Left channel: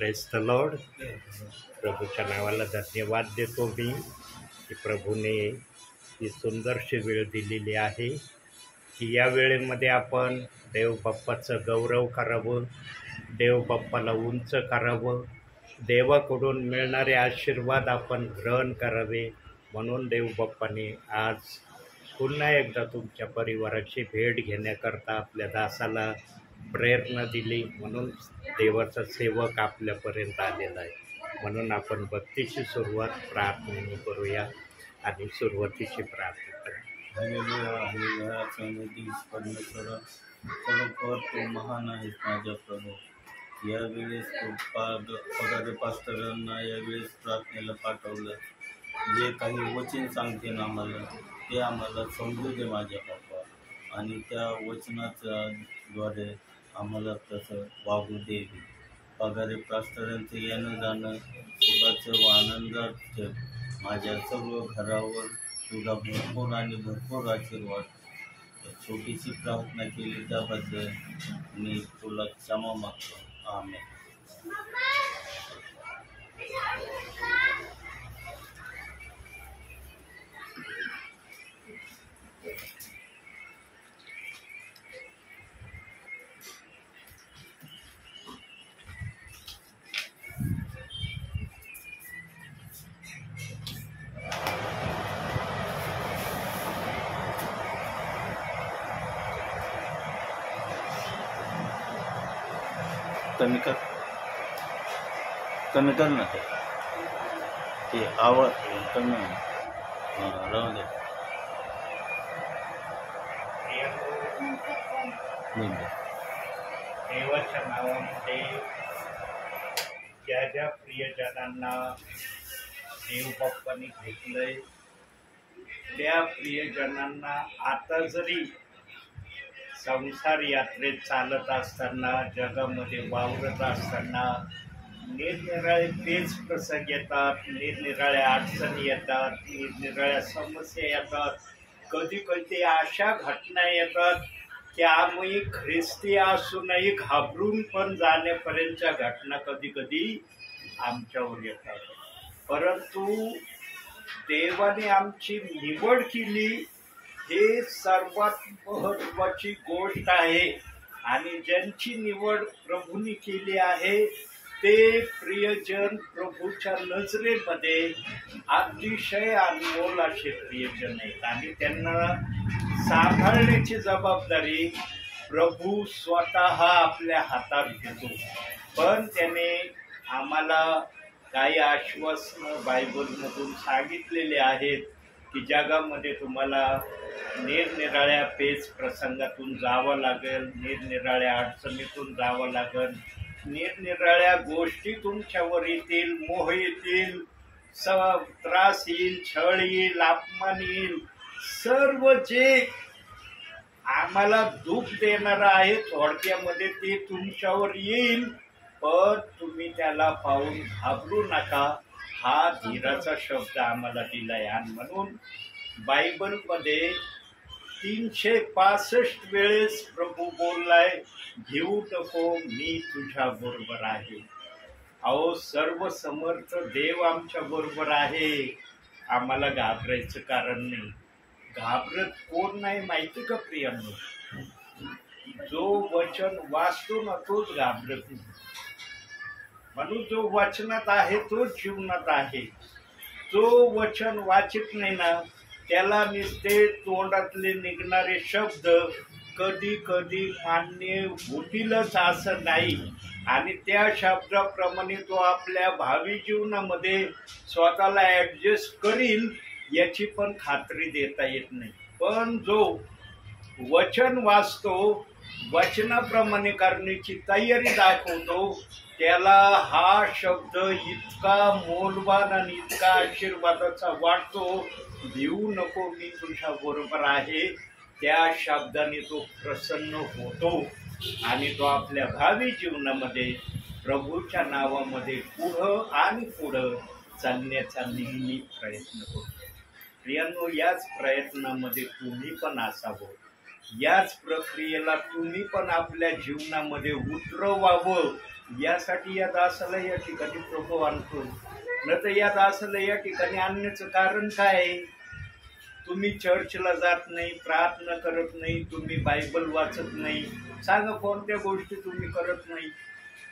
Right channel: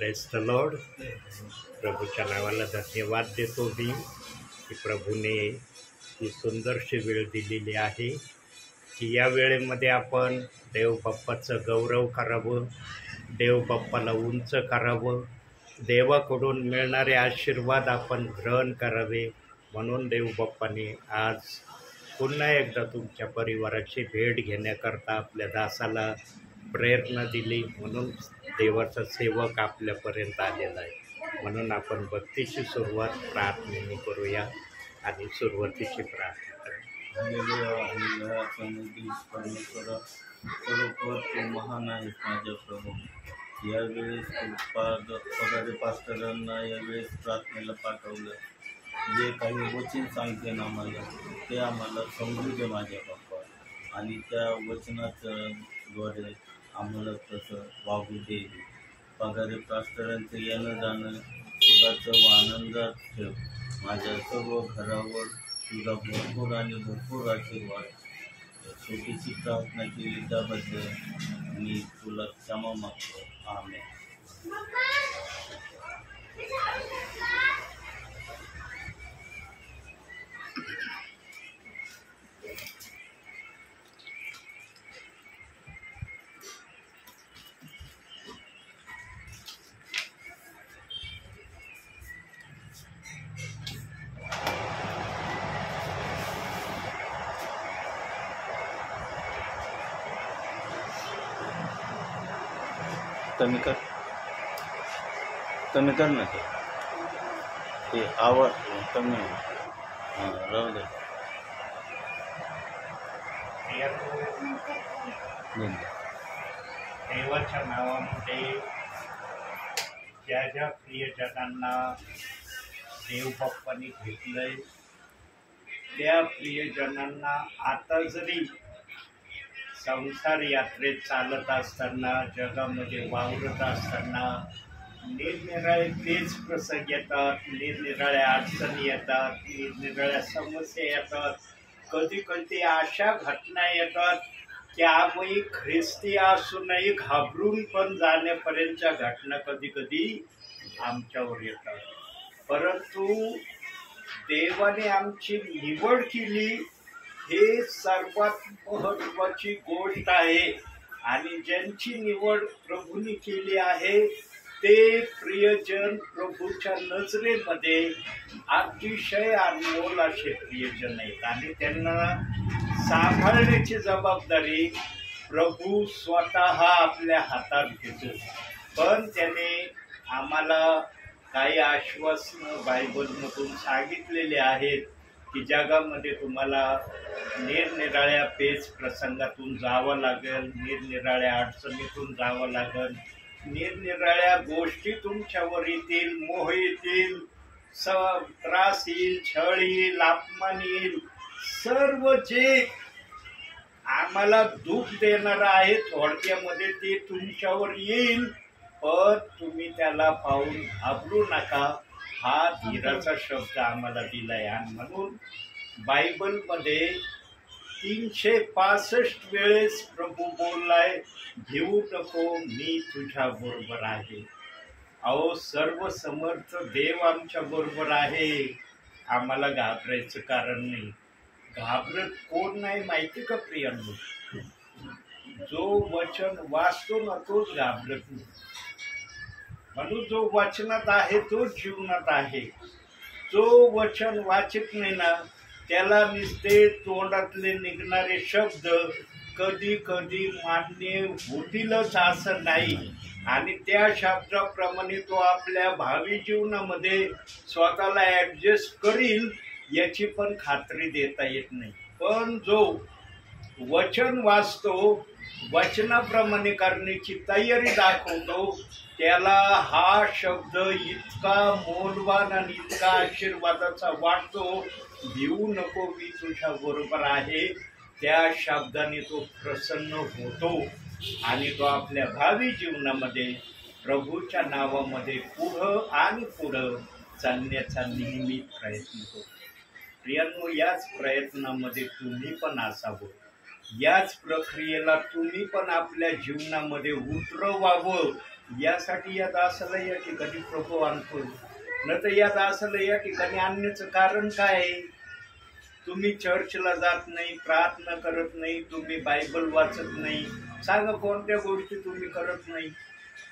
Praise the Lord. प्रभूच्या नावाला धन्यवाद देतो मी की प्रभूने ही सुंदरशी वेळ दिलेली आहे की या वेळेमध्ये आपण देव बाप्पाचं गौरव करावं, देव बाप्पाला उंच करावं, देवाकडून मिळणारे आशीर्वाद आपण ग्रहण करावे. म्हणून देव बाप्पाने आज पुन्हा एकदा तुमच्या परिवाराची भेट घेण्याकरता आपल्या दासाला प्रेरणा दिली. म्हणून देवाचा सेवक आपल्यापर्यंत आलेला आहे. म्हणून आपण भक्तीची सुरुवात प्रार्थनेने करूया आणि सुरुवातीची प्रार्थना करूया. हालेलुया परमेश्वर खरोखर तू महान आहेस माझ्या प्रभू. यावेळेस तू पगारे पास्टरांना यावेळेस प्रार्थनेला पाठवलं. जे काही वचन सांगते ना आम्हाला ते आम्हाला समजू दे माझ्या बाप्पा, आणि त्या वचनाच्या द्वारे आम्हाला तसं वागू दे. पगारे पास्टरांचं येणं जाणं सुखाचं व आनंदात ठेव. माझ्या सर्व घरावर तुझा भरपूर आणि भरपूर आशीर्वाद. छोटीशी प्रार्थना केली त्याबद्दल मी तुला क्षमा मागतो. आमेन. कमी कर ना ते आवाज कमी राहू दे. देवाच्या नावामध्ये ज्या ज्या प्रियजनांना देवबाप्पांनी घेतलंय त्या प्रियजनांना आता जरी संसार यात्रेत चालत असताना, जगामध्ये वावरत असताना निरनिराळे पेच प्रसंग येतात, निरनिराळ्या अडचणी येतात, निरनिराळ्या समस्या येतात, कधी कधी अशा घटना येतात की आम्ही ख्रिस्ती असूनही घाबरून पण जाण्यापर्यंतच्या घटना कधी कधी आमच्यावर येतात. परंतु देवाने आमची निवड केली हे सर्वात महत्त्वाची गोष्ट आहे. आणि ज्यांची निवड प्रभूंनी केली आहे ते प्रियजन प्रभूच्या नजरेमध्ये अतिशय अनमोल असे प्रियजन आहेत. आणि त्यांना सांभाळण्याची जबाबदारी प्रभू स्वतः आपल्या हातात घेतो. पण त्याने आम्हाला काही आश्वासनं बायबलमधून सांगितलेले आहेत की जगामध्ये तुम्हाला निरनिराळ्या पेच प्रसंगातून जावं लागेल, निरनिराळ्या अडचणीतून जावं लागेल, निरनिराळ्या गोष्टी तुमच्यावर येतील, मोह येतील, त्रास येईल, छळ येईल, अपमान येईल. सर्व जे आम्हाला दुःख देणारं आहे थोडक्यामध्ये ते तुमच्यावर येईल. पण तुम्ही त्याला पाहून घाबरू नका, हा धीराचा शब्द आम्हाला दिलाय. आणि म्हणून बायबलमध्ये 365 वेळेस प्रभू बोललाय, भिवू नको, मी तुझ्या बरोबर आहे. अहो, सर्व समर्थ देव आमच्या बरोबर आहे, आम्हाला घाबरायचं कारण नाही. घाबरत कोण नाही माहिती का प्रियांनो? जो वचन वाचतो ना तोच घाबरत नाही. म्हणून जो वचनात आहे तोच जीवनात आहे. जो वचन वाचित नाही ना त्याला नुसते तोंडातले निघणारे शब्द कधी कधी मान्य होतीलच असं नाही. आणि त्या शब्दाप्रमाणे तो आपल्या भावी जीवनामध्ये स्वतःला ॲडजस्ट करील याची पण खात्री देता येत नाही. पण जो वचन वाचतो, वचनाप्रमाणे करण्याची तयारी दाखवतो, त्याला हा शब्द इतका मौल्यवान आणि इतका आशीर्वादाचा वाटतो, भिवू नको, मी तुझ्या बरोबर आहे. त्या शब्दाने तो प्रसन्न होतो आणि तो आपल्या भावी जीवनामध्ये प्रभूच्या नावामध्ये पुढं आणि पुढं चालण्याचा नेहमी प्रयत्न करतो. प्रियांनो, याच प्रयत्नामध्ये तुम्ही पण असावं, याच प्रक्रियेला तुम्ही पण आपल्या जीवनामध्ये उतरवावं, यासाठी या दासाला या ठिकाणी प्रभू आणतोय. न तर या दासाला या ठिकाणी आणण्याचं कारण काय आहे? तुम्ही चर्चला जात नाही, प्रार्थना करत नाही, तुम्ही बायबल वाचत नाही. सांगा कोणत्या गोष्टी तुम्ही करत नाही?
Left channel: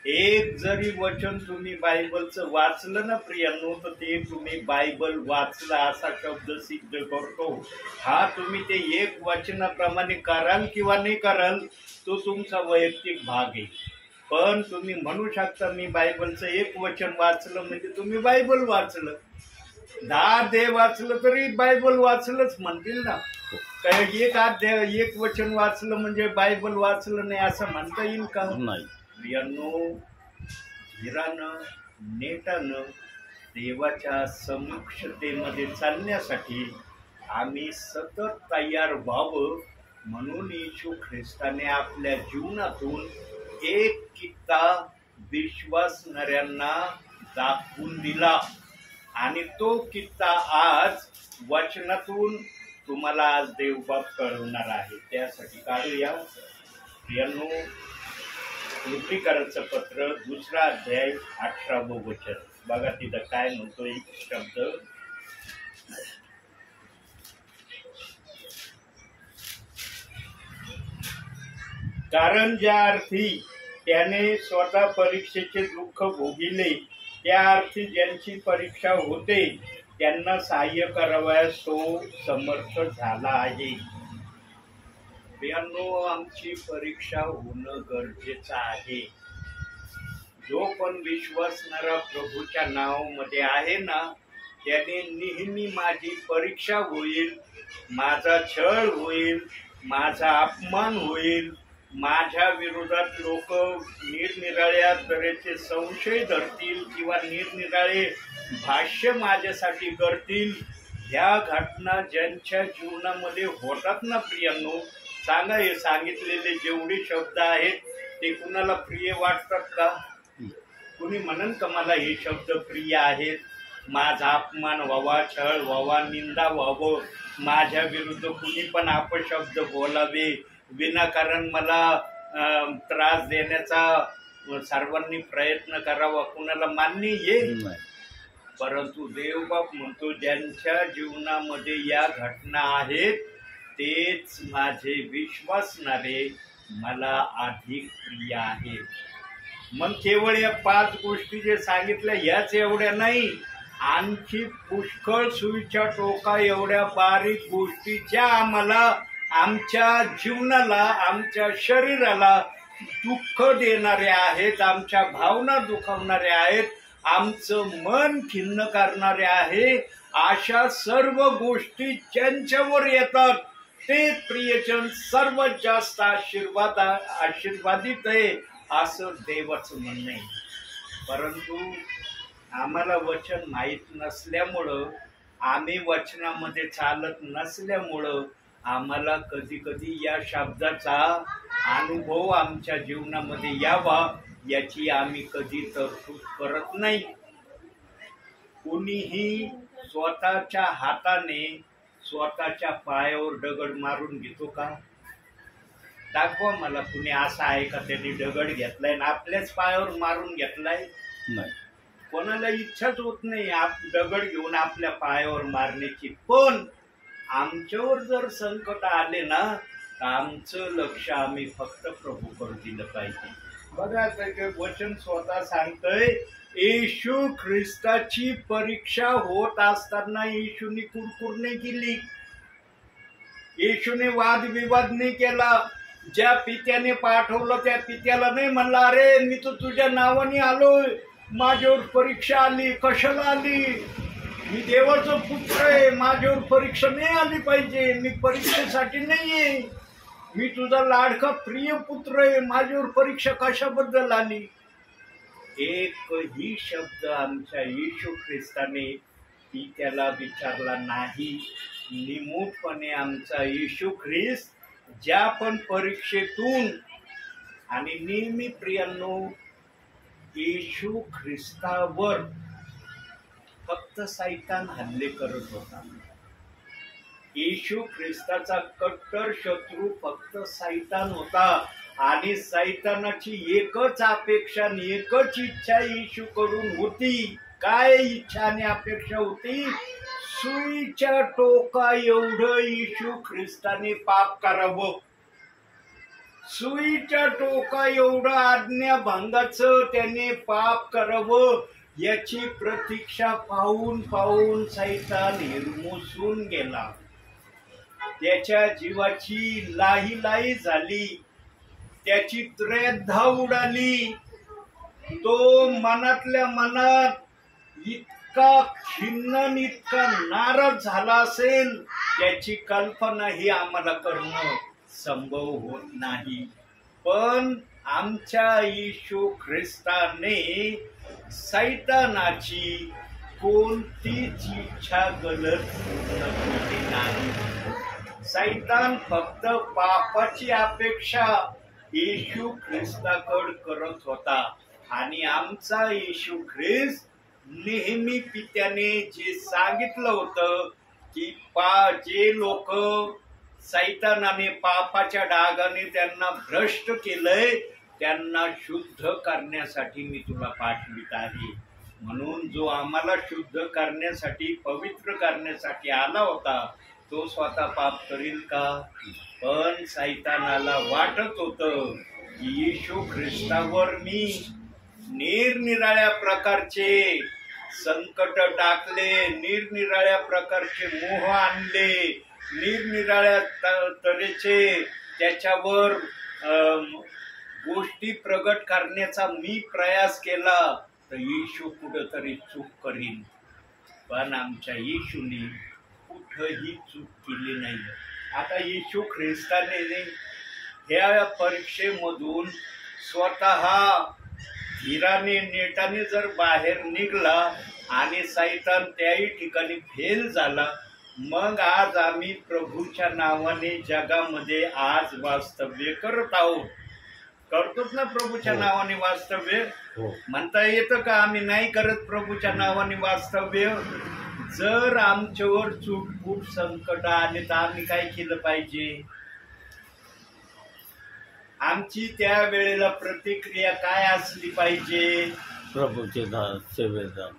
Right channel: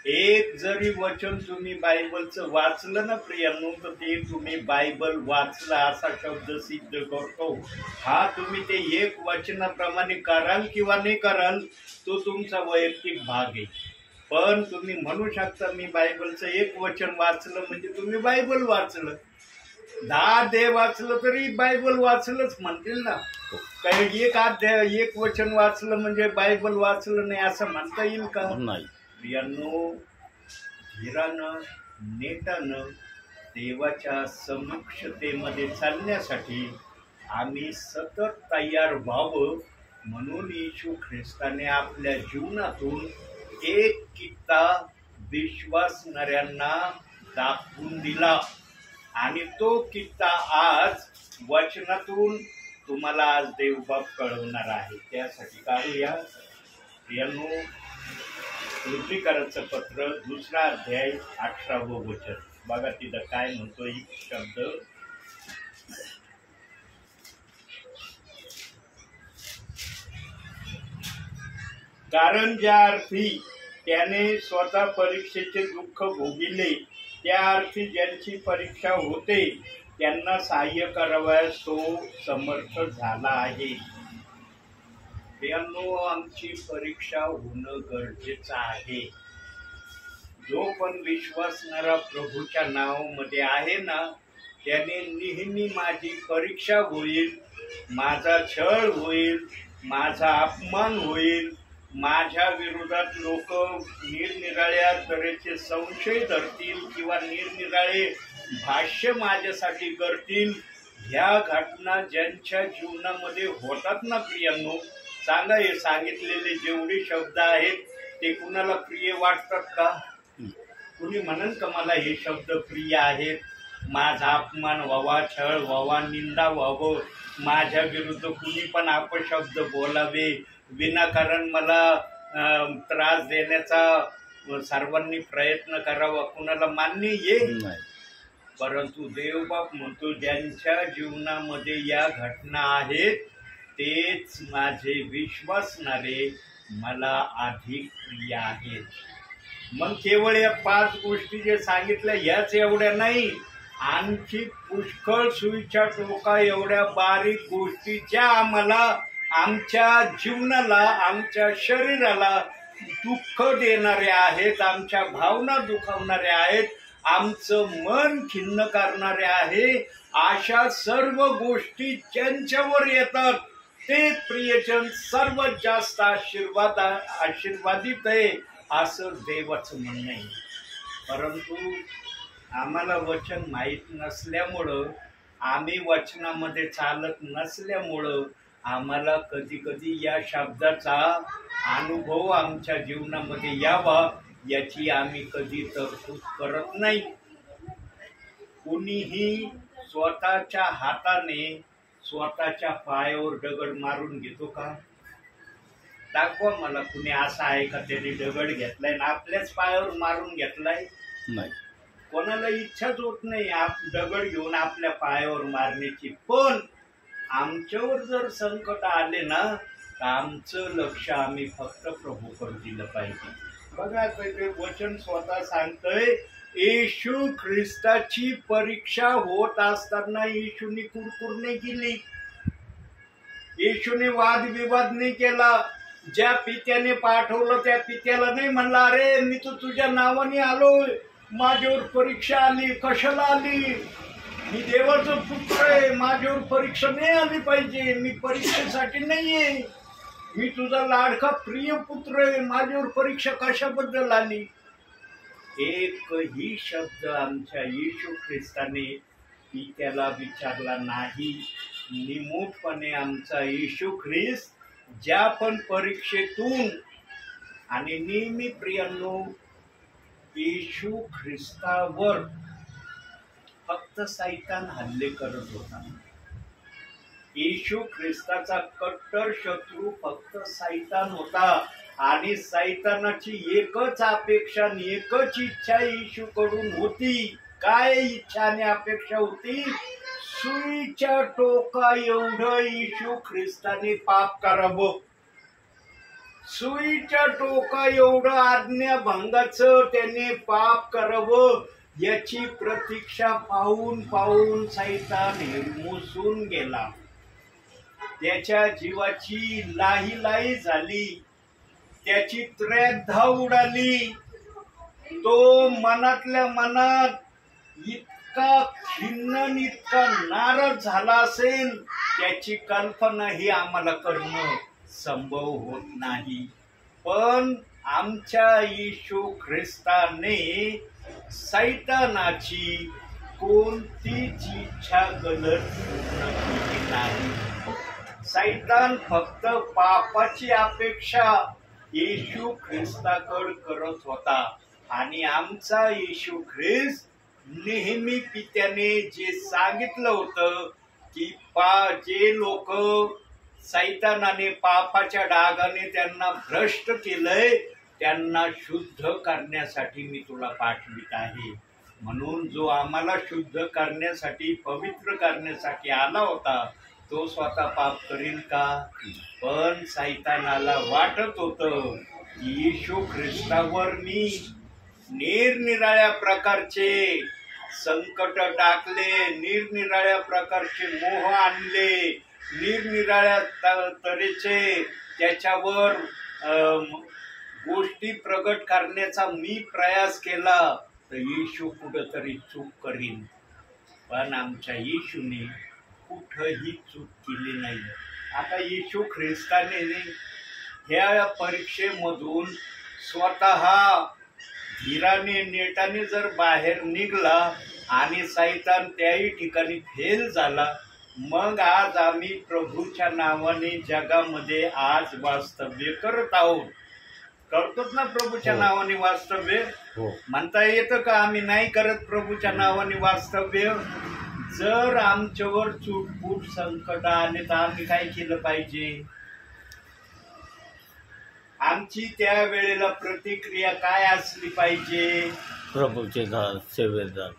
एक जरी वचन तुम्ही बायबलचं वाचलं ना प्रियांनो, तर ते तुम्ही बायबल वाचला असा शब्द सिद्ध करतो. हा तुम्ही ते एक वचनाप्रमाणे कराल किंवा नाही कराल तो तुमचा वैयक्तिक भाग आहे. पण तुम्ही म्हणू शकता मी बायबलचं एक वचन वाचलं म्हणजे तुम्ही बायबल वाचलं. 10 अध्याय वाचलं तरी बायबल वाचलंच म्हणतील ना. काही एक अध्याय एक वचन वाचलं म्हणजे बायबल वाचलं नाही असं म्हणता येईल का? नाही. प्रियांनो, धीरानं नेटानं देवाच्या समुक्षतेमध्ये चालण्यासाठी आम्ही सतत तयार व्हावं म्हणून येशू ख्रिस्ताने आपल्या जीवनातून एक कित्ता विश्वासणाऱ्यांना दाखवून दिला आणि तो कित्ता आज वचनातून तुम्हाला आज देवबाप कळवणार आहे. त्यासाठी काढूया प्रियांनो कृतीकाराचं पत्र 2 अध्याय 18वं वचन. बघा तिथं काय म्हणतोय शब्द. कारण ज्या अर्थी त्याने स्वतः परीक्षेचे दुःख भोगिले त्या अर्थी ज्यांची परीक्षा होते त्यांना सहाय्य करावयास तो समर्थ झाला आहे. प्रियांनो, आमची परीक्षा होणं गरजेचं आहे. जो पण विश्वासणारा प्रभूच्या नावामध्ये आहे ना, त्याने नेहमी माझी परीक्षा होईल, माझा छळ होईल, माझा अपमान होईल, माझ्या विरोधात लोक निरनिराळ्या तऱ्हेचे संशय धरतील किंवा निरनिराळे भाष्य माझ्यासाठी करतील. ह्या घटना ज्यांच्या जीवनामध्ये होतात ना प्रियांनो, सांगा हे सांगितलेले जेवढे शब्द आहेत ते कुणाला प्रिय वाटतात का? कुणी म्हणन का मला हे शब्द प्रिय आहेत? माझा अपमान व्हावा, छळ व्हावा, निंदा व्हावं, माझ्या विरुद्ध कुणी पण अपशब्द बोलावे, विनाकारण मला त्रास देण्याचा सर्वांनी प्रयत्न करावा, कुणाला मान्य येईल? परंतु देवबाप म्हणतो ज्यांच्या जीवनामध्ये या घटना आहेत तेच माझे विश्वासणारे मला अधिक प्रिय आहेत. मग केवळ या 5 गोष्टी जे सांगितल्या याच एवढ्या नाही, आणखी पुष्कळ सुईच्या टोका एवढ्या बारीक गोष्टीच्या आम्हाला आमच्या जीवनाला, आमच्या शरीराला दुःख देणारे आहेत, आमच्या भावना दुखावणारे आहेत, आमचं मन खिन्न करणारे आहे. अशा सर्व गोष्टी ज्यांच्यावर येतात ते प्रियजन सर्वात जास्त आशीर्वादित आहे असं देवाचं म्हणणं आहे. परंतु आम्हाला वचन माहीत नसल्यामुळं, आम्ही वचनामध्ये चालत नसल्यामुळं आम्हाला कधी कधी या शब्दाचा अनुभव आमच्या जीवनामध्ये यावा याची आम्ही कधी तरतूद करत नाही. कुणीही स्वतःच्या हाताने स्वतःच्या पायावर दगड मारून घेतो का? दाखवा मला कुणी असं आहे का त्यांनी दगड घेतलाय ना आपल्याच पायावर मारून घेतलाय? नाही. कोणाला इच्छाच होत नाही दगड घेऊन आपल्या पायावर मारण्याची. पण आमच्यावर जर संकट आले ना तर आमचं लक्ष आम्ही फक्त प्रभूवर दिलं पाहिजे. बघा ते वचन स्वतः सांगतंय, येशू ख्रिस्ताची परीक्षा होत असताना येशूने कुरकुर नाही केली, येशूने वादविवाद नाही केला. ज्या पित्याने पाठवलं त्या पित्याला नाही म्हणला अरे मी तर तुझ्या नावाने आलोय, माझ्यावर परीक्षा आली, कशाला आली? मी देवाचं पुत्र आहे, माझ्यावर परीक्षा नाही आली पाहिजे, मी परीक्षेसाठी नाहीये, मी तुझा लाडका प्रिय पुत्र आहे, माझ्यावर परीक्षा कशाबद्दल आली? एकही शब्द आमच्या येशू ख्रिस्ताने पित्याला विचारला नाही. निमूटपणे आमचा येशू ख्रिस्त ज्या पण परीक्षेतून, आणि नेहमी प्रियांनो येशू ख्रिस्तावर फक्त सैतान हल्ले करत होता. येशू ख्रिस्ताचा कट्टर शत्रू फक्त सैतान होता. आणि सैतानाची एकच अपेक्षा आणि एकच इच्छा येशूकडून होती. काय इच्छा आणि अपेक्षा होती? सुईच्या टोका एवढं येशू ख्रिस्ताने पाप करावं, सुईच्या टोका एवढं आज्ञाभंगाचं त्याने पाप करावं, याची प्रतीक्षा पाहून पाहून सैतान हिरमुसून गेला. त्याच्या जीवाची लाही झाली, त्याची त्र्यधा उडाली. तो मनातल्या मनात इतका खिन्न, इतका नाराज झाला असेल, त्याची कल्पना ही आम्हाला करणं संभव होत नाही. पण आमच्या येशू ख्रिस्ताने सैतानाची कोणतीच इच्छा गलत पूर्ण केली नाही. सैतान फक्त पापाची अपेक्षा येशू ख्रिस्ताकडे करत होता. आणि आमचा येशू ख्रिस्त नेहमी पित्याने जे सांगितलं होतं की जे लोक सैतानाने पापाच्या डागाने त्यांना भ्रष्ट केलंय, त्यांना शुद्ध करण्यासाठी मी तुला पाठवित आहे. म्हणून जो आम्हाला शुद्ध करण्यासाठी, पवित्र करण्यासाठी आला होता, तो स्वतः पाप करील का? पण सैतानाला वाटत होतं की येशू ख्रिस्तावर मी निरनिराळ्या प्रकारचे संकट टाकले, निरनिराळ्या प्रकारचे मोह आणले, निरनिराळ्या तऱ्हेचे त्याच्यावर गोष्टी प्रगट करण्याचा मी प्रयास केला, तर येशू कुठंतरी चूक करीन. पण आमच्या येशूने कुठंही चूक केली नाही. आता येशू ख्रिस्ताने ह्या परीक्षेमधून स्वतः धीराने नेटाने जर बाहेर निघला आणि सैतान त्याही ठिकाणी फेल झाला, मग आज आम्ही प्रभूच्या नावाने जगामध्ये आज वास्तव्य करत आहोत. करतोच ना प्रभूच्या नावाने वास्तव्य? म्हणता येतं का आम्ही नाही करत प्रभूच्या नावाने वास्तव्य? जर आमच्यावर चूटफूट संकट आले तर आम्ही काय केलं पाहिजे? आमची त्या वेळेला प्रतिक्रिया काय असली पाहिजे? प्रभूचे सेवेदार,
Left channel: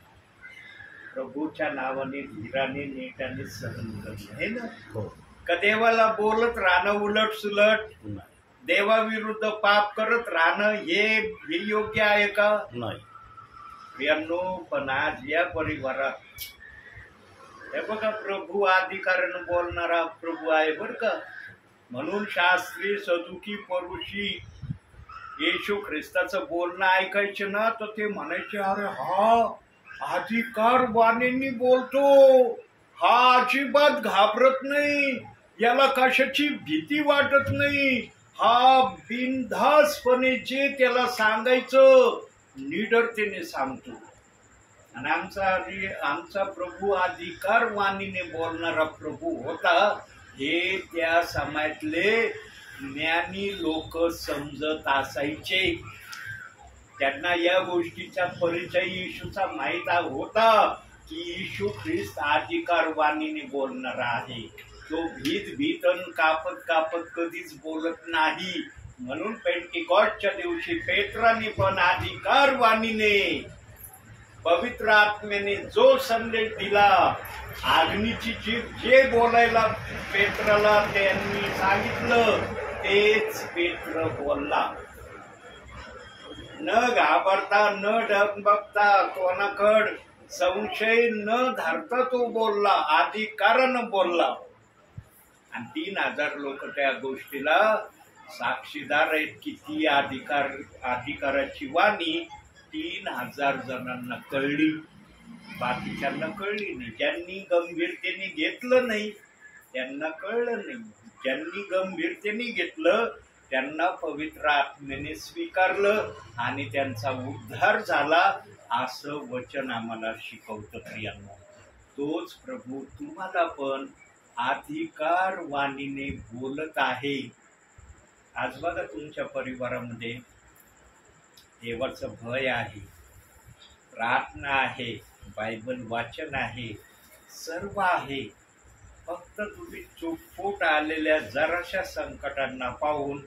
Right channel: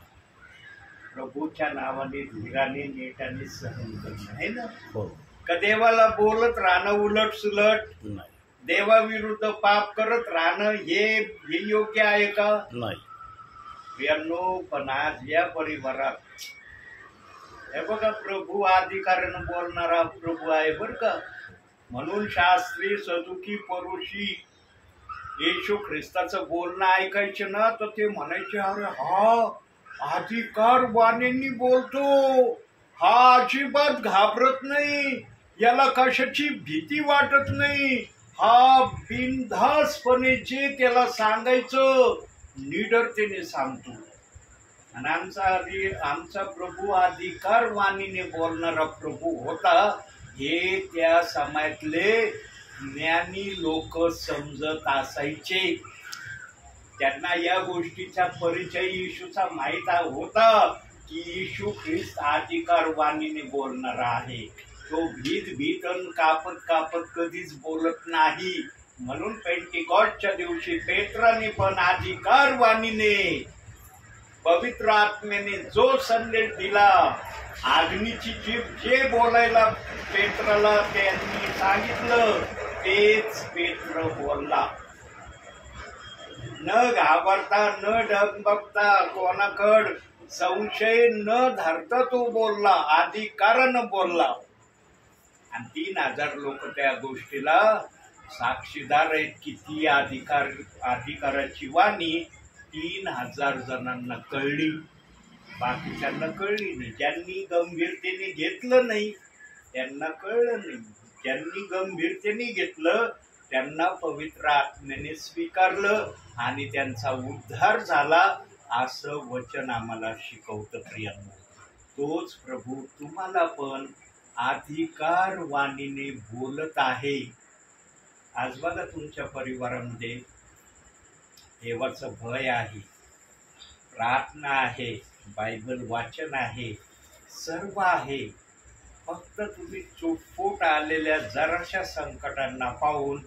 प्रभूच्या नावाने धीराने नेटाने सहन करणं, आहे ना? हो. का देवाला बोलत राहणं उलट सुलट, देवाविरुद्ध पाप करत राहणं हे योग्य आहे का? नाही. प्रियांनो, पण आज या परिवारात हे बघा, प्रभू अधिकारानं बोलणारा प्रभू आहे बर का. म्हणून शास्त्री, सदुकी, परुषी येशू ख्रिस्ताचं बोलणं ऐकायचं ना, तर ते म्हणायचे, अरे हा अधिकार वाणींनी बोलतो, हा अजिबात घाबरत नाही, याला कशाची भीती वाटत नाही, हा बिनधास्तपणे जे त्याला सांगायचं निडरतेने सांगतो. आणि आमचा प्रभू अधिकार वाणीने बोलणारा प्रभू होता, हे त्या समाजातले ज्ञानी लोक समजत असायचे. त्यांना या गोष्टीचा परिचय येशूचा माहित होता की येशू ख्रिस्त अधिकार वाणीने बोलणारा आहे. तो भीत कापत कधीच बोलत नाही. म्हणून पेंटिकॉस्टच्या दिवशी पेत्राने पण अधिकार वाणीने, पवित्र आत्म्याने जो संदेश दिला, अग्नीची जीभ जे बोलायला पेत्राला त्यांनी सांगितलं, तेच पेत्र बोलला. न घाबरता, न डगमगता, कोणाकड संशय न धरता तो बोलला, अधिकारानं बोलला. आणि 3000 लोक त्या गोष्टीला साक्षीदार आहेत. किती अधिकाराची वाणी 3000 जणांना कळली, बाकीच्यांना कळली नाही. ज्यांनी गंभीरतेने घेतलं नाही त्यांना कळलं नाही. ज्यांनी गंभीरतेने घेतलं त्यांना पवित्र आत्म्याने स्वीकारलं आणि त्यांचा उद्धार झाला, असं वचन आम्हाला शिकवतं. प्रियांनो, तोच प्रभू तुम्हाला पण अधिकार वाणीने बोलत आहे. आज बघा, तुमच्या परिवारामध्ये देवाचं भय आहे, प्रार्थना आहे, बायबल वाचन आहे, सर्व आहे. फक्त तुम्ही चुटफूट आलेल्या जराशा संकटांना पाहून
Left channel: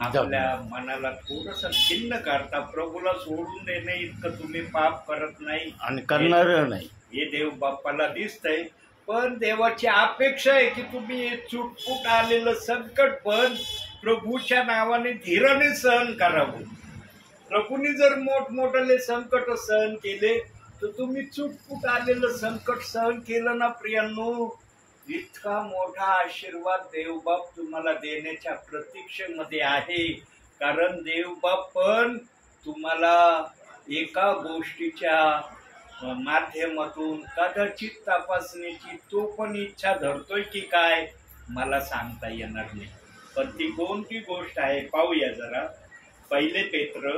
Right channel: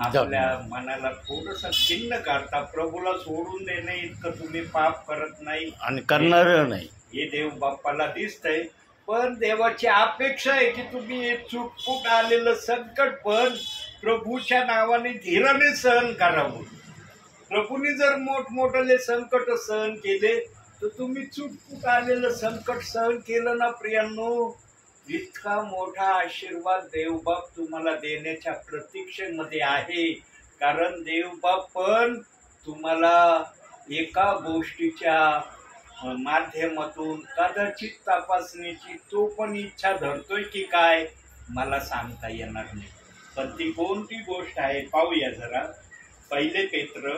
आपल्या मनाला थोडस खिन्न करता. प्रभूला सोडून देणे इतकं तुम्ही पाप करत नाही आणि करणार नाही हे देव बाप्पाला दिसतंय. पण देवाची अपेक्षा आहे की तुम्ही हे चुटपुट आलेलं संकट पण प्रभूच्या नावाने धीराने सहन करावं. प्रभूने जर मोठमोठाले संकट सहन केले तर तुम्ही चुटपुट आलेलं संकट सहन केलं ना प्रियांनो, इतका मोठा आशीर्वाद देवबाप तुम्हाला देण्याच्या प्रतीक्षेमध्ये आहे. कारण देवबाप पण तुम्हाला एका गोष्टीच्या माध्यमातून कदाचित तपासण्याची तो पण इच्छा धरतोय की काय मला सांगता येणार नाही. पण ती कोणती गोष्ट आहे पाहूया जरा. 1 पेत्र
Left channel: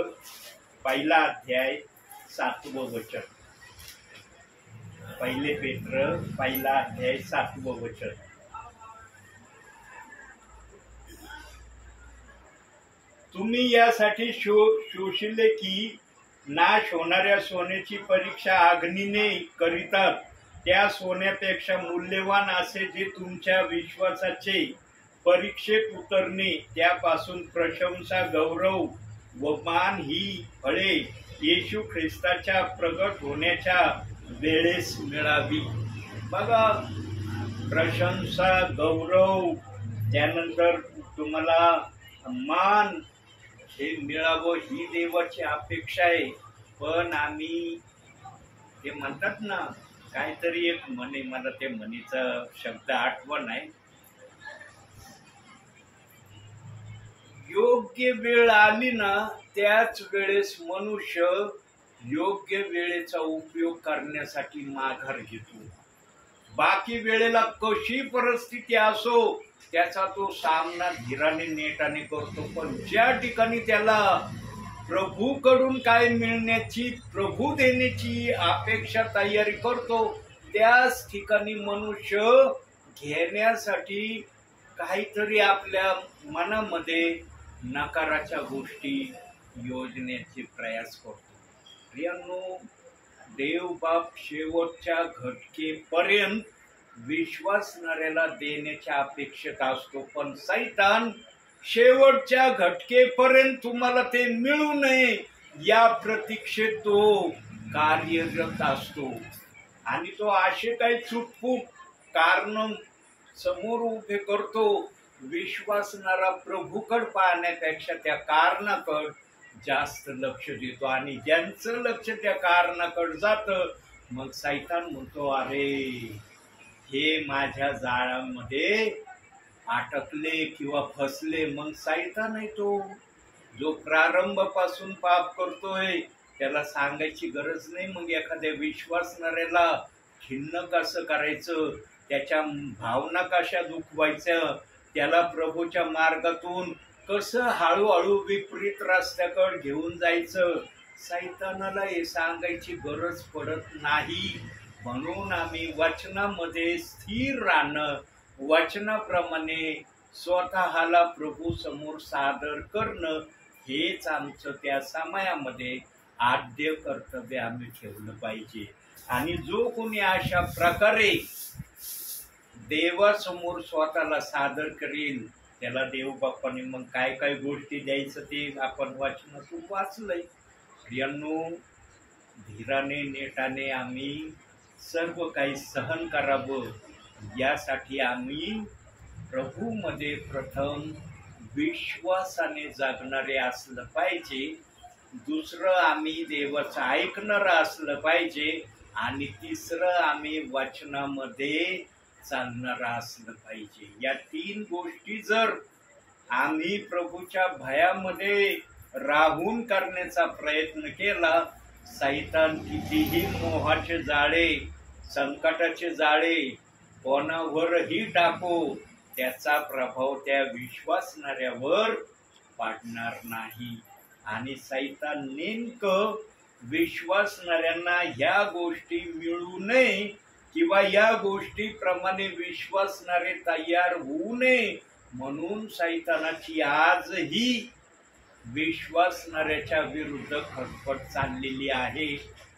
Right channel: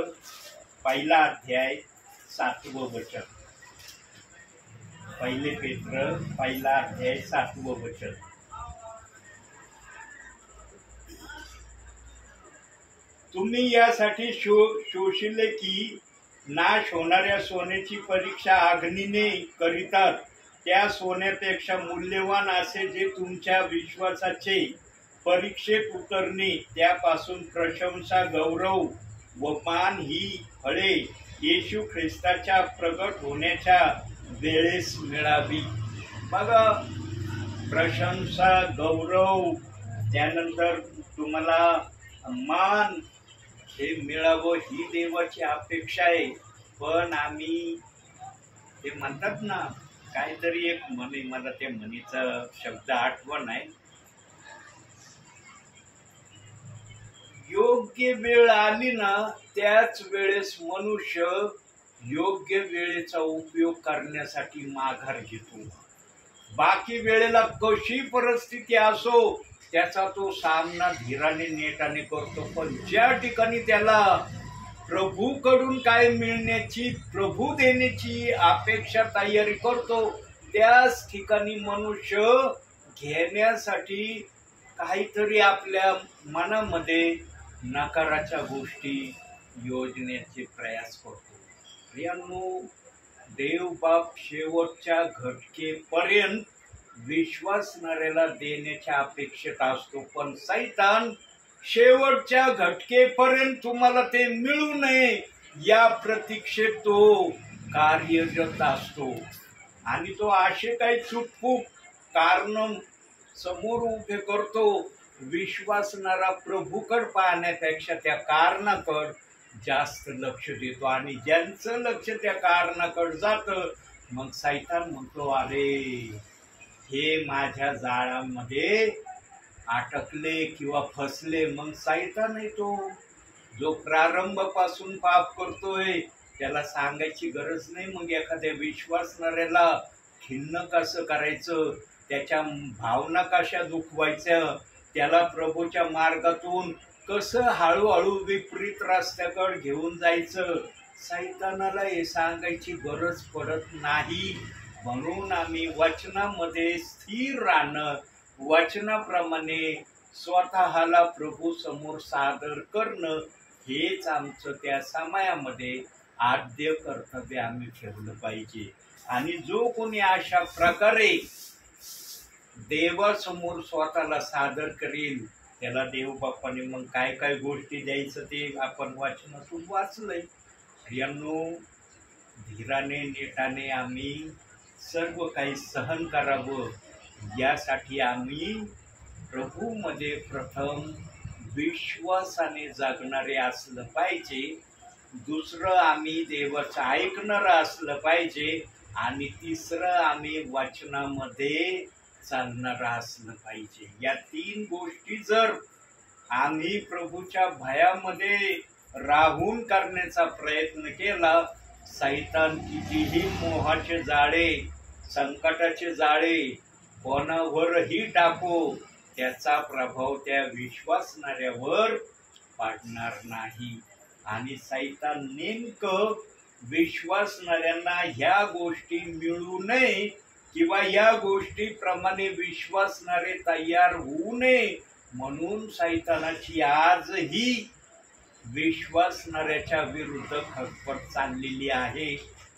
1 अध्याय 7वं वचन. 1 पेत्र 1 अध्याय 7वं वचन. तुम्ही यासाठी शोषिले की नाश होणाऱ्या सोन्याची परीक्षा अग्नीने करीतात, त्या सोन्यापेक्षा मूल्यवान असे जे तुमच्या विश्वासाचे परीक्षेत उतरणे, त्यापासून प्रशंसा, गौरव व मान ही फळे येशू ख्रिस्ताच्या प्रगट होण्याच्या वेळेस मिळावी. बघा, प्रशंसा, गौरव, त्यानंतर तुम्हाला मान हे मिळावं ही देवाची अपेक्षा आहे. पण आम्ही ते म्हणतात ना, काहीतरी एक म्हणे, मला त्या म्हणीचा शब्द आठवण आहे. योग्य वेळ आली ना त्याच वेळेस मनुष्य योग्य वेळेचा उपयोग करण्यासाठी माघार घेतो. बाकी वेळेला कशी परिस्थिती असो त्याचा तो सामना धीराने नेटाने करतो. पण ज्या ठिकाणी त्याला प्रभूकडून काय मिळण्याची, प्रभू देण्याची अपेक्षा तयारी करतो, त्याच ठिकाणी मनुष्य घेण्यासाठी काहीतरी आपल्या मनामध्ये नकाराच्या गोष्टी योजण्याचे प्रयास करतो. प्रियांनो, देवबाप शेवटच्या घटकेपर्यंत विश्वासणाऱ्याला देण्याच्या अपेक्षेत असतो. पण सैतान शेवटच्या घटकेपर्यंत तुम्हाला ते मिळू नये या प्रतीक्षेत तो कार्यरत असतो. आणि तो असे काही चुटपूक कारण समोर उभे करतो. विश्वासणारा प्रभूकड पाहण्यापेक्षा त्या कारणाकड जास्त लक्ष देतो. आणि ज्यांचं लक्ष त्या कारणाकड जातं, मग सैतान म्हणतो, अरे हे माझ्या जाळामध्ये अटकले किंवा फसले. मग सैतान आहे तो, जो प्रारंभापासून पाप करतोय त्याला सांगायची गरज नाही. मग एखाद्या विश्वासणाऱ्याला खिन्न कसं करायचं, त्याच्या भावना कशा दुखवायच्या, त्याला प्रभूच्या मार्गातून कसं हळूहळू विपरीत रस्त्याकडे घेऊन जायचं, सैतानाला हे सांगायची गरज पडत नाही. म्हणून आम्ही वचनामध्ये स्थिर राहणं, वचनाप्रमाणे स्वतःला प्रभू समोर सादर करणं, हेच आमचं त्या समयामध्ये आद्य कर्तव्य आम्ही ठेवलं पाहिजे. आणि जो कोणी अशा प्रकारे देवासमोर स्वतःला सादर करेल त्याला देवबापाने मग काय काय गोष्टी द्यायचं ते आपण वाचनातून वाचलंय. प्रियांनो, धीराने नेटाने आम्ही सर्व काही सहन करावं यासाठी आम्ही प्रभूमध्ये प्रथम विश्वासाने जगणारे असलं पाहिजे. दुसरं, आम्ही देवाचं ऐकणारं असलं पाहिजे. आणि तिसरं, आम्ही वचनामध्ये चालणारं असलं पाहिजे. या 3 गोष्टी जर आम्ही प्रभूच्या भयामध्ये राहून करण्याचा प्रयत्न केला, सैतान कितीही मोहाचे जाळे, संकटाचे जाळे कोणावरही टाको, त्याचा प्रभाव त्या विश्वासणाऱ्यावर पाडणार नाही. आणि सैतान नेमकं विश्वासणाऱ्यांना ह्या गोष्टी मिळू नये किंवा या गोष्टीप्रमाणे विश्वासणारे तयार होऊ नये म्हणून सैतानाची आजही विश्वासणाऱ्याच्या विरुद्ध खटपट चाललेली आहे.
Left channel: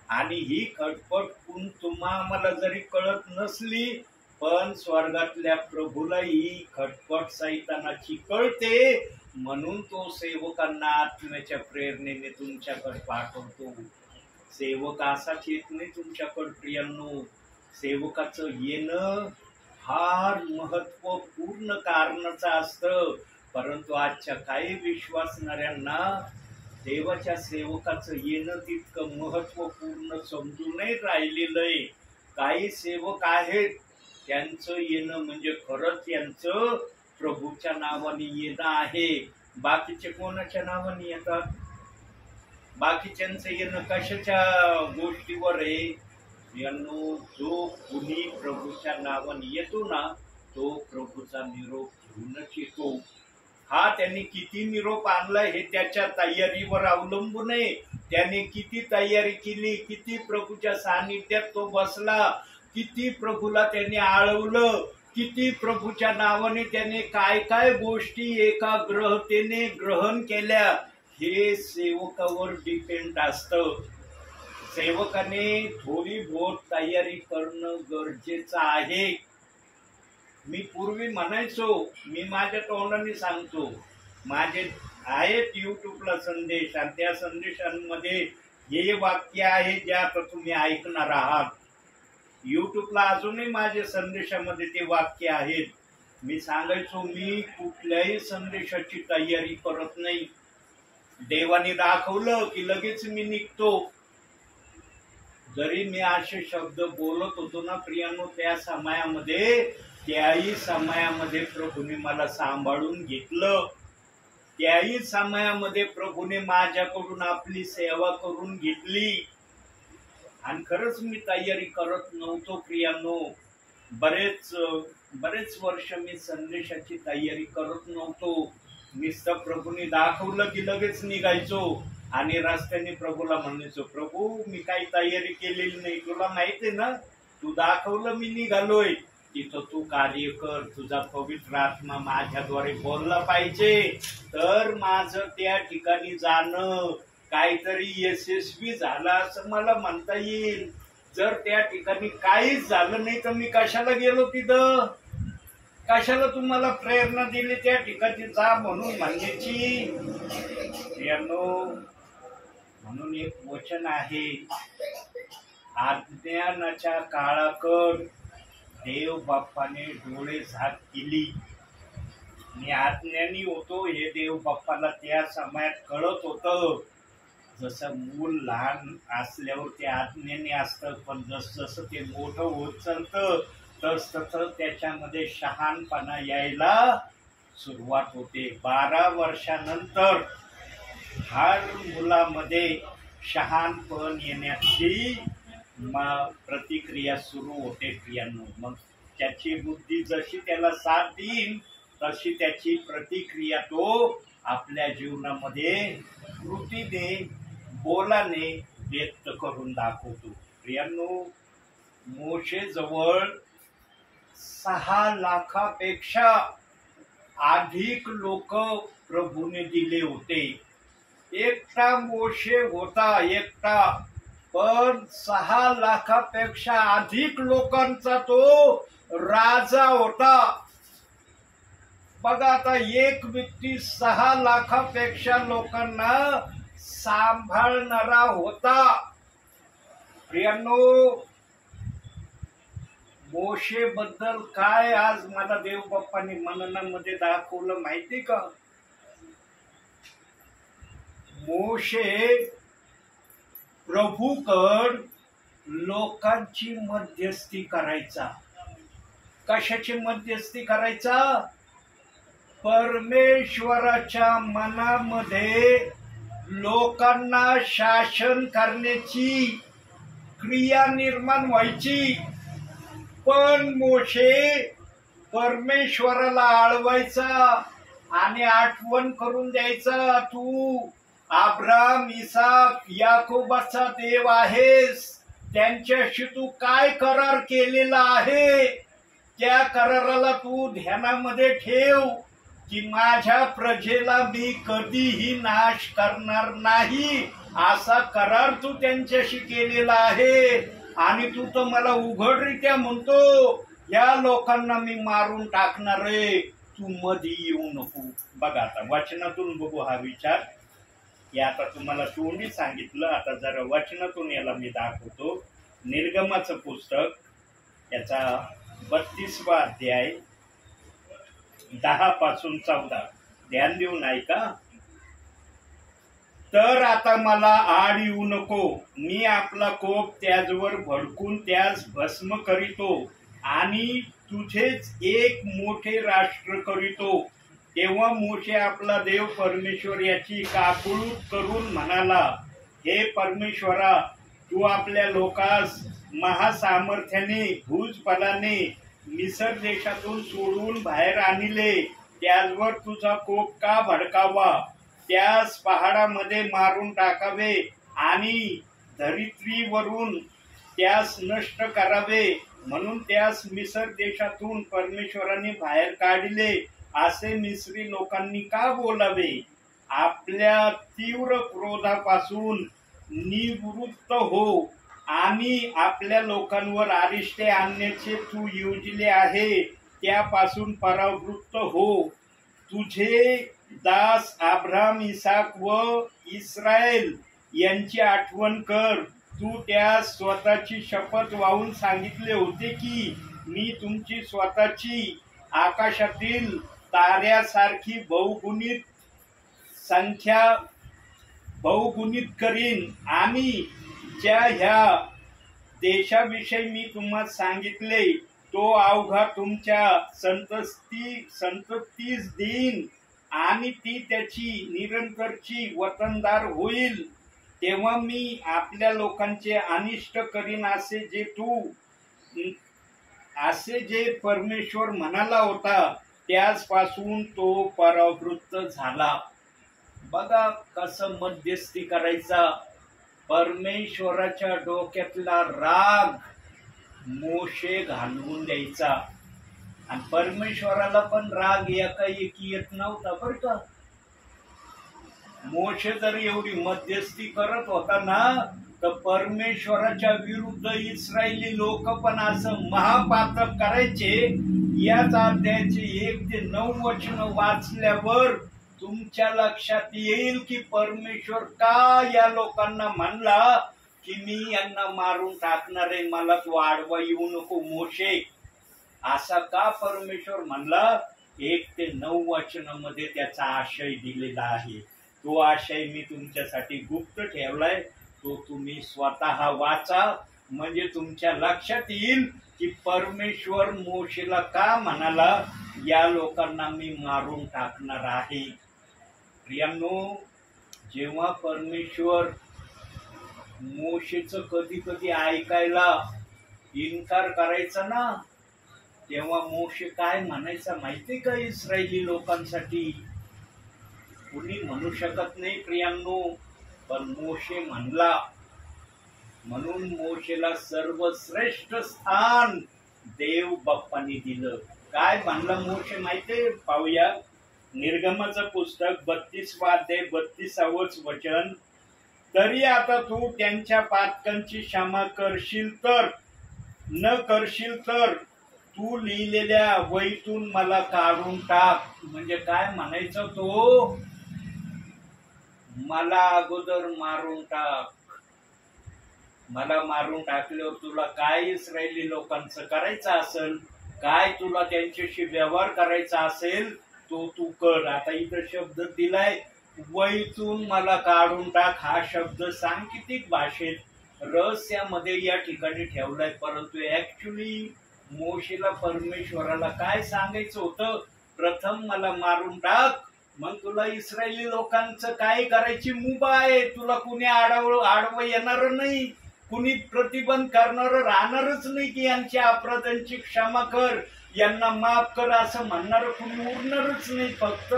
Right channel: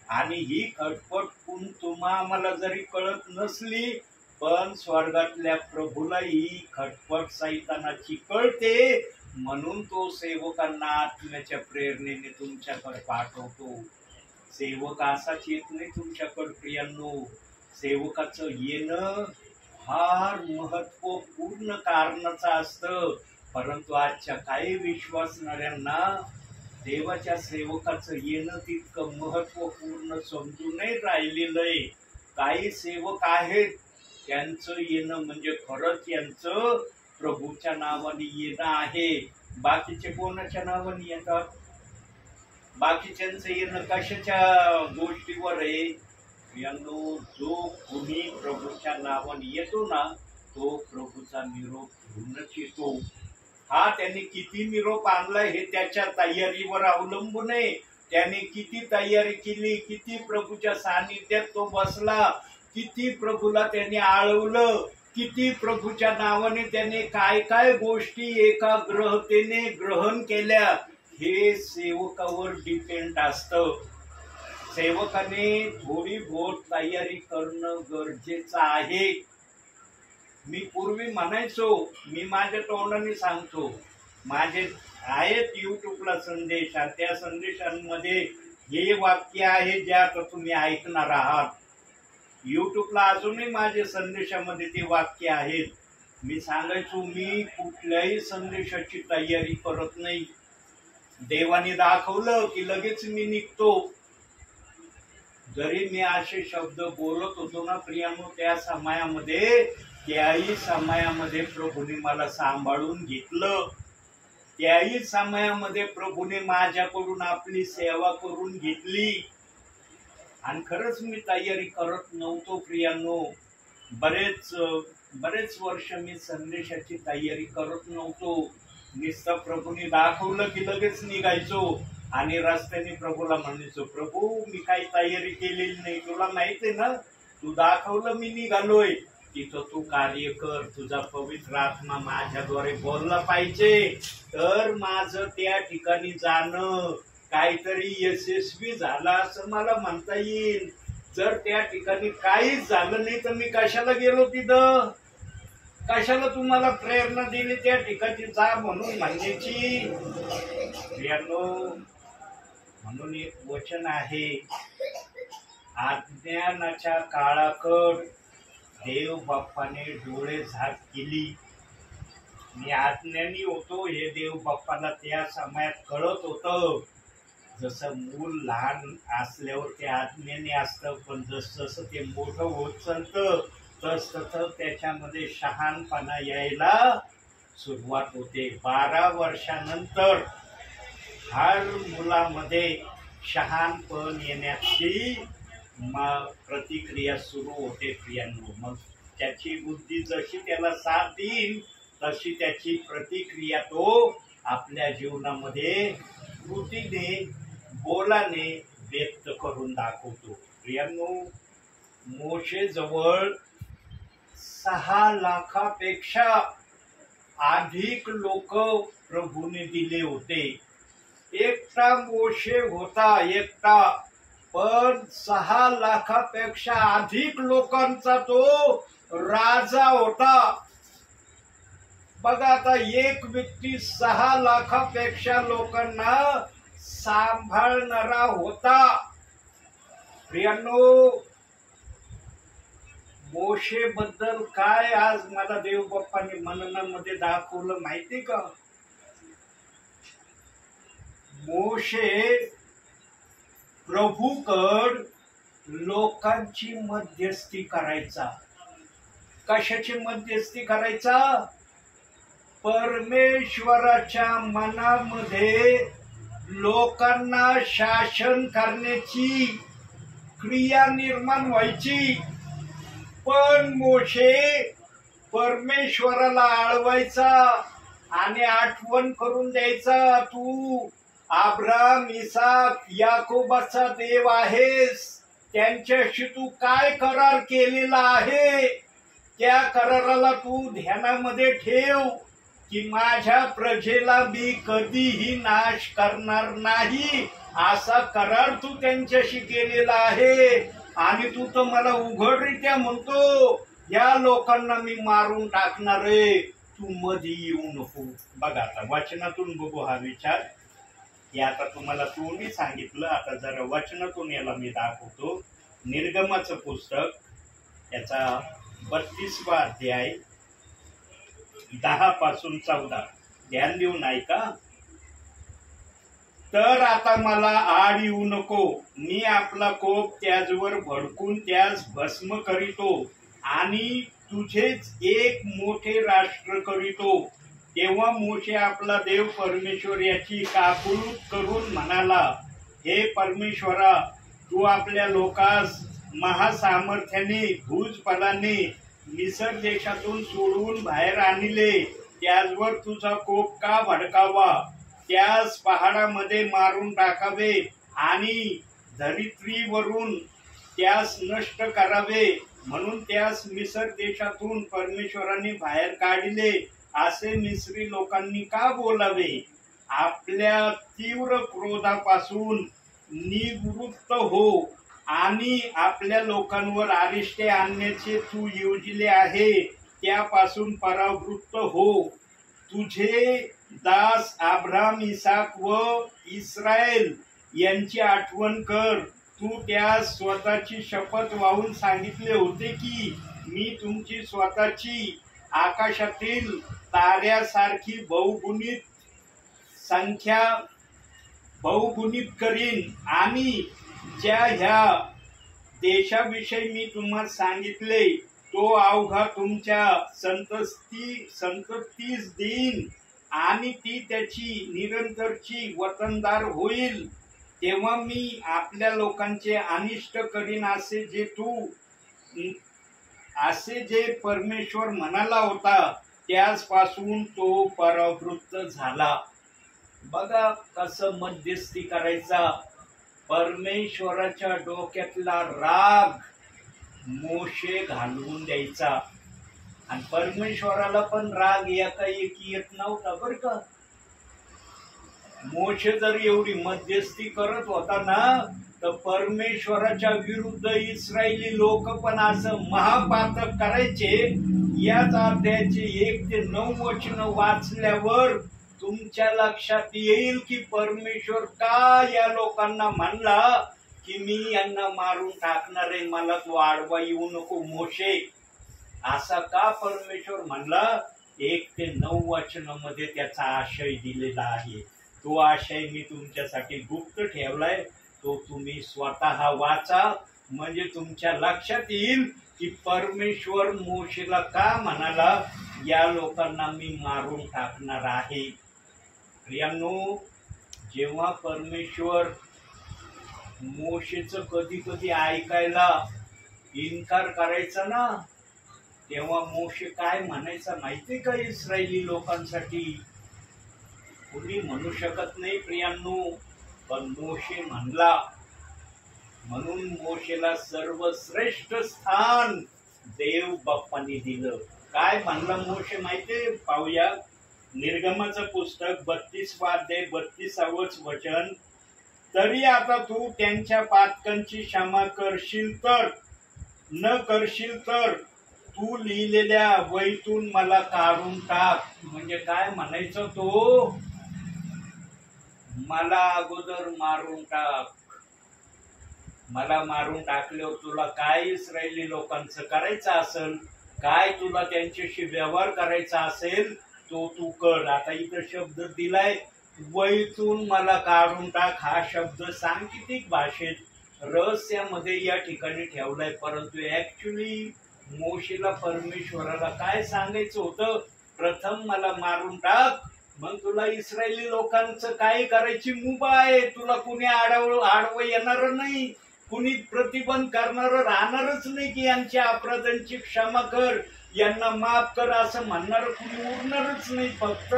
आणि ही खटपट आम्हाला जरी कळत नसली, पण स्वर्गातल्या प्रभूला ही खटपट सैतानाची कळते. म्हणून तो सेवकांना आत्म्याच्या प्रेरणेने तुमच्याकडे पाठवतो. सेवक असाच येत नाही तुमच्याकडे प्रियांनो. सेवकाचं येणं फार महत्वपूर्ण कारणाचं असतं. परंतु आजच्या काही विश्वासणाऱ्यांना देवाच्या सेवकाचं येणं तितकं महत्वपूर्ण समजून नाही राहिलेलं आहे. काही सेवक आहेत त्यांचं येणं म्हणजे खरंच यांचं प्रभूच्या नावाने येणं आहे. बाकीचे कोणाच्या नावाने येतात? बाकीच्यांचं येणं कशाच्या गोष्टीवर आहे? यांनो, जो कुणी प्रभूच्या नावाने येतो ना तो प्रभूचा निरोप घेऊनच येतो. हा त्याने किती निरोप आणलाय हे त्याच्या तयारीवर अवलंबून आहे. त्याने किती तयारी केली, किती प्रभूच्या सानिध्यात तो बसला, किती प्रभूला त्याने आळवलं, किती प्रभूच्या नावाने त्याने काय काय गोष्टी एकाग्रतेने ग्रहण केल्या, हे सेवकावर डिपेंड असतं. सेवकाने थोडी बहुत तयारी करणं गरजेचं आहे. मी पूर्वी म्हणायचो, मी माझ्या तोंडाने सांगतो, माझे आहेत युट्यूबला संदेश आणि त्या संदेशांमध्ये हे वाक्य आहे जे आता तुम्ही ऐकणार आहात. युट्यूबला अजूनही माझे संदेशामध्ये ते वाक्य आहेत. मी सांगायचो, मी कुठल्याही संदेशाची तयारी करत नाही. देवाने दाखवलं की लगेच मी निघतो. जरी मी असे शब्द बोलत होतो ना प्रियांनो, त्याही समयामध्ये प्रभूने मला सांभाळून घेतलं. त्याही समयामध्ये प्रभूने माझ्याकडून आपली सेवा करून घेतली. आणि खरंच मी तयारी करत नव्हतो प्रियांनो. बरेच वर्ष मी संदेशाची तयारी करत नव्हतो. नुसतं प्रभूने दाखवलं की लगेच निघायचो आणि रस्त्याने प्रभूला म्हणायचो, प्रभू मी काही तयारी केलेली नाही, तुला माहिती आहे ना, तू दाखवलं मी निघालोय, तिथं तू कार्य कर. तुझा पवित्र आत्मा माझ्याद्वारे बोलला पाहिजे, तर माझं त्या ठिकाणी जाणं काहीतरी यशस्वी झालं असं मला म्हणता येईल. जर त्या ठिकाणी काहीच झालं नाही तर मी कशाला गेलो तिथं? कशाला तुम्हाला प्रेरणा दिली त्या ठिकाणी जा म्हणून म्हणण्याची? म्हणून एक वचन आहे, अज्ञानाच्या काळाकड देव बाप्पाने डोळे झाक केली. मी अज्ञानी होतो हे देव बाप्पाला त्या समयात कळत होतं. जसं मूल लहान असल्यावर ते अज्ञानी असतं, पण जसं ते मोठं होत चालतं तसं त्याच्यामध्ये शहाणपणा यायला सुरुवात होते. 12 वर्षानंतर हर मुलामध्ये शहाणपण येण्याची प्रतिक्रिया सुरू होते प्रियांनो. मग त्याची बुद्धी जशी त्याला साथ देईल तशी त्याची प्रतिक्रिया तो आपल्या जीवनामध्ये कृतीने बोलाने व्यक्त करून दाखवतो. प्रियांनो, मोशेजवळ 6 लाखापेक्षा अधिक लोक प्रभूने दिले होते. एकटा मोशे होता, एकटा, पण 6 लाखापेक्षा अधिक लोकांचा तो राजा होता. बघा, आता एक व्यक्ती 6 लाखापेक्षा लोकांना सांभाळणारा होता. प्रियांनो, मोशे बद्दल काय आज मला देव बाप्पाने मननामध्ये दाखवलं माहिती का? मोशे प्रभूकड लोकांची मध्यस्थी करायचा. कशाची मध्यस्थी करायचा? परमेश्वराच्या मनामध्ये लोकांना शासन करण्याची क्रिया निर्माण व्हायची. पण मोशे परमेश्वराला आळवायचा आणि आठवण करून द्यायचा, तू अब्राम, इसाक, याकोबाचा देव आहेस. त्यांच्याशी तू काय करार केलेला आहे, त्या कराराला तू ध्यानामध्ये ठेव की माझ्या प्रजेला मी कधीही नाश करणार नाही, असा करार तू त्यांच्याशी केलेला आहे. आणि तू तर मला उघडरित्या म्हणतो या लोकांना मी मारून टाकणार आहे. तू मध्ये येऊ नको. बघा आता वचनातून बघू हा विचार. हे आता तुम्हाला तोंडी सांगितलं, आता जरा वचनातून याला मी दाखवतो. निर्गमाचं पुस्तक याचा 32वा अध्याय 10 पासून 14, ध्यान देऊन ऐका. तर आता मला आड येऊ नको, मी आपला कोप त्याचवर भडकून त्यास भस्म करीतो आणि तुझेच एक मोठे राष्ट्र करीतो. तेव्हा मोशे आपला देव परमेश्वर याची काकुळूत करून म्हणाला, हे परमेश्वरा, तू आपल्या लोकास महासामर्थ्याने भुजबलाने मिसर देशातून सोडवून बाहेर आणले, त्याचवर तुझा कोप का भडकावा? त्यास पहाडामध्ये मारून टाकावे आणि धरित्रीवरून त्यास नष्ट करावे, म्हणून त्यास मिसर देशातून परमेश्वराने बाहेर काढले असे मिस्री लोकांनी का बोलावे? आपल्या तीव्र क्रोधापासून निवृत्त हो आणि आपल्या लोकांवर अरिष्टे आणण्याचे तू योजिले आहे त्यापासून परावृत्त हो. तुझे दास अब्राम, इसाक व इस्रायल यांची आठवण कर. तू त्यास स्वतःची शपथ वाहून सांगितले होते की मी तुमची स्वतःची आकाशातील ताऱ्यासारखी बहुगुणित करीन आणि ज्या ह्या देशाविषयी मी तुम्हाला सांगितले तो अवघा तुमच्या संततीस देईन आणि ती त्याची निरंतरची वतनदार होईल. तेव्हा मी आपल्या लोकांचे अनिष्ट करीन असे जे परमेश्वर म्हणाला होता त्याचपासून तो परावृत्त झाला. बघा कसं मध्यस्थी करायचा. परमेश्वराच्या डोक्यातला राग मोशे घालवून द्यायचा आणि परमेश्वराला पण राग एकाएकी येत नव्हता बरं का. मोशे जर एवढी मध्यस्थी करत होता ना तर परमेश्वराच्या विरुद्ध इस्रायली लोक पण असं महापातक करायचे. याच अध्यायाचे 1 ते 9 वचन वाचल्यावर तुमच्या लक्षात येईल की परमेश्वर का या लोकांना म्हणला की मी यांना मारून टाकणार आहे, मला तू आडवा येऊ नको मोशे. असा का परमेश्वर म्हणला? 1 ते 9 वचनामध्ये त्याचा आशय दिलेला आहे. तो आशय मी तुमच्यासाठी गुप्त ठेवलाय, तो तुम्ही स्वतः वाचा म्हणजे तुमच्या लक्षात येईल की परमेश्वर मोशेला का म्हणाला या लोकांना मी मारून टाकणार आहे. प्रियांनो, जेव्हा परमेश्वर मोशेचं कधी कधी ऐकायला इन्कार करायचा ना तेव्हा मोशे काय म्हणायचा माहितीये का? इस्रायली लोकांसाठी कोणी म्हणू शकत नाही प्रियांनो, पण मोशे म्हणला. म्हणून मोशेला सर्वश्रेष्ठ स्थान देव बाप्पांनी दिलं. काय म्हणला मोशे माहितीये? पाहूया. निर्गमाचं पुस्तक 32वा अध्याय 32वं वचन. तरी आता तू त्यांच्या पातकांची क्षमा करशील तर, न करशील तर तू लिहिलेल्या वहीतून मला काढून टाक. म्हणजे काय म्हणायचं? तो मला अगोदर मारून टाक. मला मारून टाकल्यावर तुला काय इस्रायली लोकांचं करायचं असेल, काय तुला त्यांच्याशी व्यवहार करायचा असेल तो तू कर. आता इथं शब्द दिलाय वहीतून मला काढून टाक. हा शब्द सांकेतिक भाषेत रहस्यामध्ये या ठिकाणी ठेवलाय, परंतु ऍक्च्युली मोशेला परमेश्वराला काय सांगायचं होतं? प्रथम मला मारून टाक, मग तुला इस्रायली लोकांचं काय करायची मुभा आहे. तुला कुणी आडवं येणार नाही, कुणी प्रतिबंध करणार राहणारच नाही की यांच्या अपराधांची क्षमा कर, यांना माफ कर असं म्हणणार कुणी उरणारच नाही. फक्त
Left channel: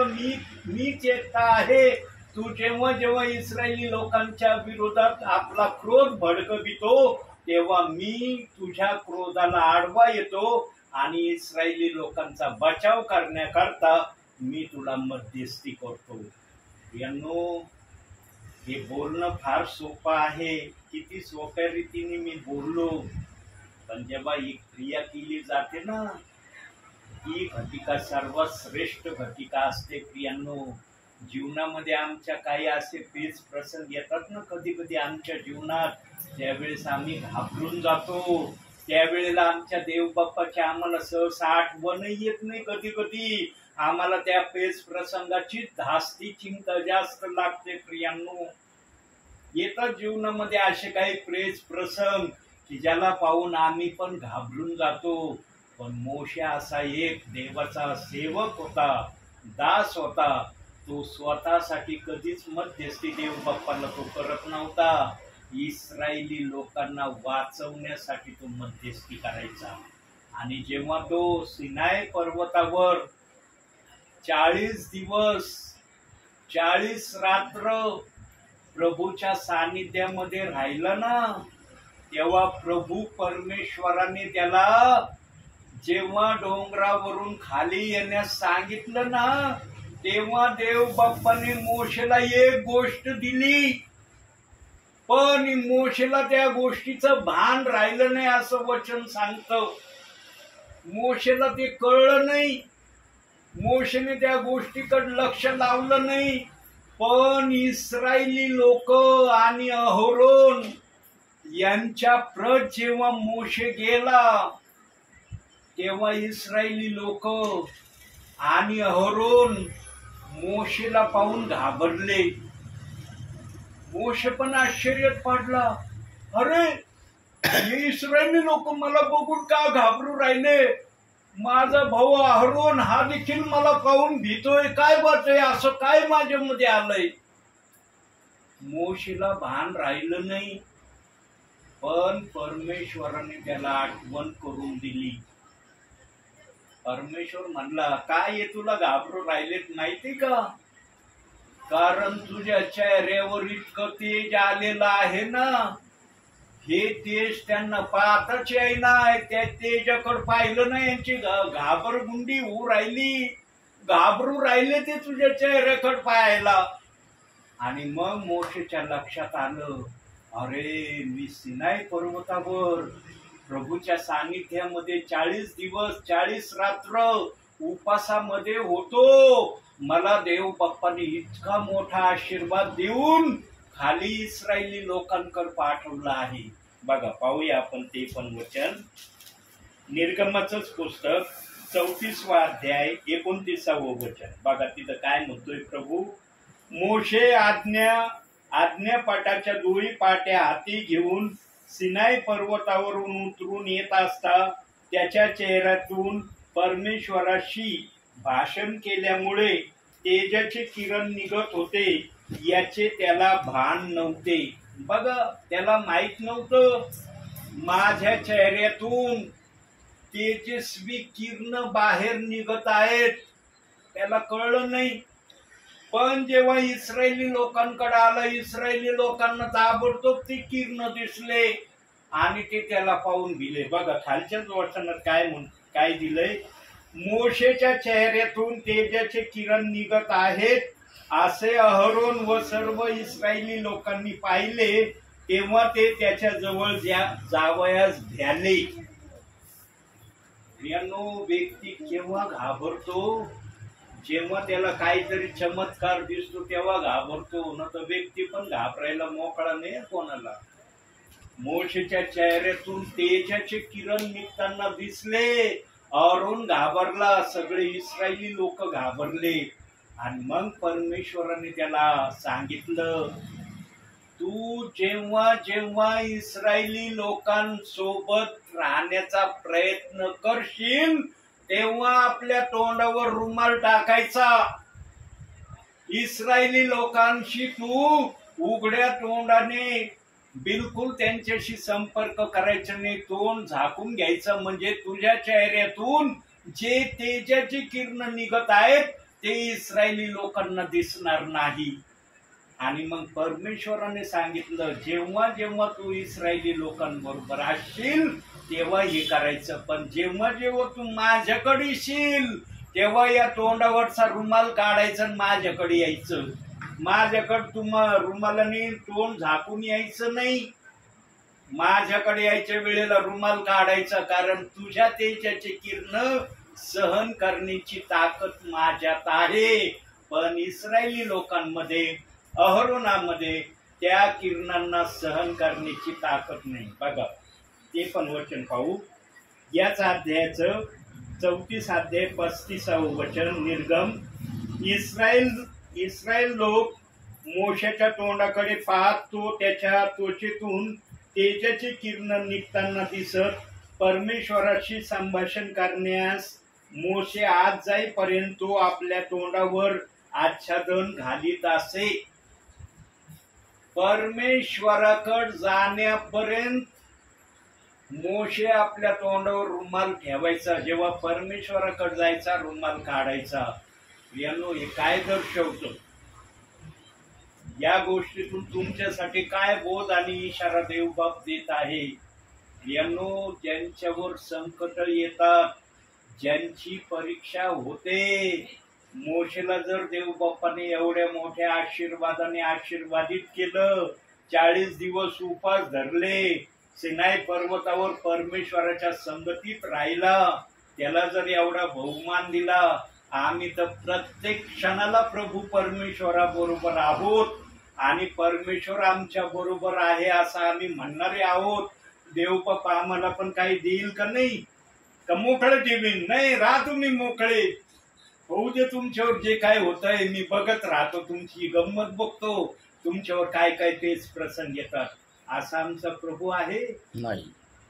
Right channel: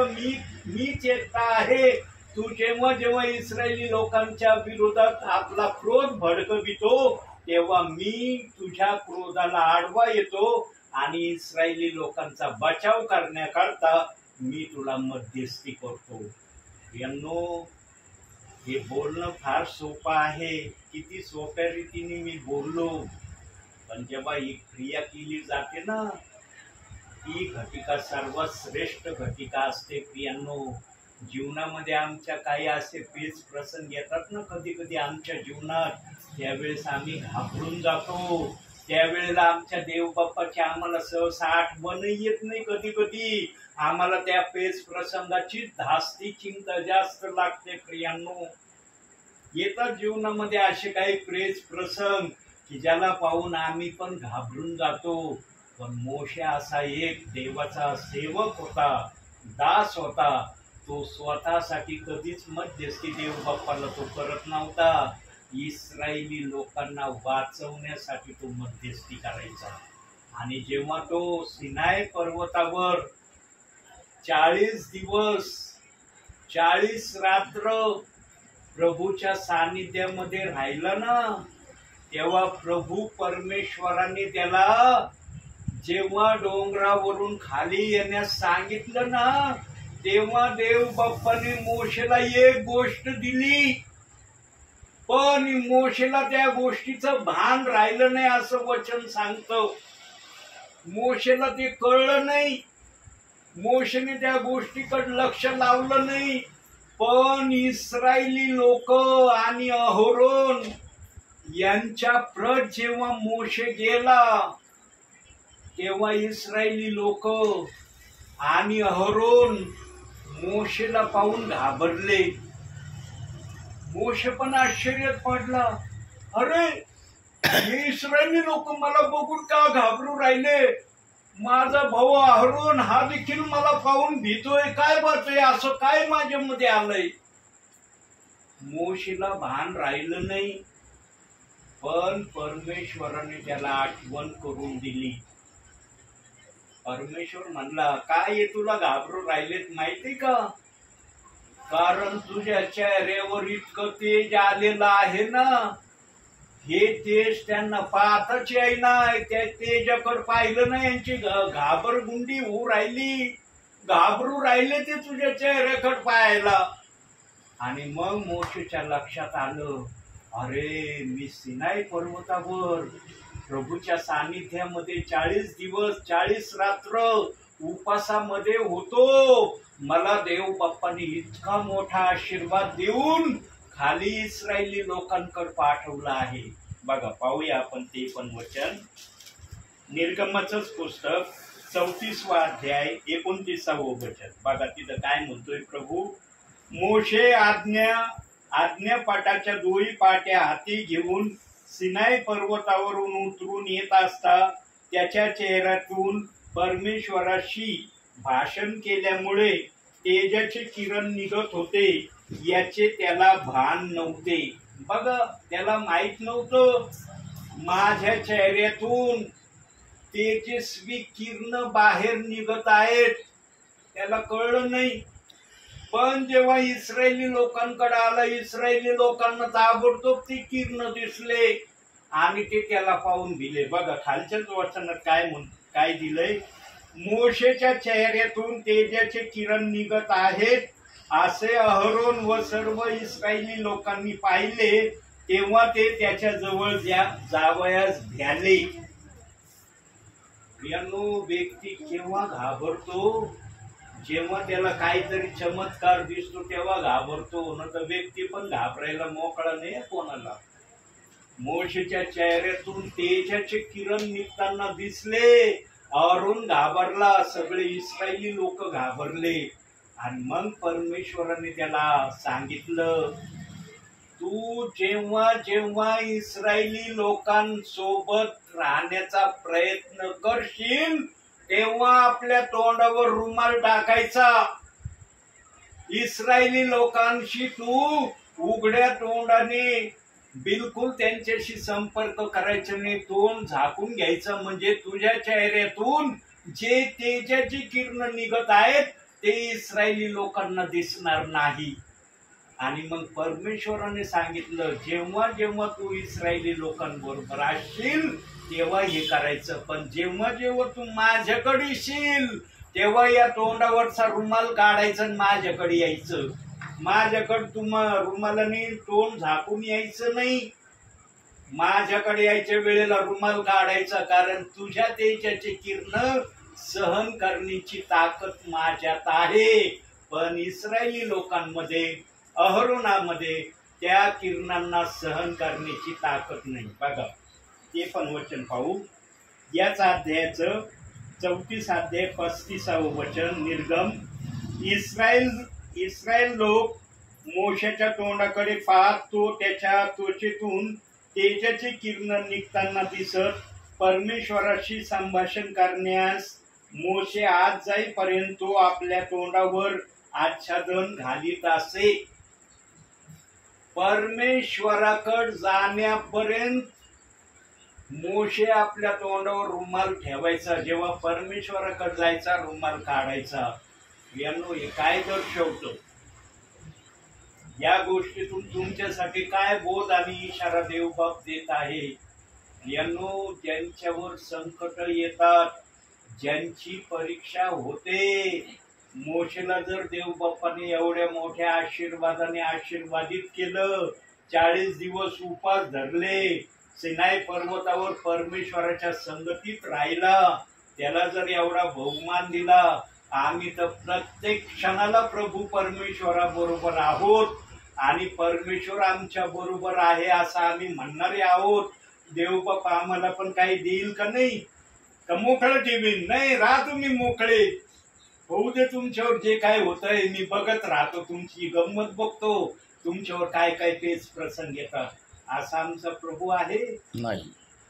मीच एकटा आहे. तू जेव्हा जेव्हा इस्रायली लोकांच्या विरोधात आपला क्रोध भडकवितो तेव्हा मी तुझ्या क्रोधाला आडवा येतो आणि इस्रायली लोकांचा बचाव करण्याकरता मी तुला मध्यस्थी करतो. यांनो, हे बोलणं फार सोपं आहे. किती सोप्या रीतीने मी बोललो, पण जेव्हा ही क्रिया केली जाते ना ही घटिका सर्वात श्रेष्ठ घटिका असते प्रियांनो. जीवनामध्ये आमच्या काही असे पेच प्रसंग येतात ना कधी कधी आमच्या जीवनात, त्यावेळेस आम्ही घाबरून जातो. त्यावेळेला आमच्या देवबाप्पाची आम्हाला सहसा आठवणही येत नाही. कधी कधी आम्हाला त्या पेच प्रसंगाची धास्ती चिंता जास्त लागते प्रियांनो. येतात जीवनामध्ये असे काही पेच प्रसंग की ज्याला पाहून आम्ही पण घाबरून जातो. पण मोशे असा एक देवाचा सेवक होता, दास होता. तो स्वतःसाठी कधीच मध्यस्थी देवबाप्पाला तो करत नव्हता. इस्रायली लोकांना वाचवण्यासाठी तो मध्यस्थी करायचा. आणि जेव्हा तो सिनाय पर्वतावर 40 दिवस 40 रात्र प्रभूच्या सानिध्यामध्ये राहिला ना, तेव्हा प्रभू परमेश्वराने त्याला जेव्हा डोंगरावरून खाली येण्यास सांगितलं ना, तेव्हा देव बाप्पाने मोशेला एक गोष्ट दिली. पण मोशेला त्या गोष्टीचं भान राहिलं नाही असं वचन सांगतं. मोशेला ते कळलं नाही. मोशेने त्या गोष्टीकडे लक्ष लावलं नाही. पण इस्रायली लोक आणि अहोरोन यांच्या प्रत जेव्हा मोशे गेला, तेव्हा इस्रायली लोक आणि अहोरोन मोशेला पाहून घाबरले. मोशे पण आश्चर्यात पडला. अरे, हे इस्रायली लोक मला बघून का घाबरू राहिले? माझा भाऊ अहरोन हा देखील मला पाहून भीतोय. काय बरतोय? असं काय माझ्यामध्ये आलंय? मोशेला भान राहिलं नाही. पण परमेश्वराने त्याला आठवण करून दिली. परमेश्वर म्हणला, काय तुला घाबरू राहिलेत माहिती का? कारण तुझ्या चेहऱ्यावर इतकं तेज आलेलं आहे ना, हे तेज त्यांना पाहताच येईना. त्या तेजाकडे पाहिलं ना, यांची घाबरगुंडी होऊ राहिली. घाबरू राहिले ते तुझ्या चेहऱ्याकडे पाहायला. आणि मग मोशेच्या लक्षात आलं, अरे मी सिनाई पर्वतावर प्रभूच्या सानिध्यामध्ये 40 दिवस 40 रात्र उपासामध्ये होतो. मला देव बाप्पाने इतका मोठा आशीर्वाद देऊन खाली इस्रायली लोकांकडे पाठवलं आहे. बघा, पाहूया आपण ते पण वचन. निर्गमाचंच पुस्तक 34वा अध्याय 29वं वचन. बघा तिथं काय म्हणतोय प्रभू. मोशे आज्ञापाठाच्या दोही पाट्या हाती घेऊन सिनाई पर्वतावरून उतरून येत असता त्याच्या चेहऱ्यातून परमेश्वराशी भाषण केल्यामुळे तेजाचे किरण निघत होते, याचे त्याला भान नव्हते. बघा, त्याला माहित नव्हतं माझ्या चेहऱ्यातून तेजस्वी किरण बाहेर निघत आहेत. त्याला कळलं नाही. पण जेव्हा इस्रायली लोकांकडे आलं, इस्रायली लोकांना ताबडतोब ती किरण दिसले आणि ते त्याला पाहून भिले. बघा खालच्याच वचनात काय दिलंय. मोशेच्या चेहऱ्यातून तेजाचे किरण निघत आहेत असे अहरोन व सर्व इस्रायली लोकांनी पाहिले. तेव्हा ते त्याच्या जवळ जावयास भ्याले. व्यक्ती केव्हा घाबरतो? जेव्हा त्याला काहीतरी चमत्कार दिसतो तेव्हा घाबरतो. न तर व्यक्ती पण घाबरायला मोकळा नाही कोणाला. मोशेच्या चेहऱ्यातून तेजाचे किरण निघताना दिसले. अहरोन घाबरला, सगळे इस्रायली लोक घाबरले. आणि मग परमेश्वराने त्याला सांगितलं, तू जेव्हा जेव्हा इस्रायली लोकांसोबत राहण्याचा प्रयत्न करशील तेव्हा आपल्या तोंडावर रुमाल टाकायचा. इस्रायली लोकांशी तू उघड्या तोंडाने बिलकुल त्यांच्याशी संपर्क करायचा नाही. तोंड झाकून घ्यायचं, म्हणजे तुझ्या चेहऱ्यातून जे तेजाची किरण निघत आहेत ते इस्रायली लोकांना दिसणार नाही. आणि मग परमेश्वराने सांगितलं, जेव्हा जेव्हा तू इस्रायली लोकांबरोबर असशील तेव्हा हे करायचं. पण जेव्हा जेव्हा तू माझ्याकडे येशील तेव्हा या तोंडावरचा रुमाल काढायचा आणि माझ्याकडे यायचं. माझ्याकडे रुमालाने तोंड झाकून यायचं नाही. माझ्याकडे यायच्या वेळेला रुमाल काढायचा, कारण तुझ्या तेजाचे किरण सहन करण्याची ताकद माझ्यात आहे, पण इस्रायली लोकांमध्ये, अहरोनामध्ये त्या किरणांना सहन करण्याची ताकद नाही. बघा ते पण वचन पाहू. याच अध्यायाचं 34 अध्याय 35 वचन. निर्गम. इस्रायल लोक मोशेच्या तोंडाकडे पाहत तो त्याच्या त्वचेतून तेजाचे किरण निघताना दिसत. परमेश्वराशी संभाषण करण्यास मोशे आत जाईपर्यंत तो आपल्या तोंडावर आच्छादन घालीत असे. परमेश्वराकडे जाण्यापर्यंत मोशे आपल्या तोंडावर रुमाल ठेवायचा, जेव्हा परमेश्वराकडे जायचा रुमाल काढायचा. यांनो हे काय दर्शवतं? या गोष्टीतून तुमच्यासाठी काय बोध आणि इशारा देवबाप देत आहे? यांनो ज्यांच्यावर संकट येतात, ज्यांची परीक्षा होते, मोशेला जर देवबापाने एवढ्या मोठ्या आशीर्वादाने आशीर्वादित केलं, 40 दिवस उपास धरले, सिनाई पर्वतावर परमेश्वराच्या संगतीत राहिला, त्याला जर एवढा बहुमान दिला, आम्ही तर प्रत्येक क्षणाला प्रभू परमेश्वराबरोबर आहोत आणि परमेश्वर आमच्या बरोबर आहे असं आम्ही म्हणणारे आहोत. देवबापा आम्हाला पण काही देईल का नाही? का मोकळं ठेवीन? नाही, राहा तुम्ही मोकळे, होऊ दे तुमच्यावर जे काय होतंय, मी बघत राहतो, तुमची गंमत बघतो, तुमच्यावर काय काय तेच प्रसंग येतात. असा आमचा प्रभू आहे नाही.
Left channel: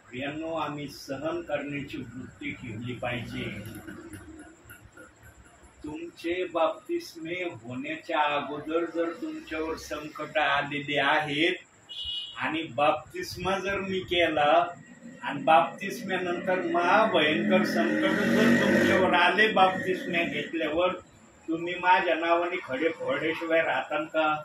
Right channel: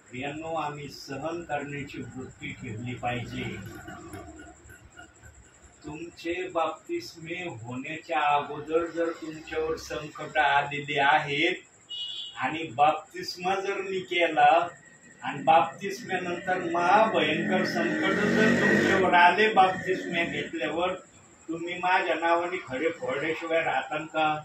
प्रियांनो, आम्ही सहन करण्याची वृत्ती ठेवली पाहिजे. तुमचे बाप्तिस्मे होण्याच्या अगोदर जर तुमच्यावर संकट आलेले आहेत आणि बाप्तिस्मा जर मी केला आणि बाप्तिस्म्यानंतर महाभयंकर संकट जर तुमच्यावर आले, बाप्तिस्म्या घेतल्यावर तुम्ही माझ्या नावाने खडे फोडल्याशिवाय राहता का?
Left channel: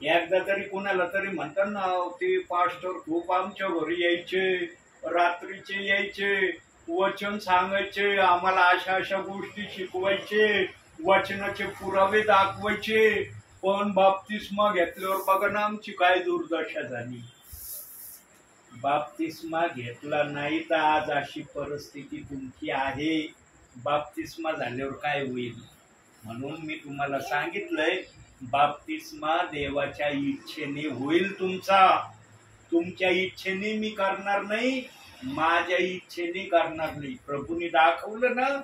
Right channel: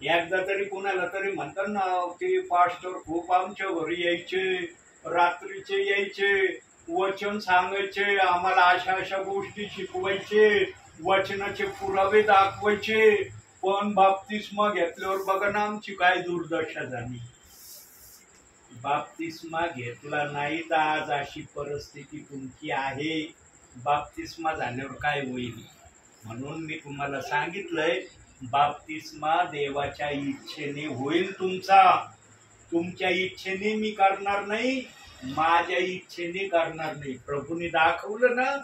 एकदा तरी कुणाला तरी म्हणतात ना, ते पास्टर खूप आमच्या घरी यायचे, रात्रीचे यायचे, वचन सांगायचे, आम्हाला अशा अशा गोष्टी शिकवायचे, वचनाचे पुरावे दाखवायचे, पण बाप्तिस्मा घेतल्यावर बघा ना आमची काय दुर्दशा झाली. बाप्तिस्मा घेतला नाही तर आज अशी परिस्थिती तुमची आहे. बाप्तिस्मा झाल्यावर काय होईल? म्हणून मी तुम्हाला सांगितलंय, बाप्तिस्मा देवाच्या इच्छेने होईल तुमचा. तुमच्या इच्छेने मी करणार नाही, माझ्या इच्छेने करणार नाही. प्रभूने दाखवलं ना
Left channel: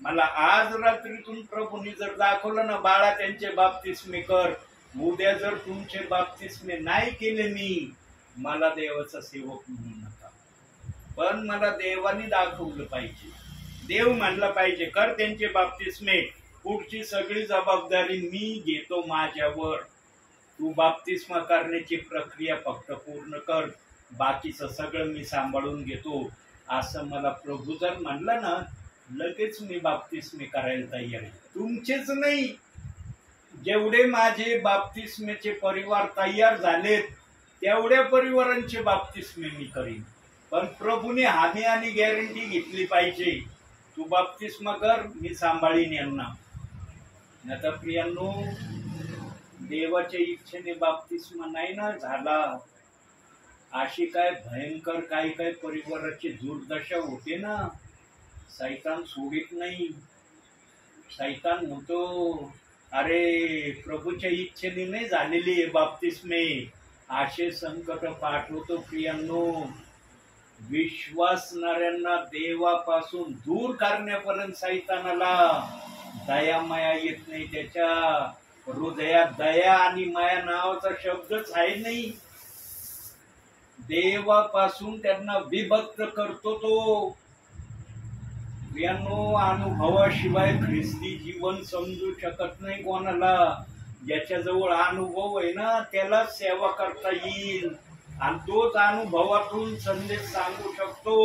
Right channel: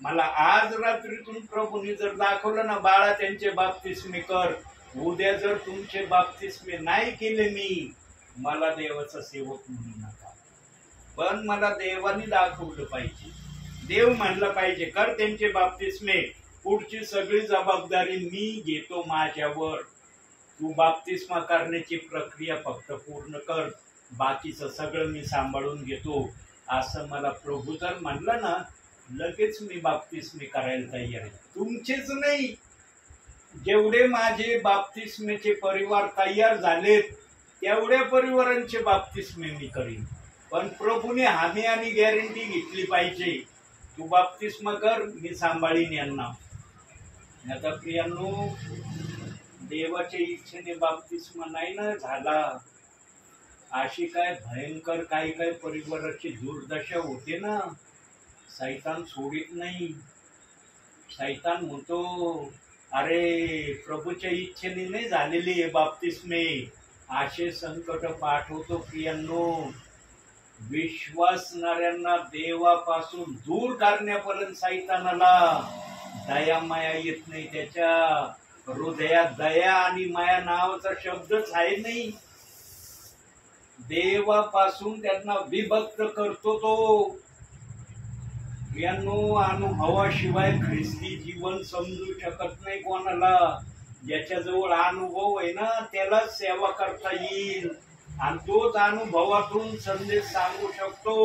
मला, आज रात्रीतून प्रभूने जर दाखवलं ना, बाळा त्यांचे बाप्तिस्मे कर, उद्या जर तुमचे बाप्तिस्मे नाही केले मी, मला देवाचा सेवक म्हणू नका. पण मला देवाने दाखवलं पाहिजे, देव म्हणलं पाहिजे कर त्यांचे बाप्तिस्मे, पुढची सगळी जबाबदारी मी घेतो माझ्यावर, तू बाप्तिस्मा करण्याची प्रक्रिया फक्त पूर्ण कर, बाकीचं सगळं मी सांभाळून घेतो. असं मला प्रभू जर म्हणलं ना, लगेच मी बाप्तिस्मे करायला तयार आहे. तुमचेच नाही, जेवढे माझे बाप्तिस्मेचे परिवार तयार झालेत तेवढ्या परिवारांचे बाप्तिस्मे मी करीन. पण प्रभूने हमी आणि गॅरंटी घेतली पाहिजे, तू बाप्तिस्मा कर, मी सांभाळीन यांना. आता प्रियांनो, देवाच्या इच्छेने बाप्तिस्मा नाही ना झाला, अशी काय भयंकर काही काही परिवाराची दुर्दशा होते ना, सैतान सोडित नाही. सैतान म्हणतो, अरे प्रभूच्या इच्छेने नाही झालेली बाप्तिस्मे, असे संकट पाठवतो. प्रियांनो, विश्वासणाऱ्यांना देवापासून दूर करण्यापर्यंत सैतानाला दया माया येत नाही. त्याच्या हृदयात दया आणि माया नावाचा शब्दच आहे नाही. देवापासून त्यांना विभक्त करतो तो. यांनो, अनुभवाशिवाय ख्रिस्ती जीवन समजू शकत नाही कोणाला. ज्याच्याजवळ अनुभव आहे ना, त्याला सेवा करता येईल आणि तोच अनुभवातून संदेश सांगू शकतो.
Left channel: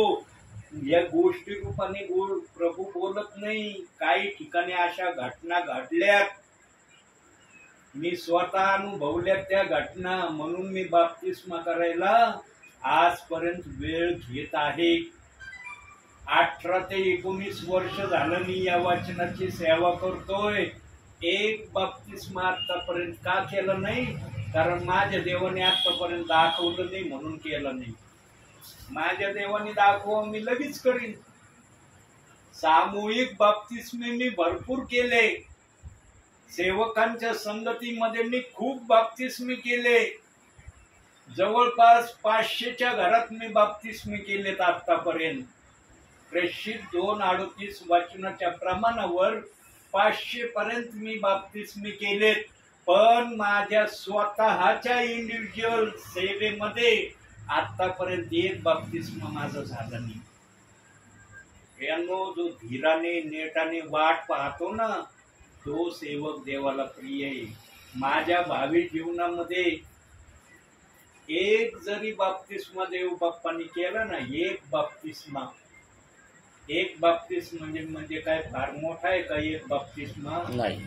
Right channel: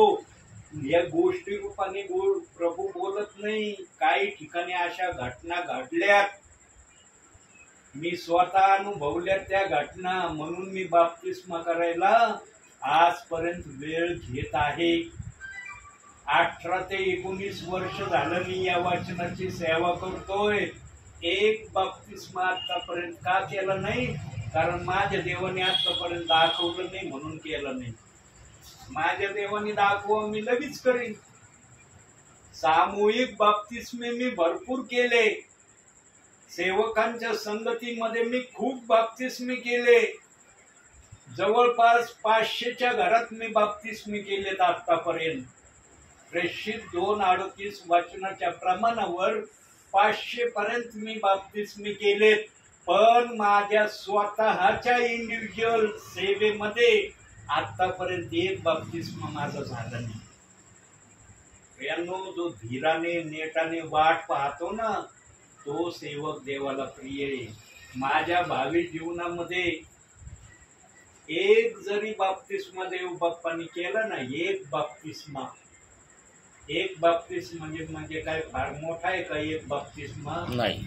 या गोष्टी रूपाने प्रभू बोलत नाही. काही ठिकाणी अशा घटना घडल्यात, मी स्वतः अनुभवल्यात त्या घटना, म्हणून मी बाप्तिस्मा करायला आजपर्यंत वेळ घेत आहे. 18 ते 19 वर्ष झालं मी या वचनाची सेवा करतोय. एक बाप्तिस्मा आतापर्यंत का केला नाही? कारण माझ्या देवाने आतापर्यंत दाखवलं नाही म्हणून केलं नाही. माझ्या देवाने दाखव, मी लगेच करीन. सामूहिक बाप्तिस्मे मी भरपूर केले, सेवकांच्या संगतीमध्ये मी खूप बाप्तिस्मे केले, जवळपास 500च्या घरात मी बाप्तिस्मे केलेत आतापर्यंत. प्रेषित 2:38 वाचनाच्या प्रमाणावर 500 पर्यंत मी बाप्तिस्मे केलेत. पण माझ्या स्वतःच्या इंडिव्हिज्युअल सेवेमध्ये आतापर्यंत एक बाप्तिस्मा माझा झाला नाही. यानो जो धीराने नेटाने वाट पाहतो ना, तो सेवक देवाला प्रिय आहे. माझ्या भावी जीवनामध्ये एक जरी बाप्तिस्मा देव बाप्पांनी केला ना, एक बाप्तिस्मा म्हणजे काय फार मोठा आहे का एक बाप्तिस्मा? नाही.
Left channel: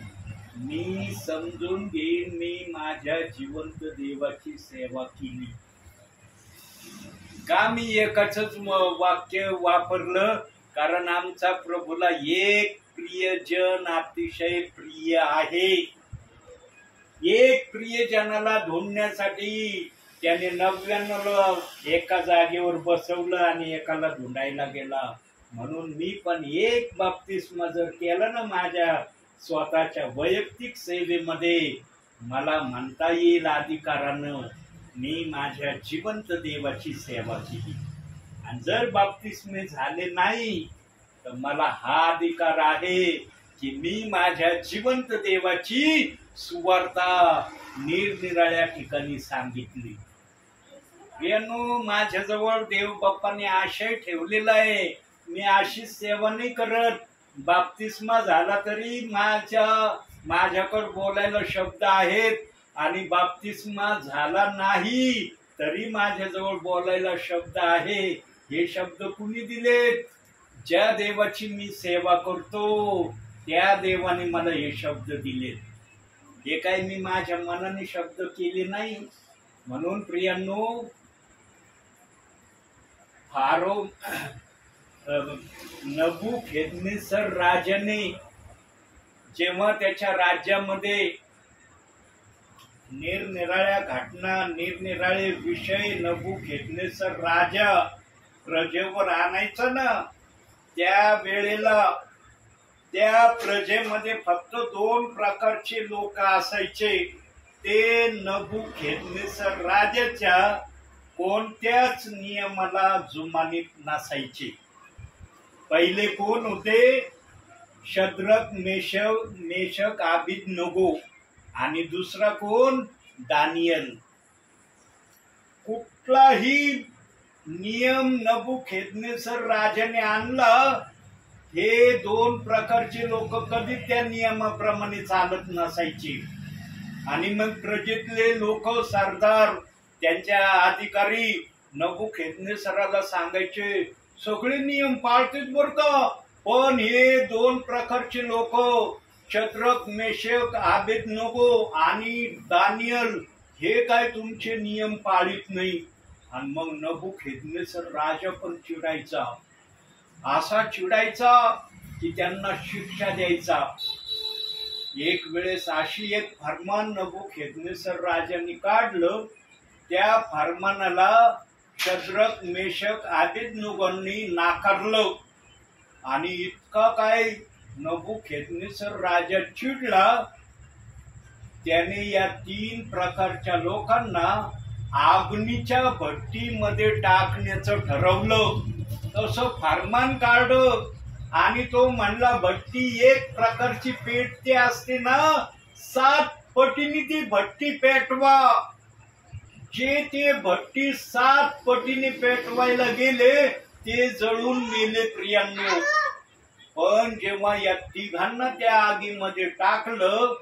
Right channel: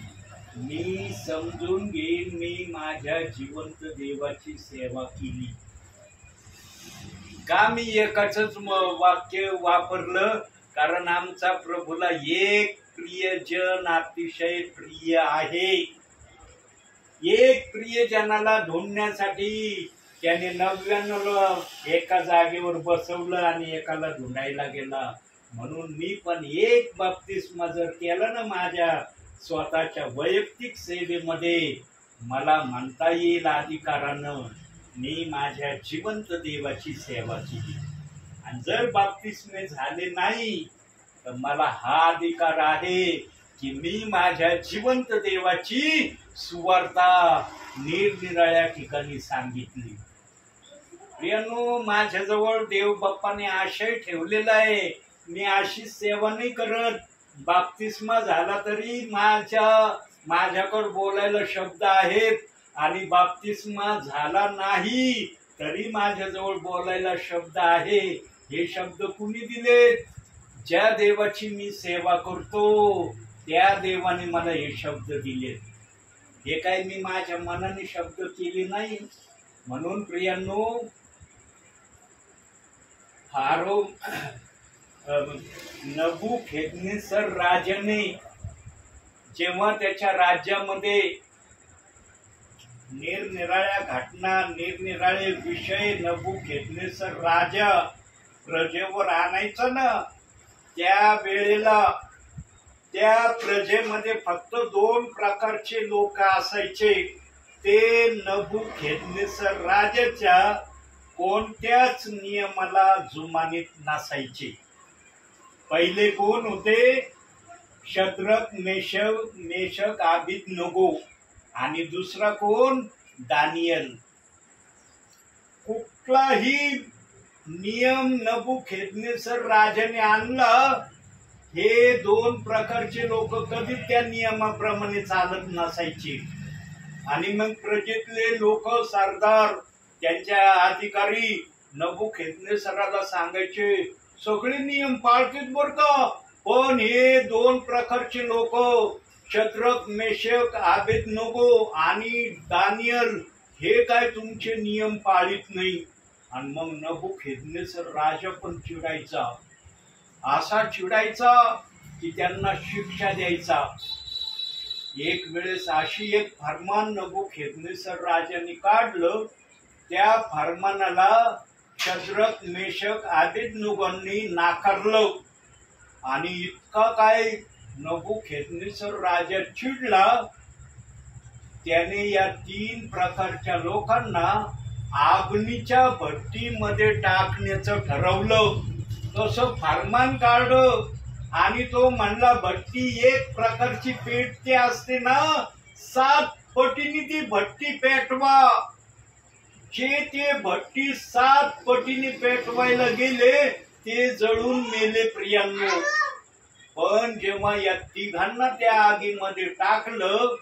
मी समजून घेईन मी माझ्या जिवंत देवाची सेवा केली. का मी एकाच वाक्य वापरलं? कारण आमचा प्रभूला एक प्रियजन अतिशय प्रिय आहे. एक प्रियजनाला ढूंढण्यासाठी त्याने 99 एका जागेवर बसवलं आणि एकाला ढूंढायला गेला. म्हणून मी पण एक बाप्तिस्मा जर केला ना माझ्या स्वतःच्या वैयक्तिक सेवेमध्ये, मला म्हणता येईल अधिकारानं मी माझ्या जिवंत देवाची सेवा केली. आणि जर बाप्तिस्मे झाले नाही तर मला हा अधिकार आहे की मी माझ्या जिवंत देवाची सुवार्ता निरनिराळ्या ठिकाणी सांगितली. प्रियानो, माझ्याजवळ देव बाप्पाने आशय ठेवलेला आहे. मी अशी सेवा नाही करत. बाप्तिस्मा झाला तरी माझ्याकडे बोलायला शब्द आहेत, आणि बाप्तिस्मा झाला नाही तरी माझ्याजवळ बोलायला शब्द आहे. हे शब्द कुणी दिलेत? ज्या देवाची मी सेवा करतो त्या देवाने मला हे शब्द दिलेत. हे काय मी माझ्या मनाने शब्द केले नाही. म्हणून प्रियांनो, फारो नबुकदनेस्सर राजाने जेव्हा त्याच्या राज्यामध्ये निरनिराळ्या घटना, निरनिराळे विषय नबुकदनेस्सर राजा प्रजेवर आणायचा ना, त्या वेळेला त्या प्रजेमध्ये फक्त 2 प्रकारचे लोक असायचे. ते नबुकदनेस्सर राजाच्या कोणत्याच नियमाला जुमानीत नसायचे. पहिले कोण होते? Shadrach, Meshach, Abednego. आणि दुसरा कोण? दानियल. कुठलाही नियम नबुकदनेस्सर राजाने आणला, हे 2 प्रकारचे लोक कधी त्या नियमाप्रमाणे चालत नसायचे. आणि मग प्रजेतले लोक, सरदार, त्यांच्या अधिकारी नबुकदनेस्सराला सांगायचे, सगळे नियम पाळतात बर का, पण हे 2 प्रकारचे लोक, शद्रक, मेशक, अबेदनगो आणि दानियल, हे काय तुमचे नियम पाळीत नाही. आणि मग नबुकदनेस्सर राजा पण चिडायचा, असा चिडायचा की त्यांना शिक्षा द्यायचा. एक वेळेस अशी एक फरमान नबुकदनेस्सर राजाने काढलं. त्या फरमानाला शद्रक, मेशक, अबेदनगोंनी नाकारलं. आणि इतका काय नबुकदनेस्सर राजा चिडला, त्याने या 3 प्रकारच्या लोकांना अग्नीच्या भट्टीमध्ये टाकण्याचं ठरवलं. तसं फरमान काढलं आणि तो म्हणला, भट्टी एक प्रकारची पेटते असते ना, 7 पटीने ती भट्टी पेटवा. जे ते भट्टी 7 पटीने पेटवायला गेले ते जळून मेले प्रियांनो. पण जेव्हा या 3घांना त्या आगीमध्ये टाकलं,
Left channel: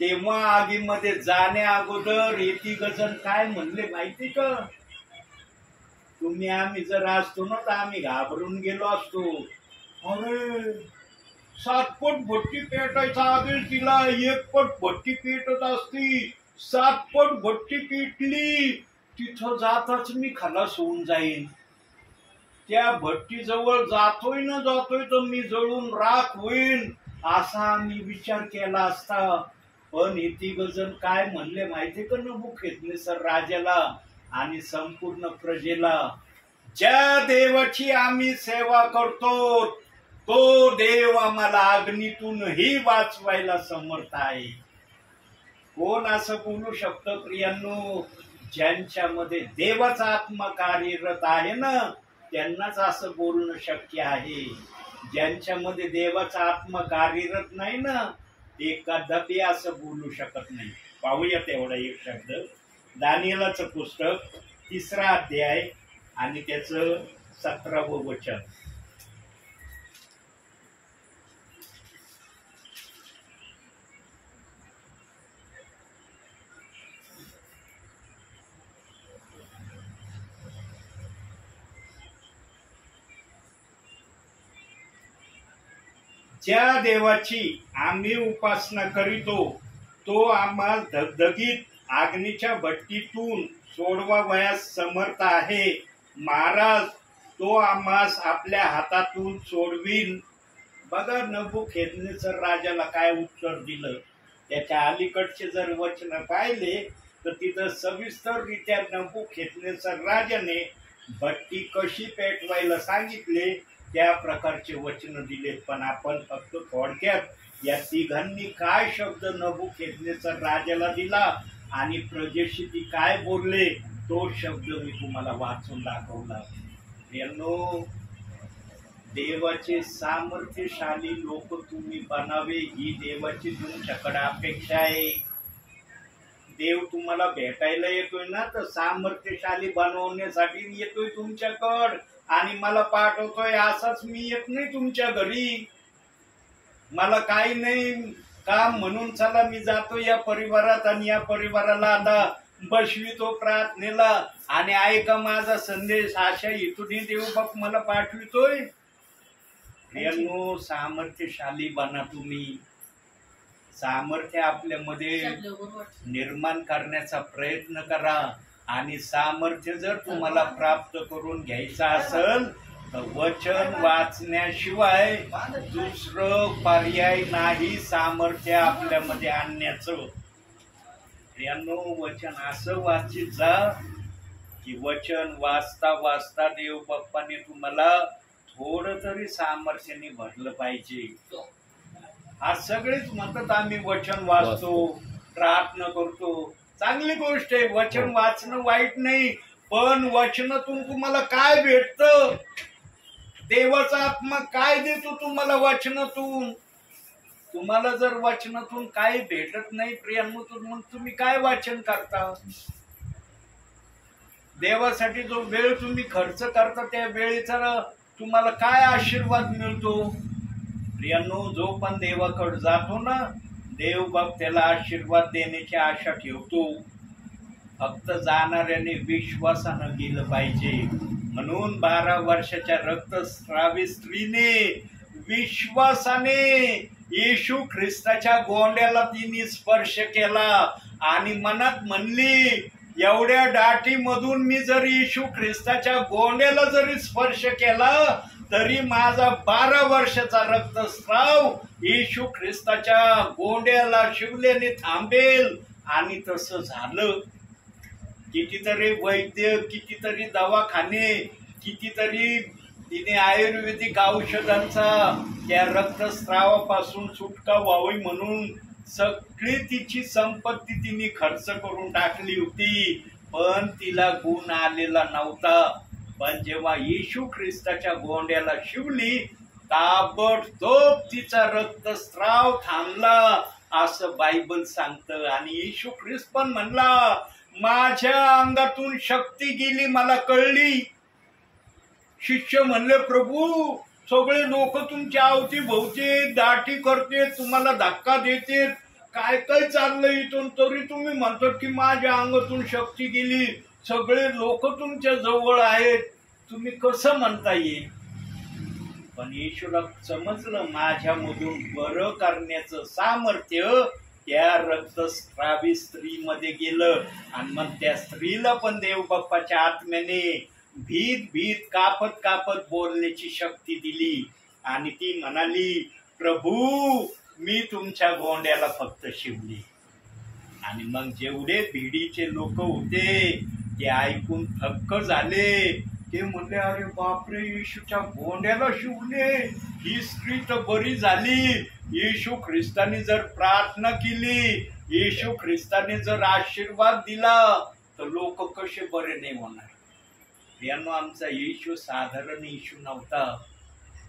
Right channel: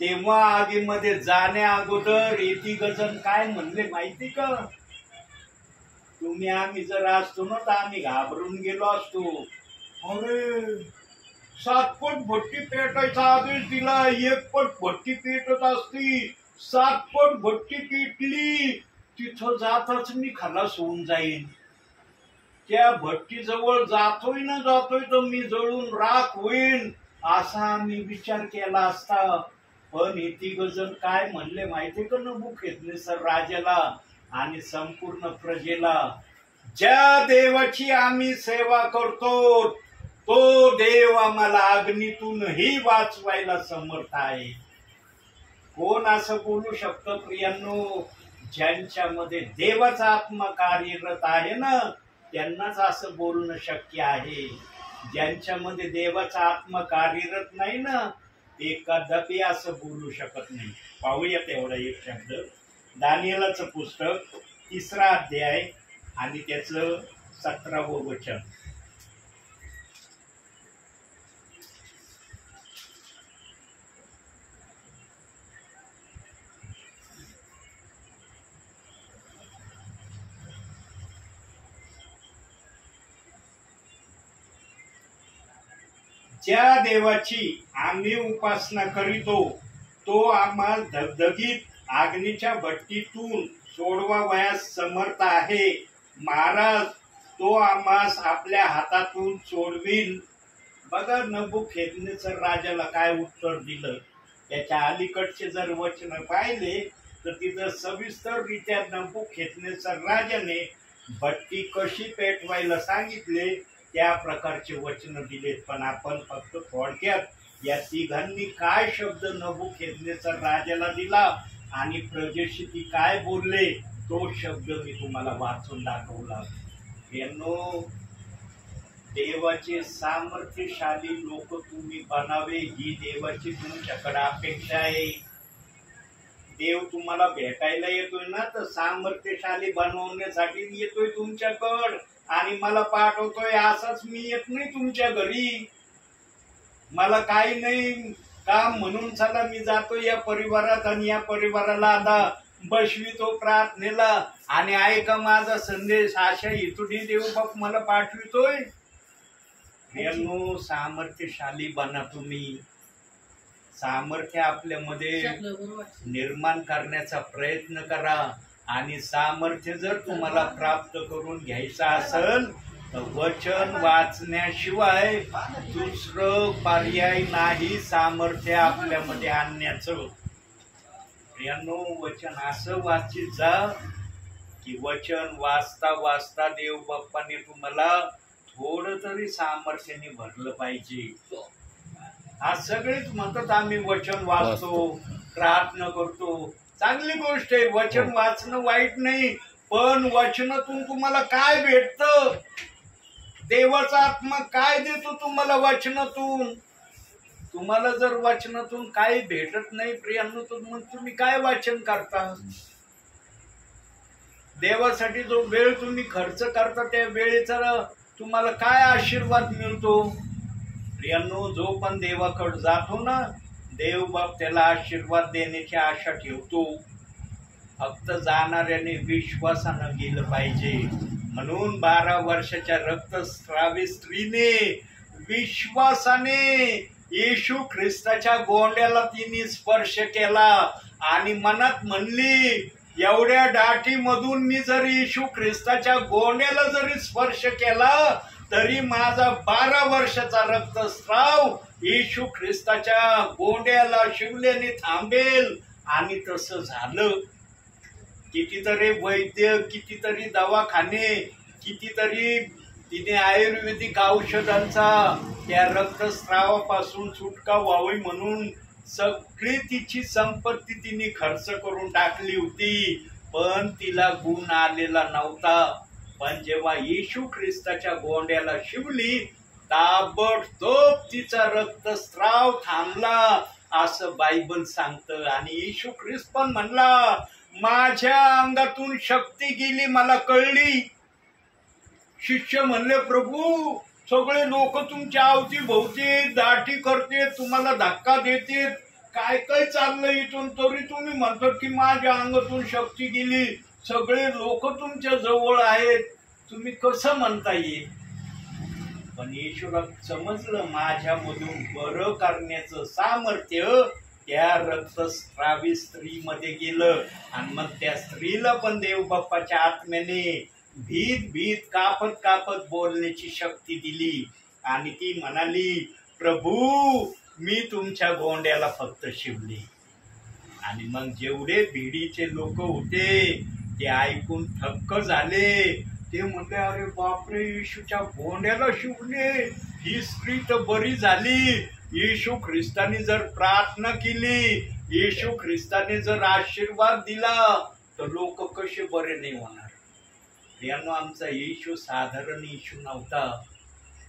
तेव्हा आगीमध्ये जाण्या अगोदर हे 3 जण काय म्हणले माहिती का? आम्ही जर असतो ना तर आम्ही घाबरून गेलो असतो. अरे 7 पट भट्टी पेटायचा आदेश दिला, 1 पट भट्टी पेटत असती, 7 पट भट्टी पेटली, तिथं जाताच मी खलास होऊन जाईन. त्या भट्टीजवळ जातोय तर मी जळून राख होईन, असा आम्ही विचार केला असता. पण हे 3 जण काय म्हणले माहितीये का नबुकदनेस्सर राजाला आणि संपूर्ण प्रजेला? ज्या देवाची आम्ही सेवा करतो तो देव आम्हाला अग्नीतूनही वाचवायला समर्थ आहे. कोण असं बोलू शकतं प्रियांनो? ज्यांच्यामध्ये देवाचा आत्मा कार्यरत आहे ना, त्यांनाच असं बोलणं शक्य आहे. ज्यांच्यामध्ये देवाचा आत्मा कार्यरत नाही ना, ते कदापि असं बोलू शकत नाही. पाहूया तेवढा एक शब्द. दानिएलाचं पुस्तक 3रा अध्याय आणि त्याचं 17वं वचन. ज्या देवाची आम्ही उपासना करीतो तो आम्हाला धगधगीत अग्नीच्या भट्टीतून सोडवावयास समर्थ आहे. महाराज तो आम्हास आपल्या हातातून सोडविल. बघा नबुकदनेस्सर राजाला काय उत्तर दिलं. त्याच्या अलीकडचे जर वचन पाहिले तर तिथं सविस्तररित्या नबुकदनेस्सर राजाने भट्टी कशी पेटवायला सांगितले त्या प्रकारचे वचन दिलेत. पण आपण फक्त थोडक्यात या तिघांनी काय शब्द नबुकदनेस्सर राजाला दिला आणि प्रजेशी ती काय बोलले तो शब्द मी तुम्हाला वाचून दाखवला. यांनो, देवाचे सामर्थ्यशाली लोक तुम्ही बनावे ही देवाची तुमच्याकडे अपेक्षा आहे. देव तुम्हाला भेटायला येतोय ना, तर सामर्थ्यशाली बनवण्यासाठी येतोय तुमच्याकडं आणि मला पाठवतोय. असाच मी येत नाही तुमच्या घरी. मला काही नाही काम म्हणून चला मी जातो या परिवारात आणि या परिवाराला आता बसवितो प्रार्थनेला आणि ऐका माझा संदेश, अशा इथून देव बाप मला पाठवितोय. प्रियांनो, सामर्थ्यशाली बना तुम्ही. सामर्थ्य आपल्यामध्ये निर्माण करण्याचा प्रयत्न करा आणि सामर्थ्य जर तुम्हाला प्राप्त करून घ्यायचं असेल तर वचन वाचण्याशिवाय दुसरं पर्याय नाही सामर्थ्य आपल्यामध्ये आणण्याचं. प्रियांनो, वचन असं वाचित जा की वचन वाचता वाचता देव बाप्पाने तुम्हाला थोडं तरी सामर्थ्याने भरलं पाहिजे. आज सगळेच म्हणतात आम्ही वचन वाचतो, प्रार्थना करतो. चांगली गोष्ट आहे, वचन वाचणं वाईट नाही. पण वचनातून तुम्हाला काय भेटतं? देवाचा आत्मा काय देतो तुम्हाला वचनातून? तुम्हाला जर वचनातून काही भेटत नाही प्रियांनो, तर मग तुम्ही काय वाचन करता? देवासाठी जो वेळ तुम्ही खर्च करता त्या वेळेचा तुम्हाला काय आशीर्वाद मिळतो? प्रियांनो, जो पण देवाकडे जातो ना, देव बाप त्याला आशीर्वाद देण्याची आशा ठेवतो. फक्त जाणाऱ्याने विश्वासानं गेलं पाहिजे. म्हणून 12 वर्षाच्या रक्तस्रावी स्त्रीने विश्वासाने येशू ख्रिस्ताच्या गोंड्याला तिने स्पर्श केला आणि मनात म्हणली, एवढ्या दाटीमधून मी जर येशू ख्रिस्ताच्या गोंड्याला जरी स्पर्श केला तरी माझा 12 वर्षाचा रक्तस्राव येशू ख्रिस्ताच्या गोंड्याला शिवल्याने थांबेल. आणि तसं झालं. कितीतरी वैद्य, कितीतरी दवाखाने, कितीतरी तिने आयुर्वेदिक औषधांचा त्या रक्तस्रावापासून सुटका व्हावी म्हणून सगळी तिची संपत्ती तिने खर्च करून टाकली होती, पण तिला गुण आलेला नव्हता. पण जेव्हा येशू ख्रिस्ताच्या गोंड्याला शिवली ताबडतोब तिचा रक्तस्राव थांबला असं बायबल सांगतं. आणि येशू ख्रिस्त पण म्हणला, माझ्या अंगातून शक्ती गेली मला कळली. शिष्य म्हणले, प्रभू सगळे लोक तुमच्या अवतीभोवती दाटी करते, तुम्हाला धक्का देते, काय काय चाललंय इथून, तरी तुम्ही म्हणतात की माझ्या अंगातून शक्ती गेली. सगळे लोक तुमच्या जवळ आहेत, तुम्ही कसं म्हणता येईल? पण येशूला समजलं माझ्यामधून बरं करण्याचं सामर्थ्य त्या रक्तस्रावी स्त्रीमध्ये गेलं. आणि मग त्या स्त्रीला पण देव बाप्पाच्या आत्म्याने भीत भीत कापत कापत बोलण्याची शक्ती दिली. आणि ती म्हणाली, प्रभू मी तुमच्या गोंड्याला फक्त शिवले. आणि मग जेवढे भिडीचे लोक होते ते ऐकून थक्क झाले. ते म्हणले अरे बापरे, येशूच्या गोंड्याला शिवले, ही स्त्री तर बरी झाली. येशू ख्रिस्तानी जर प्रार्थना केली, येशू ख्रिस्ताने जर आशीर्वाद दिला, तर लोक कसे बरे नाही होणार. यानो आमचा येशू साधारण येशू नव्हता.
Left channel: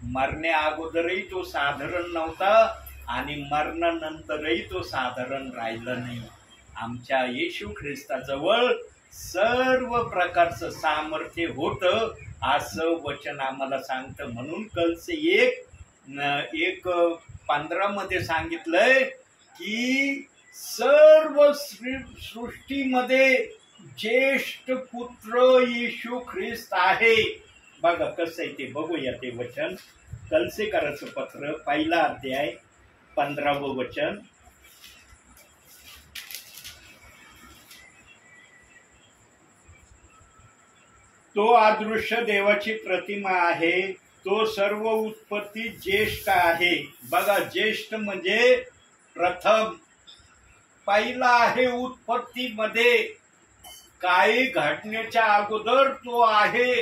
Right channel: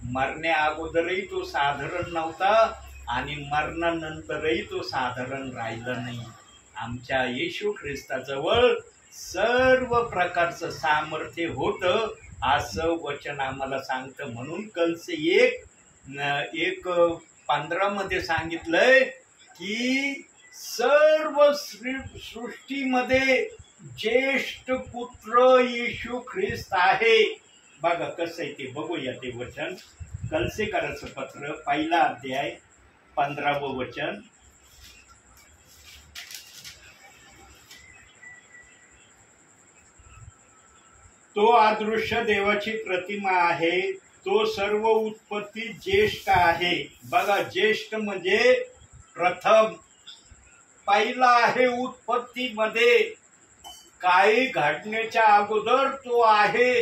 मरण्या अगोदरही तो साधारण नव्हता आणि मरणानंतरही तो साधारण राहिला नाही. आमच्या येशू ख्रिस्ताजवळ सर्व प्रकारचं सामर्थ्य होतं, असं वचन आम्हाला सांगतं. म्हणून कलसे 1:15 मध्ये सांगितलंय की सर्व सृष्टीमध्ये ज्येष्ठ पुत्र येशू ख्रिस्त आहे. बघा कसं आहे ते, बघूया ते वचन. कलसेकराचं पत्र 1 अध्याय 15वं वचन. तो अदृश्य देवाची प्रतिमा आहे, तो सर्व उत्पत्ती ज्येष्ठ आहे. बघा, ज्येष्ठ म्हणजे प्रथम, पहिला आहे उत्पत्तीमध्ये. काही घडण्याच्या अगोदर तो आहे,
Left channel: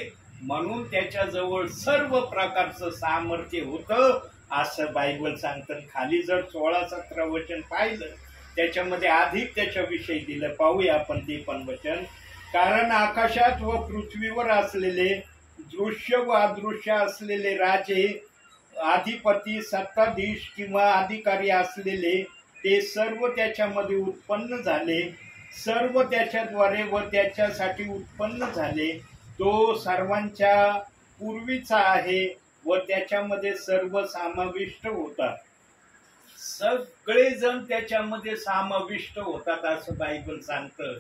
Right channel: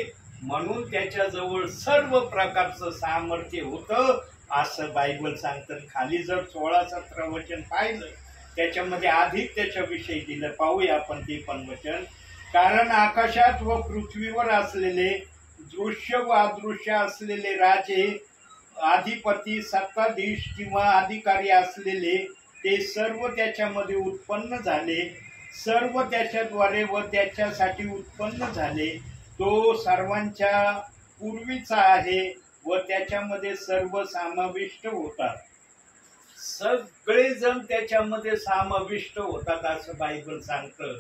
म्हणून त्याच्याजवळ सर्व प्रकारचं सामर्थ्य होतं, असं बायबल सांगतं. खाली जर 16-17 वचन पाहिलं, त्याच्यामध्ये अधिक त्याच्याविषयी दिलं. पाहूया आपण ते पण वचन. कारण आकाशात व पृथ्वीवर असलेले दृश्य व अदृश्य असलेले राजे, अधिपती, सत्ताधीश किंवा अधिकारी असलेले, ते सर्व त्याच्यामध्ये उत्पन्न झाले. सर्व त्याच्याद्वारे व त्याच्यासाठी उत्पन्न झाले. तो सर्वांच्या पूर्वीचा आहे व त्याच्यामध्ये सर्व समाविष्ट होतात. सगळेजण त्याच्यामध्ये समाविष्ट होतात असं बायबल सांगतं.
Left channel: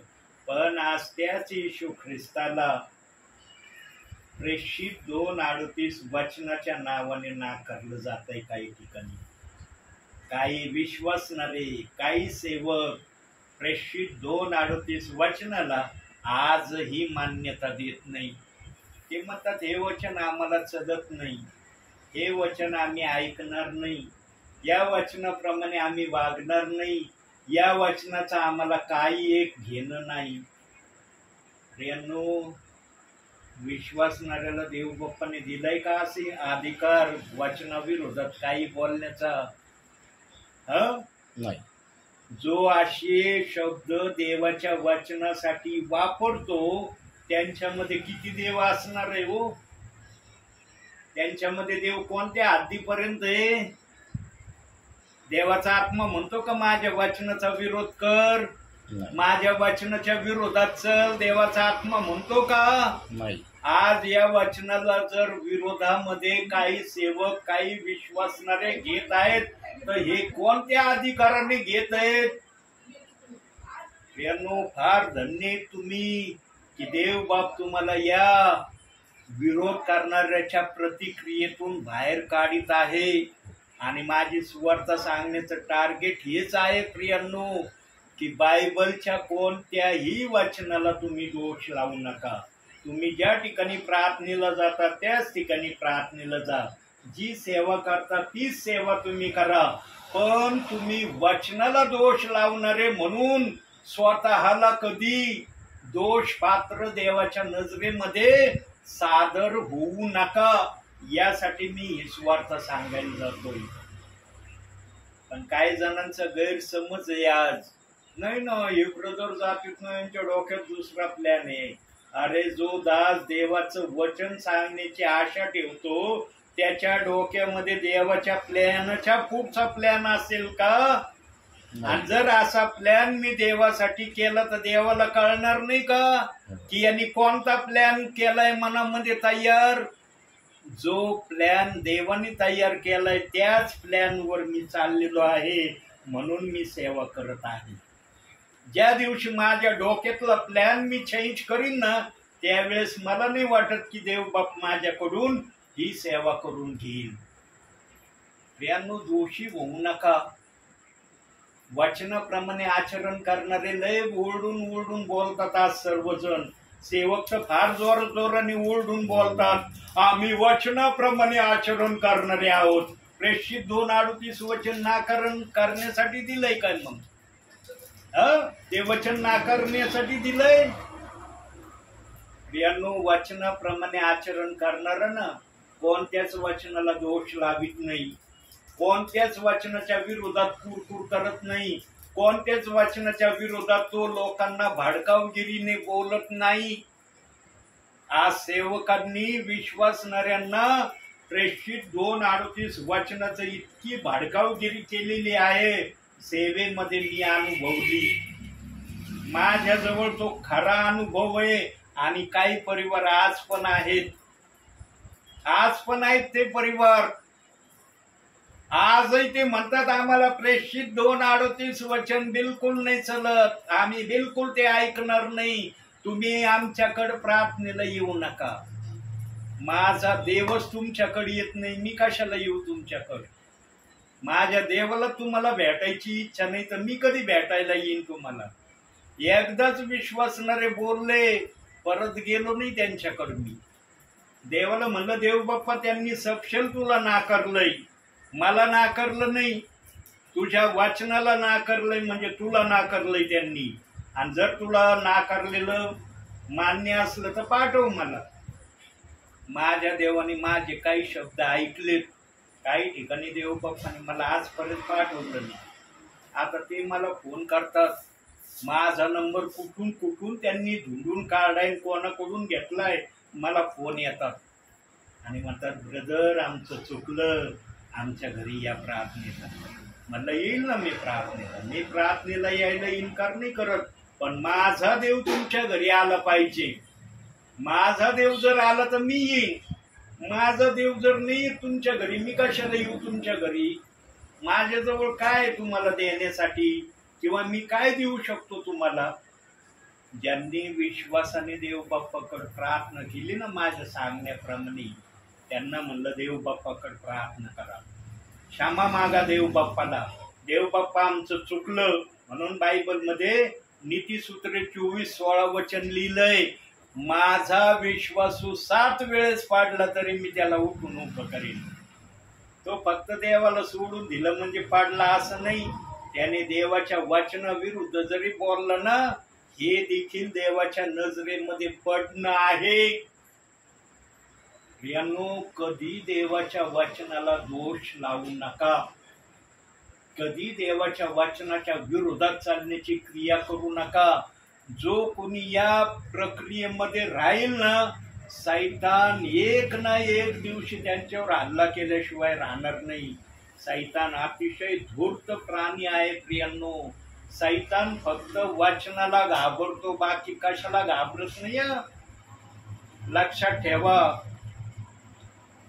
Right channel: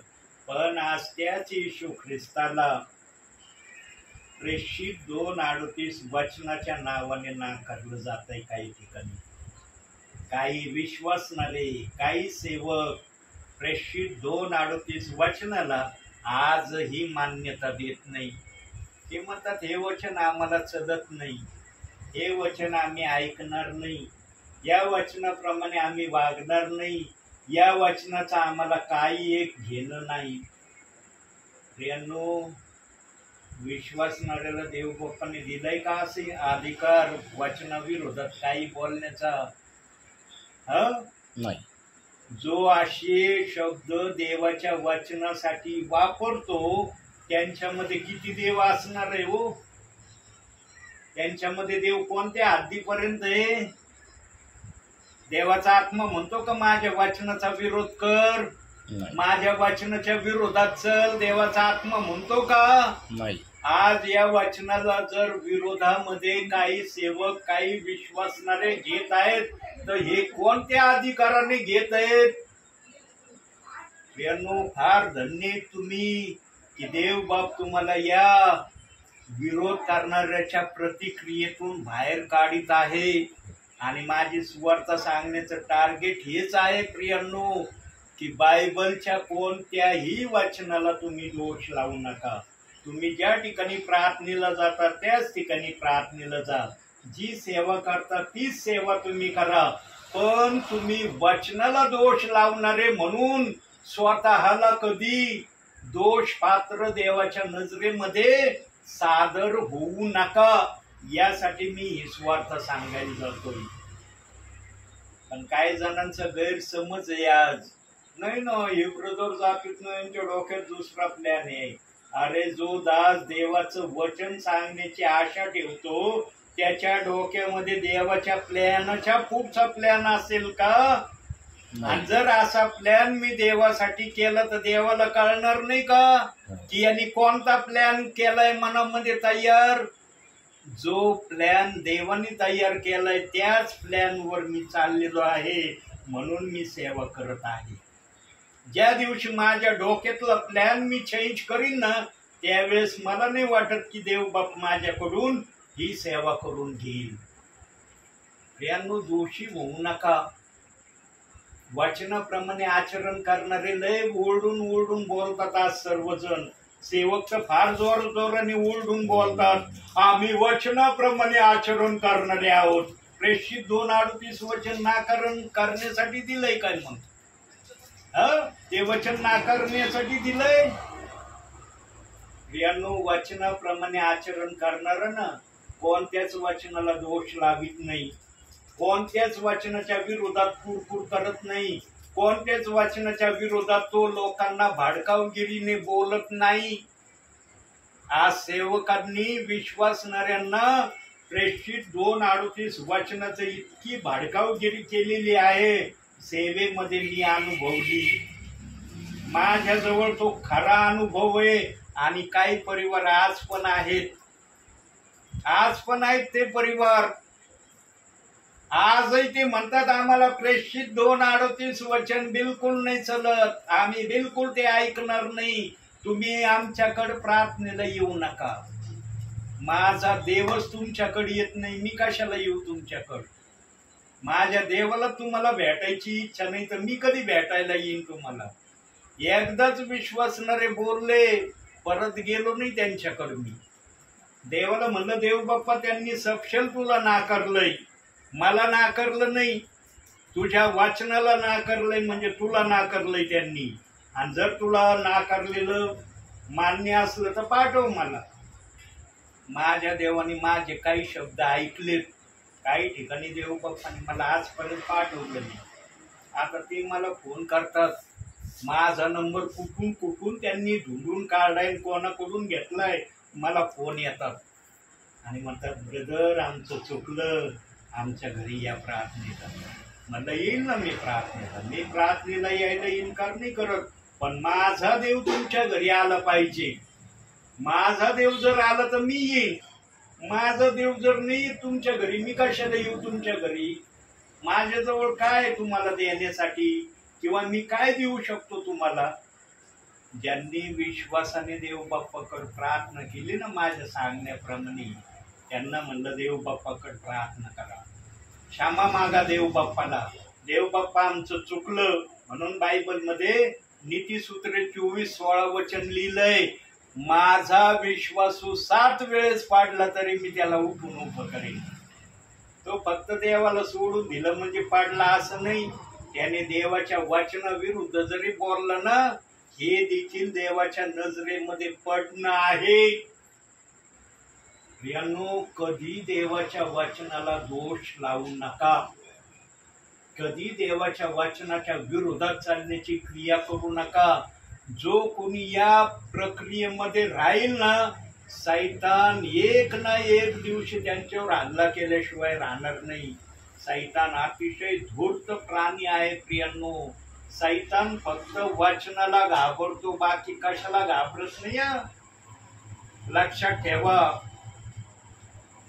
पण आज त्याच येशू ख्रिस्ताला प्रेषित 2:38 वचनाच्या नावाने नाकारलं जात आहे. काही ठिकाणी काही विश्वासणारे, काही सेवक प्रेषित 2:38 वचनाला आजही मान्यता देत नाही. ते म्हणतात हे वचन आम्हाला चलत नाही, हे वचन आम्ही ऐकणार नाही, या वचनाप्रमाणे आम्ही वागणार नाही, या वचनाचा आम्हाला काही एक घेणं नाही. प्रियांनो, विश्वासणाऱ्याला देव बाप्पाने दिलाय का असे अधिकार वचनाविरोधात काही बोलण्याचा? नाही. जो असे शब्द देवाच्या वचनासाठी वापरतो, त्यांच्यामध्ये किती देव असणार आहे हो? त्यांच्यामध्ये देव कोणत्या हद्दीपर्यंत आहे? देवाचा आत्मा म्हणतो का माझ्या वचनाचा विरोध कर, माझ्या वचनाच्या विरोधात चल? देवाचा आत्मा म्हणतो का? नाही. आज या वचनाला जर विरोधामध्ये काही सेवक, काही विश्वासणारे घेत आहेत, तर हे कोणत्या अधिकाराने घेत आहेत? फार धन्य तुम्ही की देव बाप तुम्हाला या विरोध करणाऱ्याच्या प्रतिक्रियेतून बाहेर काढीत आहे. आणि माझी सुवार्ता सांगण्याचं टार्गेट हेच आहे प्रियांनो, की बायबलच्या कोणत्याही वचनाला तुम्ही दोष लावू नका. तुम्ही ज्या ठिकाणी प्रार्थनेला जाता त्याच ठिकाणी प्रार्थनेला जा. जी सेवा करता तीच सेवा तुम्ही करा. पण तुम्ही वचनाला दोष लावणारे म्हणून स्वतःला कधी दोष पात्र देवाच्या नजरेमध्ये सादर होऊ नका. यासाठी मी ही सुवार्ता सांगायला जातोय. पण काही जणांचा गैरसमज आहे आज. नाही ना, हे ब्रदर जातीत ना, यांच्या डोक्यात दुसरा प्लॅन आहे. अरे, जो दास देवाचं वचन सांगण्याची आशा ठेवतो, त्याच्या डोक्यामध्ये देवाच्या प्लॅनच्या पुढचा प्लॅन असेल का? आणि जर असा प्लॅन मी देवासाठी केला तर देवाला कळणार नाही का की यांनी कोणता प्लॅन केलाय मनामध्ये तयार? जो प्लॅन देवाने तयार केलाय त्याच प्लॅनवर मी चाललेलो आहे, म्हणून मी सेवा करत आहे. ज्या दिवशी माझ्या डोक्यातला प्लॅन मी चेंज करीन ना, त्यावेळेस मला नाही वाटत की देव बाप माझ्याकडून ही सेवा करून घेईल. प्रियांनो, दोषी होऊ नका. वचनाप्रमाणे आचरण करणारे लय ओरडून ओरडून बोलतात आज सर्वजण. सेवक तर फार जोराने ओरडून बोलतात, आम्ही वचनाप्रमाणे आचरण करणारे आहोत. प्रेषित 2:38 वचन नाकारण करण्यासाठी दिलंय काय? मग ते वचन नाकारण्यासाठी दिलंय? प्रियांनो, वचनाप्रमाणे आचरण करणार ना कोणत्याच वचनाला दोष लावित नाही, कोणत्याच वचनाच्या विरोधात कुरकुर करत नाही, कोणत्याच वचनाच्या विरोधात तो लोकांना भडकावगिरीने बोलत नाही. आज सेवकांनी विश्वासणाऱ्यांना प्रेषित 2:38 वचनाचं इतकी भडकावगिरी केलेली आहे, सेवेमध्ये मी अनुभवली. माझ्याजवळ तो खरा अनुभव आहे. आणि काही परिवार आज पण आहेत, ते परिवार आजही ते म्हणतात आम्हाला प्रेषित 2:38 वचन बिलकुल नाही चलत, आम्ही बिलकुल ते ऐकणार नाही, तुम्ही आमच्याकडे प्रार्थनेला येऊ नका. माझा देवच तुमच्याकडे येत नाही, मी कशाला येऊ तुमच्याकडे? माझ्या देवाला तुम्हाला भेटायची इच्छा नाही तर मी कधी भेटायला येईन तुम्हाला? एकदाच विश्वासणारे बोलले, परत गेलो नाही त्यांच्याकडे. मी देवाला म्हणलं, देव बाप्पा त्यांनी सपशेल तुला नाकारलंय, मला नाकारलं नाही, तुझ्या वाचनाला नाकारलंय, म्हणजे तुला नाकारलंय त्यांनी. आणि जर तुला नाकारलेलं मान्य असलं तर पाठव मला. माझ्या देवाने माझे काही शब्द ऐकलेत, काही ठिकाणी देव बाप्पाने मला आजपर्यंत पाठवलं नाही. आता ते मला फोन करतात, माझा नंबर कुठून कुठून त्यांनी ढूंढून काढाय, कोणाकडून घेतलाय, मला फोन येतात आणि म्हणतात, ब्रदर आमचं चुकलं, आमच्या घरी या प्रार्थनेला. म्हणलं येईल ना मी प्रार्थनेला यायला इन्कार नाही करत, पण माझा देव तुमच्या घरी आला पाहिजे. माझा देव जर आला तर मी येईन, माझा देव जर नाही तुमच्या घरी, मी कशाला येऊ तुमच्या घरी? माझ्याजवळ काय तुम्हाला देण्यासाठी, किंवा मी काय देऊ शकतो तुम्हाला? ज्यांनी विश्वासाने देव बाप्पाकडे प्रार्थना केली ना माझ्या सांगण्याप्रमाणे, त्यांना म्हणलं देव बाप्पाकडे प्रार्थना करा, क्षमा मागा देव बाप्पाला. देव बाप्पा आमचं चुकलं, म्हणून बायबलमध्ये नीतिसूत्रे 24:16 वचन लिहिलंय, माझा विश्वासू 7 वेळेस पाडला तरी मी त्याला उठून उभं करेन. तो फक्त देवाला सोडून दिलं म्हणजे पाडला असं नाही, त्याने देवाच्या वचनाविरुद्ध जरी बोलला ना, हे देखील देवाच्या नजरेमध्ये पडणं आहे. प्रियांनो, कधी देवाच्या वचनाला दोष लावू नका, कधी देवाच्या वचनाच्या विरोधात चालण्याची क्रिया करू नका. जो कोणी या प्रक्रियेमध्ये राहील ना, सैतान एक ना एक दिवशी त्यांच्यावर हल्ला केल्याशिवाय राहणार नाही. सैतान अतिशय धूर्त प्राणी आहे प्रियांनो. सैतान फक्त वचनाला घाबरतो, बाकी कशाला घाबरत नाही. लक्षात ठेवा,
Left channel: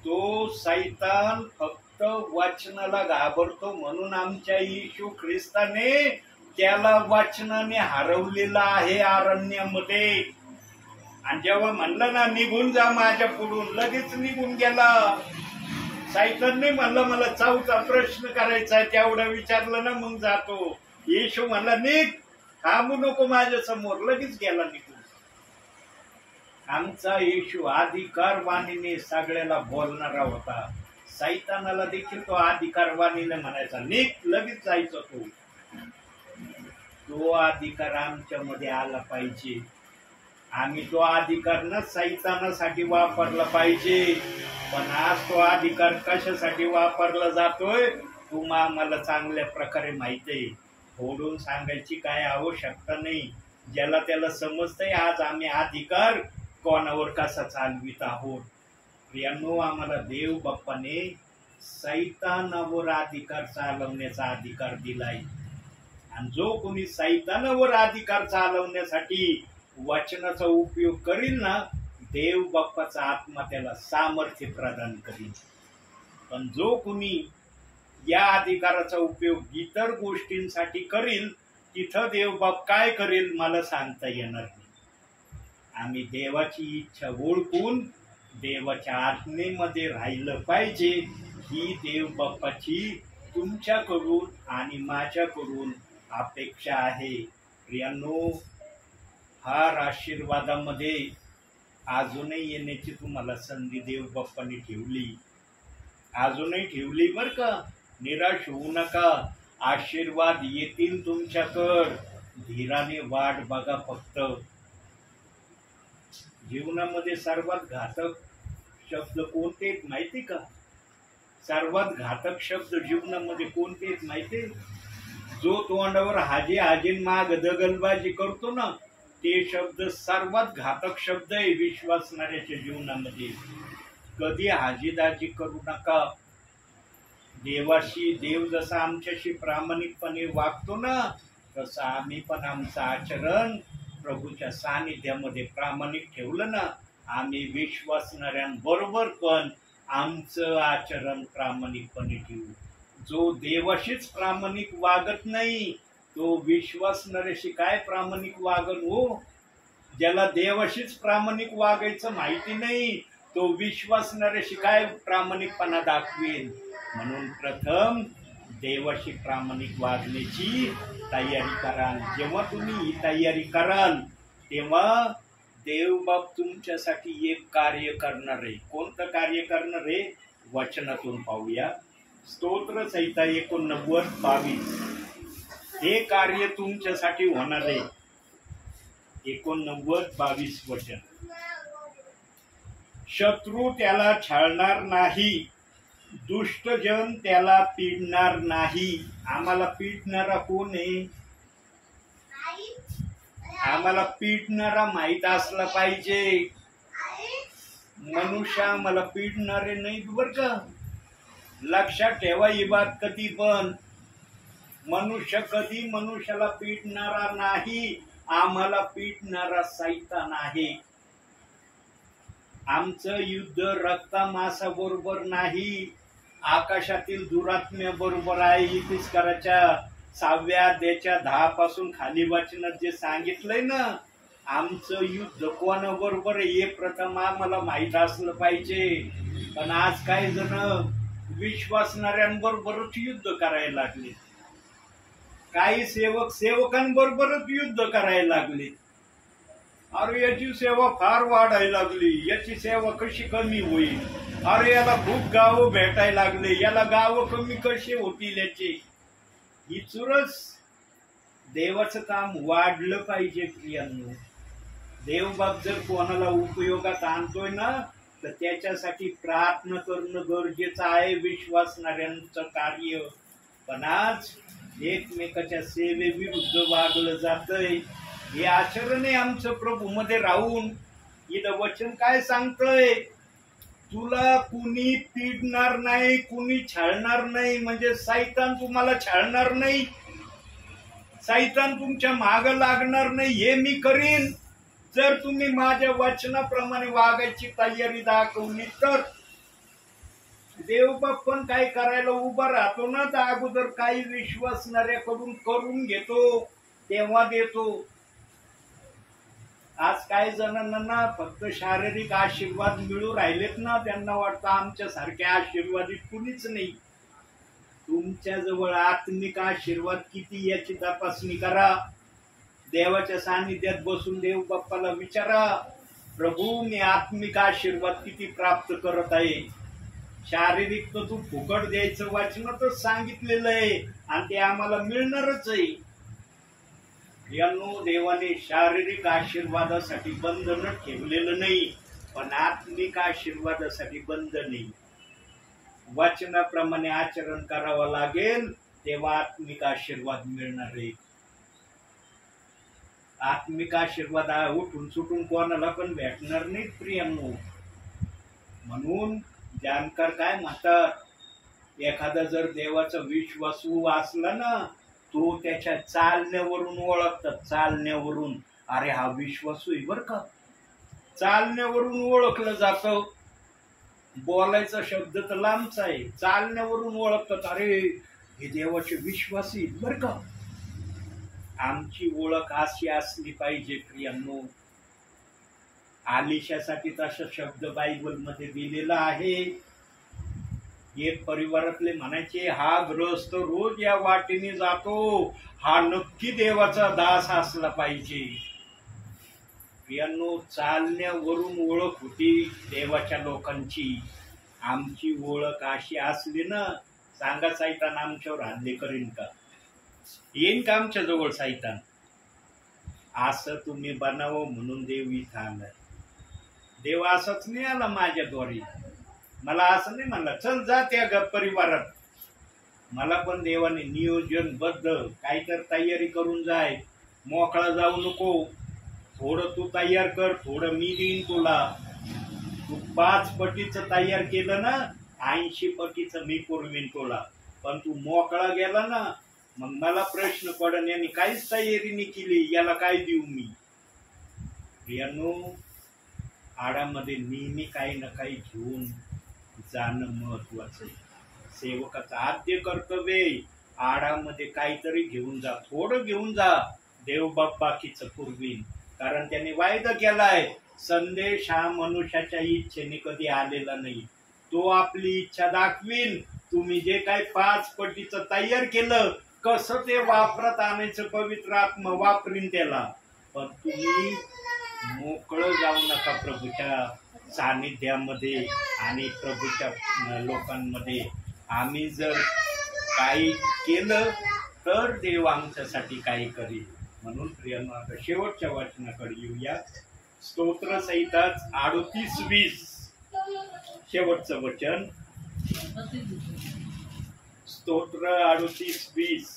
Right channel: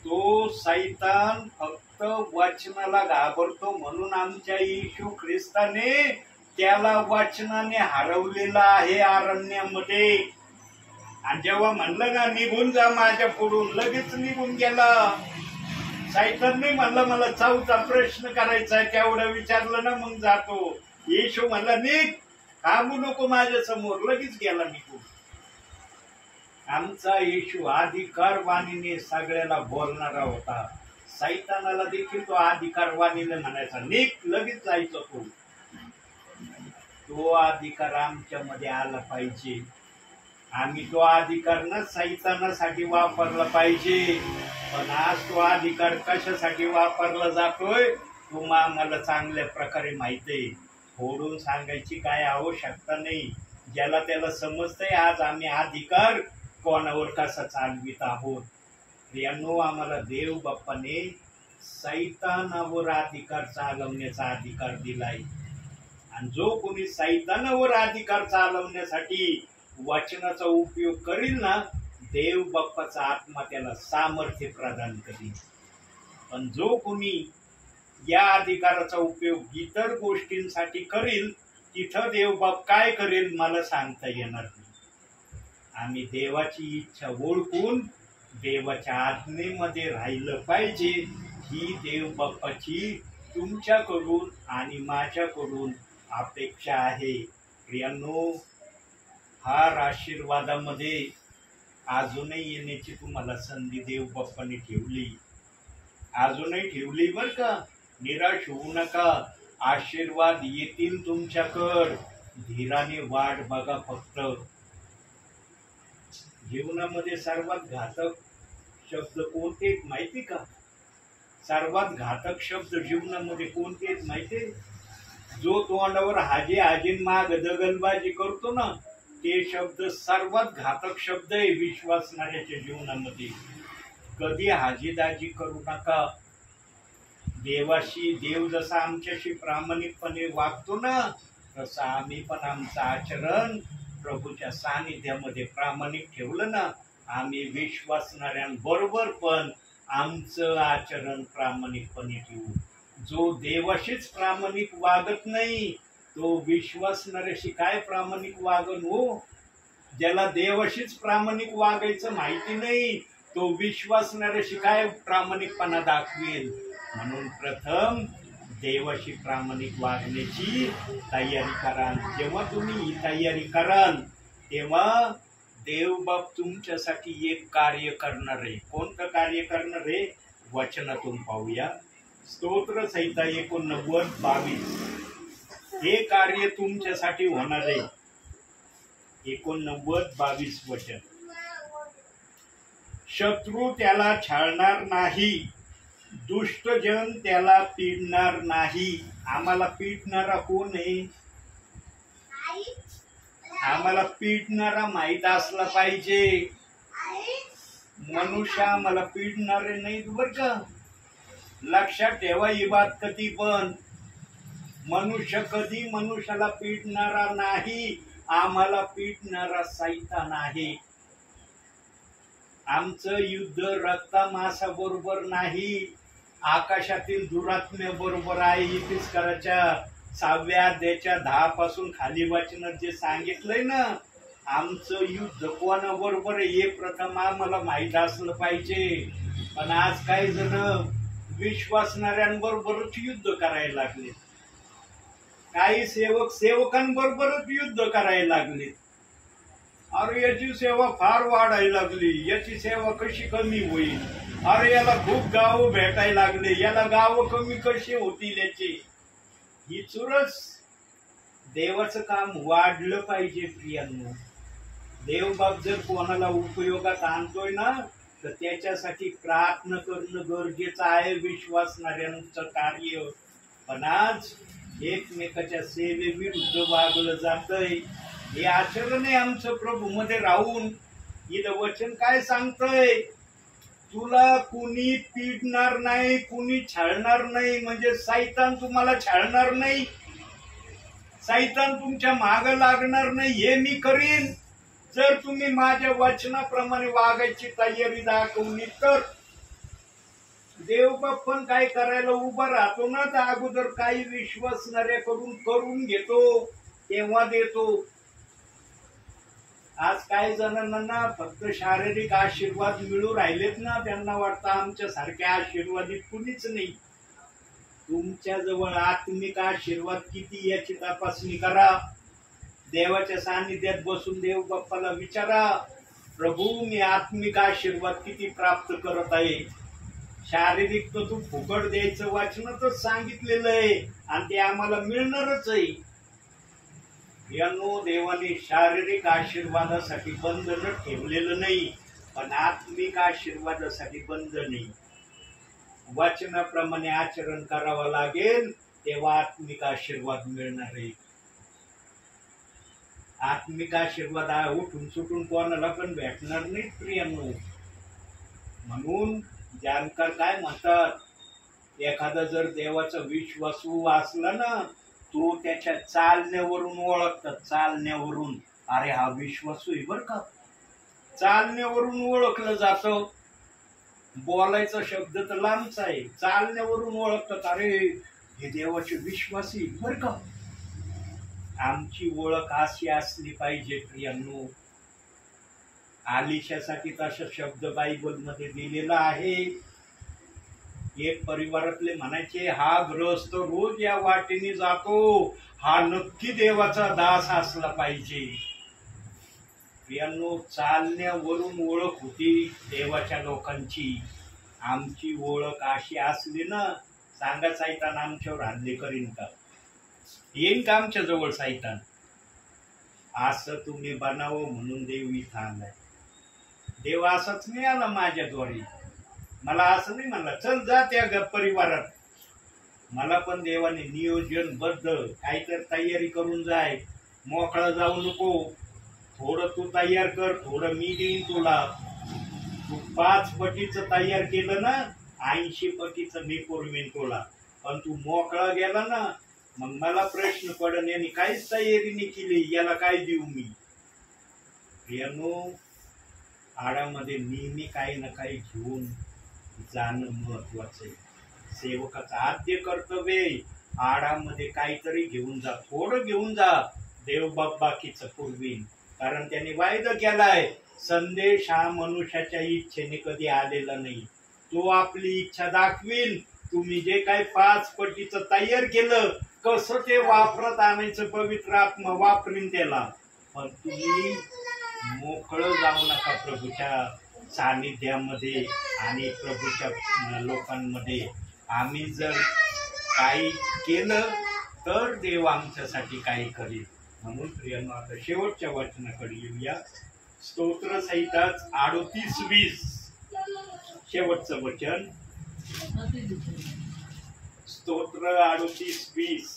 तो सैतान फक्त वचनाला घाबरतो. म्हणून आमच्या येशू ख्रिस्ताने त्याला वचनाने हरवलेला आहे अरण्यामध्ये. आणि जेव्हा म्हणलं ना निघून जा माझ्या पुढून, लगेच निघून गेला. सैतानने म्हणलं मला 4था प्रश्न करायचा आहे, तेवढं विचारलं ना मग जातो. येशू म्हणला निघ, थांबू नको माझ्या समोर, लगेच गेला निघून. आमचा येशू अधिकारवाणीने सगळ्याला बोलणारा होता. सैतानाला देखील तो अधिकारवाणीने म्हणायचा निघ, लगेच जायचा. तो अधिकार आमच्यामध्ये आला पाहिजे. आम्ही तो अधिकार न सैतानासाठी वापरला पाहिजे. पण आज तो अधिकार कशासाठी वापरला जातोय तुम्हाला चांगल्या प्रकारे माहिती आहे. फोडून सांगायची काय आवश्यकता नाही. ज्याला त्याला समजतंय आज आम्ही अधिकार कोणावर कसा चालवित आहोत. प्रियांनो, आम्हाला देव बाप्पाने सैतानावर अधिकार चालवण्याचा अधिकार दिलाय. आणि जो कोणी सैतानावर अधिकार चालवण्यासाठी वचनाचा उपयोग करील ना, देव बाप्पाचा आत्मा त्याला सामर्थ्य प्रदान करील. पण जो कोणी या अधिकाराचा उपयोग इतर गोष्टींसाठी करील, तिथं देव बाप काय करेल मला सांगता येणार नाही. आम्ही देवाची इच्छा ओळखून देवाच्या आज्ञेमध्ये राहिलं पाहिजे, ही देव बाप्पाची तुमच्याकडून आणि माझ्याकडून अपेक्षा आहे. प्रियांनो, फार आशीर्वादामध्ये अजूनही येण्याची तुम्हाला संधी देव बाप्पाने ठेवली, अजूनही ठेवली बरं का. निराश होऊ नका, आशीर्वाद येतील तुमच्याकडं. धीराने वाट बघा फक्त. जीवनामध्ये सर्वात घातक शब्द कोणते आहेत माहिती का? सर्वात घातक शब्द जीवनामध्ये कोणते आहेत माहिती? जो तोंडावर हाजी हाजीन माग दगलबाजी करतो ना, ते शब्द सर्वात घातक शब्द आहे विश्वासणाऱ्याच्या जीवनामध्ये. कधी हाजीदाजी करू नका. देव जसा आमच्याशी प्रामाणिकपणे वागतो ना, तसं आम्ही पण आमचं आचरण प्रभूच्या सानिध्यामध्ये प्रामाणिक ठेवलं ना, आम्ही विश्वासणाऱ्यांबरोबर पण आमचं आचरण प्रामाणिकपणे ठेवू. जो देवाशीच प्रामाणिक वागत नाही, तो विश्वासणाऱ्याशी काय प्रामाणिक वागन हो? ज्याला देवाशीच प्रामाणिक वागायचं माहिती नाही, तो विश्वासणाऱ्याशी काय प्रामाणिकपणा दाखवेल? म्हणून प्रथम देवाशी प्रामाणिक वागण्याची तयारी कराल. जेव्हा तुम्ही ही तयारी कराल, तेव्हा देवबाप तुमच्यासाठी एक कार्य करणार आहे. कोणतं कार्य करणार आहे? वचनातून पाहूया. स्तोत्र संहिता 89:22. हे कार्य तुमच्यासाठी होणार आहे. 89:22 वचन. शत्रू त्याला छळणार नाही, दुष्टजन त्याला पीडणार नाही. आम्हाला पीडणारा कोण आहे? आम्हाला पीडणारा माहित असला पाहिजे. मनुष्य आम्हाला पीडणारे नाहीत बर का. लक्षात ठेवा ही बात. कधी पण मनुष्य कधी मनुष्याला पीडणारा नाही. आम्हाला पीडणारा सैतान आहे. आमचं युद्ध रक्ता-मांसा बरोबर नाही, आकाशातील दुरात्म्याबरोबर आहे. इतिहासकाराच्या 6व्या अध्यायाच्या 10 पासून खाली वाचनात जे सांगितलंय ना, आमचं युद्ध कोणाबरोबर आहे हे प्रथम आम्हाला माहित असलं पाहिजे. पण आज काही जण विश्वासणाऱ्यांबरोबरच युद्ध करायला लागले. काही सेवकांबरोबरच युद्ध करायला लागले. अरे याची सेवा फार वाढायला लागली, याची सेवा कशी कमी होईल? अरे याला खूप गाव भेटायला लागले, याला गाव कमी कशी होतील याचे? ही चुरस. देवाचं काम वाढलं पाहिजे प्रियांनो. देवबाप जर कोणाला उपयोगात आणतोय ना, तर त्याच्यासाठी प्रार्थना करणं गरजेचं आहे. विश्वासणाऱ्यांचं कार्य. पण आज एकमेकाच्या सेवेविरुद्ध वागलं जातंय. हे आचरण आहे आमचं प्रभू मध्ये राहून. इथं वचन काय सांगतंय? तुला कुणी पीडणार नाही, कुणी छळणार नाही. म्हणजे सैतान तुम्हाला छळणार नाही, सैतान तुमच्या माग लागणार नाही. हे मी करीन जर तुम्ही माझ्या वचनाप्रमाणे वागायची तयारी दाखवली तर. देवबाप पण काय करायला उभा राहतो ना, तर अगोदर काही विश्वासणाऱ्याकडून करून घेतो, तेव्हा देतो. आज काही जणांना ना फक्त शारीरिक आशीर्वाद मिळू राहिलेत ना, त्यांना वाटतं आमच्या सारख्या आशीर्वादित कुणीच नाही. तुमच्या जवळ आत्मिक आशीर्वाद किती याची तपासणी करा. देवाच्या सानिध्यात बसून देव बाप्पाला विचारा, प्रभू मी आत्मिक आशीर्वाद किती प्राप्त करत आहे? शारीरिक तर तू फुकट द्यायचं वाचनातच सांगितलेलं आहे, आणि ते आम्हाला मिळणारच आहे. यांनो, देवाने शारीरिक आशीर्वादासाठी बंधन ठेवलेलं नाही, पण आत्मिक आशीर्वादासाठी बंधन नाही. वचनाप्रमाणे आचरण करावं लागेल, तेव्हा आत्मिक आशीर्वाद मिळणार आहे. आत्मिक आशीर्वाद उठून सुटून कोणाला पण भेटणार नाही प्रियांनो. म्हणून जाणकार काय म्हणतात, एखादा जर देवाचा विश्वासू असला ना, तो त्याच्या चालण्यावरून ओळखतात. चालण्यावरून, अरे हा विश्वासू आहे बर का. चालण्यावरून ओळखलं जातं. बोलायचा शब्द तर लांबचा आहे, चालण्यावरून ओळखतात. अरे हे देवाचे विश्वासी बर का. आमची ओळख अशी असली पाहिजे प्रियांनो. आलिशासाठी तसा शब्द बायबल मध्ये दिलेला आहे. एक परिवारातले म्हणायचे, हा गृहस्थ रोज या वाटेने जातो, हा नक्की देवाचा दास असला पाहिजे. प्रियांनो, चालण्यावरून ओळख होती देवाच्या लोकांची. आमची ओळख अशी असली ना, सांगा सैतान आमच्यावर हल्ले करीन का? येईन का आमच्या जवळ सैतान? असं तुम्ही बनावं म्हणून देव इथं आलाय. देव असाच नाही आला माझ्याद्वारे, मला असं नाही म्हणला चल जा त्या परिवारात. मला पण देवाने नियोजनबद्ध काहीतरी तयारी करून जाय, मोकळा जाऊ नको, थोडं तू तयार कर, थोडं मी देईन तुला. तू 5 पटीचं तयार केलं ना, 80 पटीचं मी पुरवीन तुला. पण तू मोकळा गेला ना, मग मला प्रश्न पडन यांनी काहीच तयारी नाही केली, याला काय देऊ मी. प्रियांनो, आडामध्ये नेहमी काही ना काही घेऊन जाणं महत्वाचं आहे. सेवकाचं आद्य कर्तव्य आडामध्ये काहीतरी घेऊन जा, थोडं घेऊन जा, देव बाकीचं पुरवीन. कारण त्याने वायदा केलाय, संदेश हा मनुष्याच्या इच्छेने कधी आलेला नाही, तो आपली इच्छा दाखवीन. तुम्ही जे काही 5 पटीचं तयार केलं, कसं ते वापरत आणायचं, पवित्र आत्मा वापरीन त्याला. पण तुम्ही मोकळं जाऊ नका प्रभूच्या सानिध्यामध्ये आणि प्रभूच्या लोकांमध्ये. आम्ही जर काही केलं तर देव आमच्यासाठी काही करेल. म्हणून प्रियांनो, आता शेवटच्या वचनाकडे येऊया. स्तोत्र संहिता 38:20 शेवटचं वचन. स्तोत्र 38:20.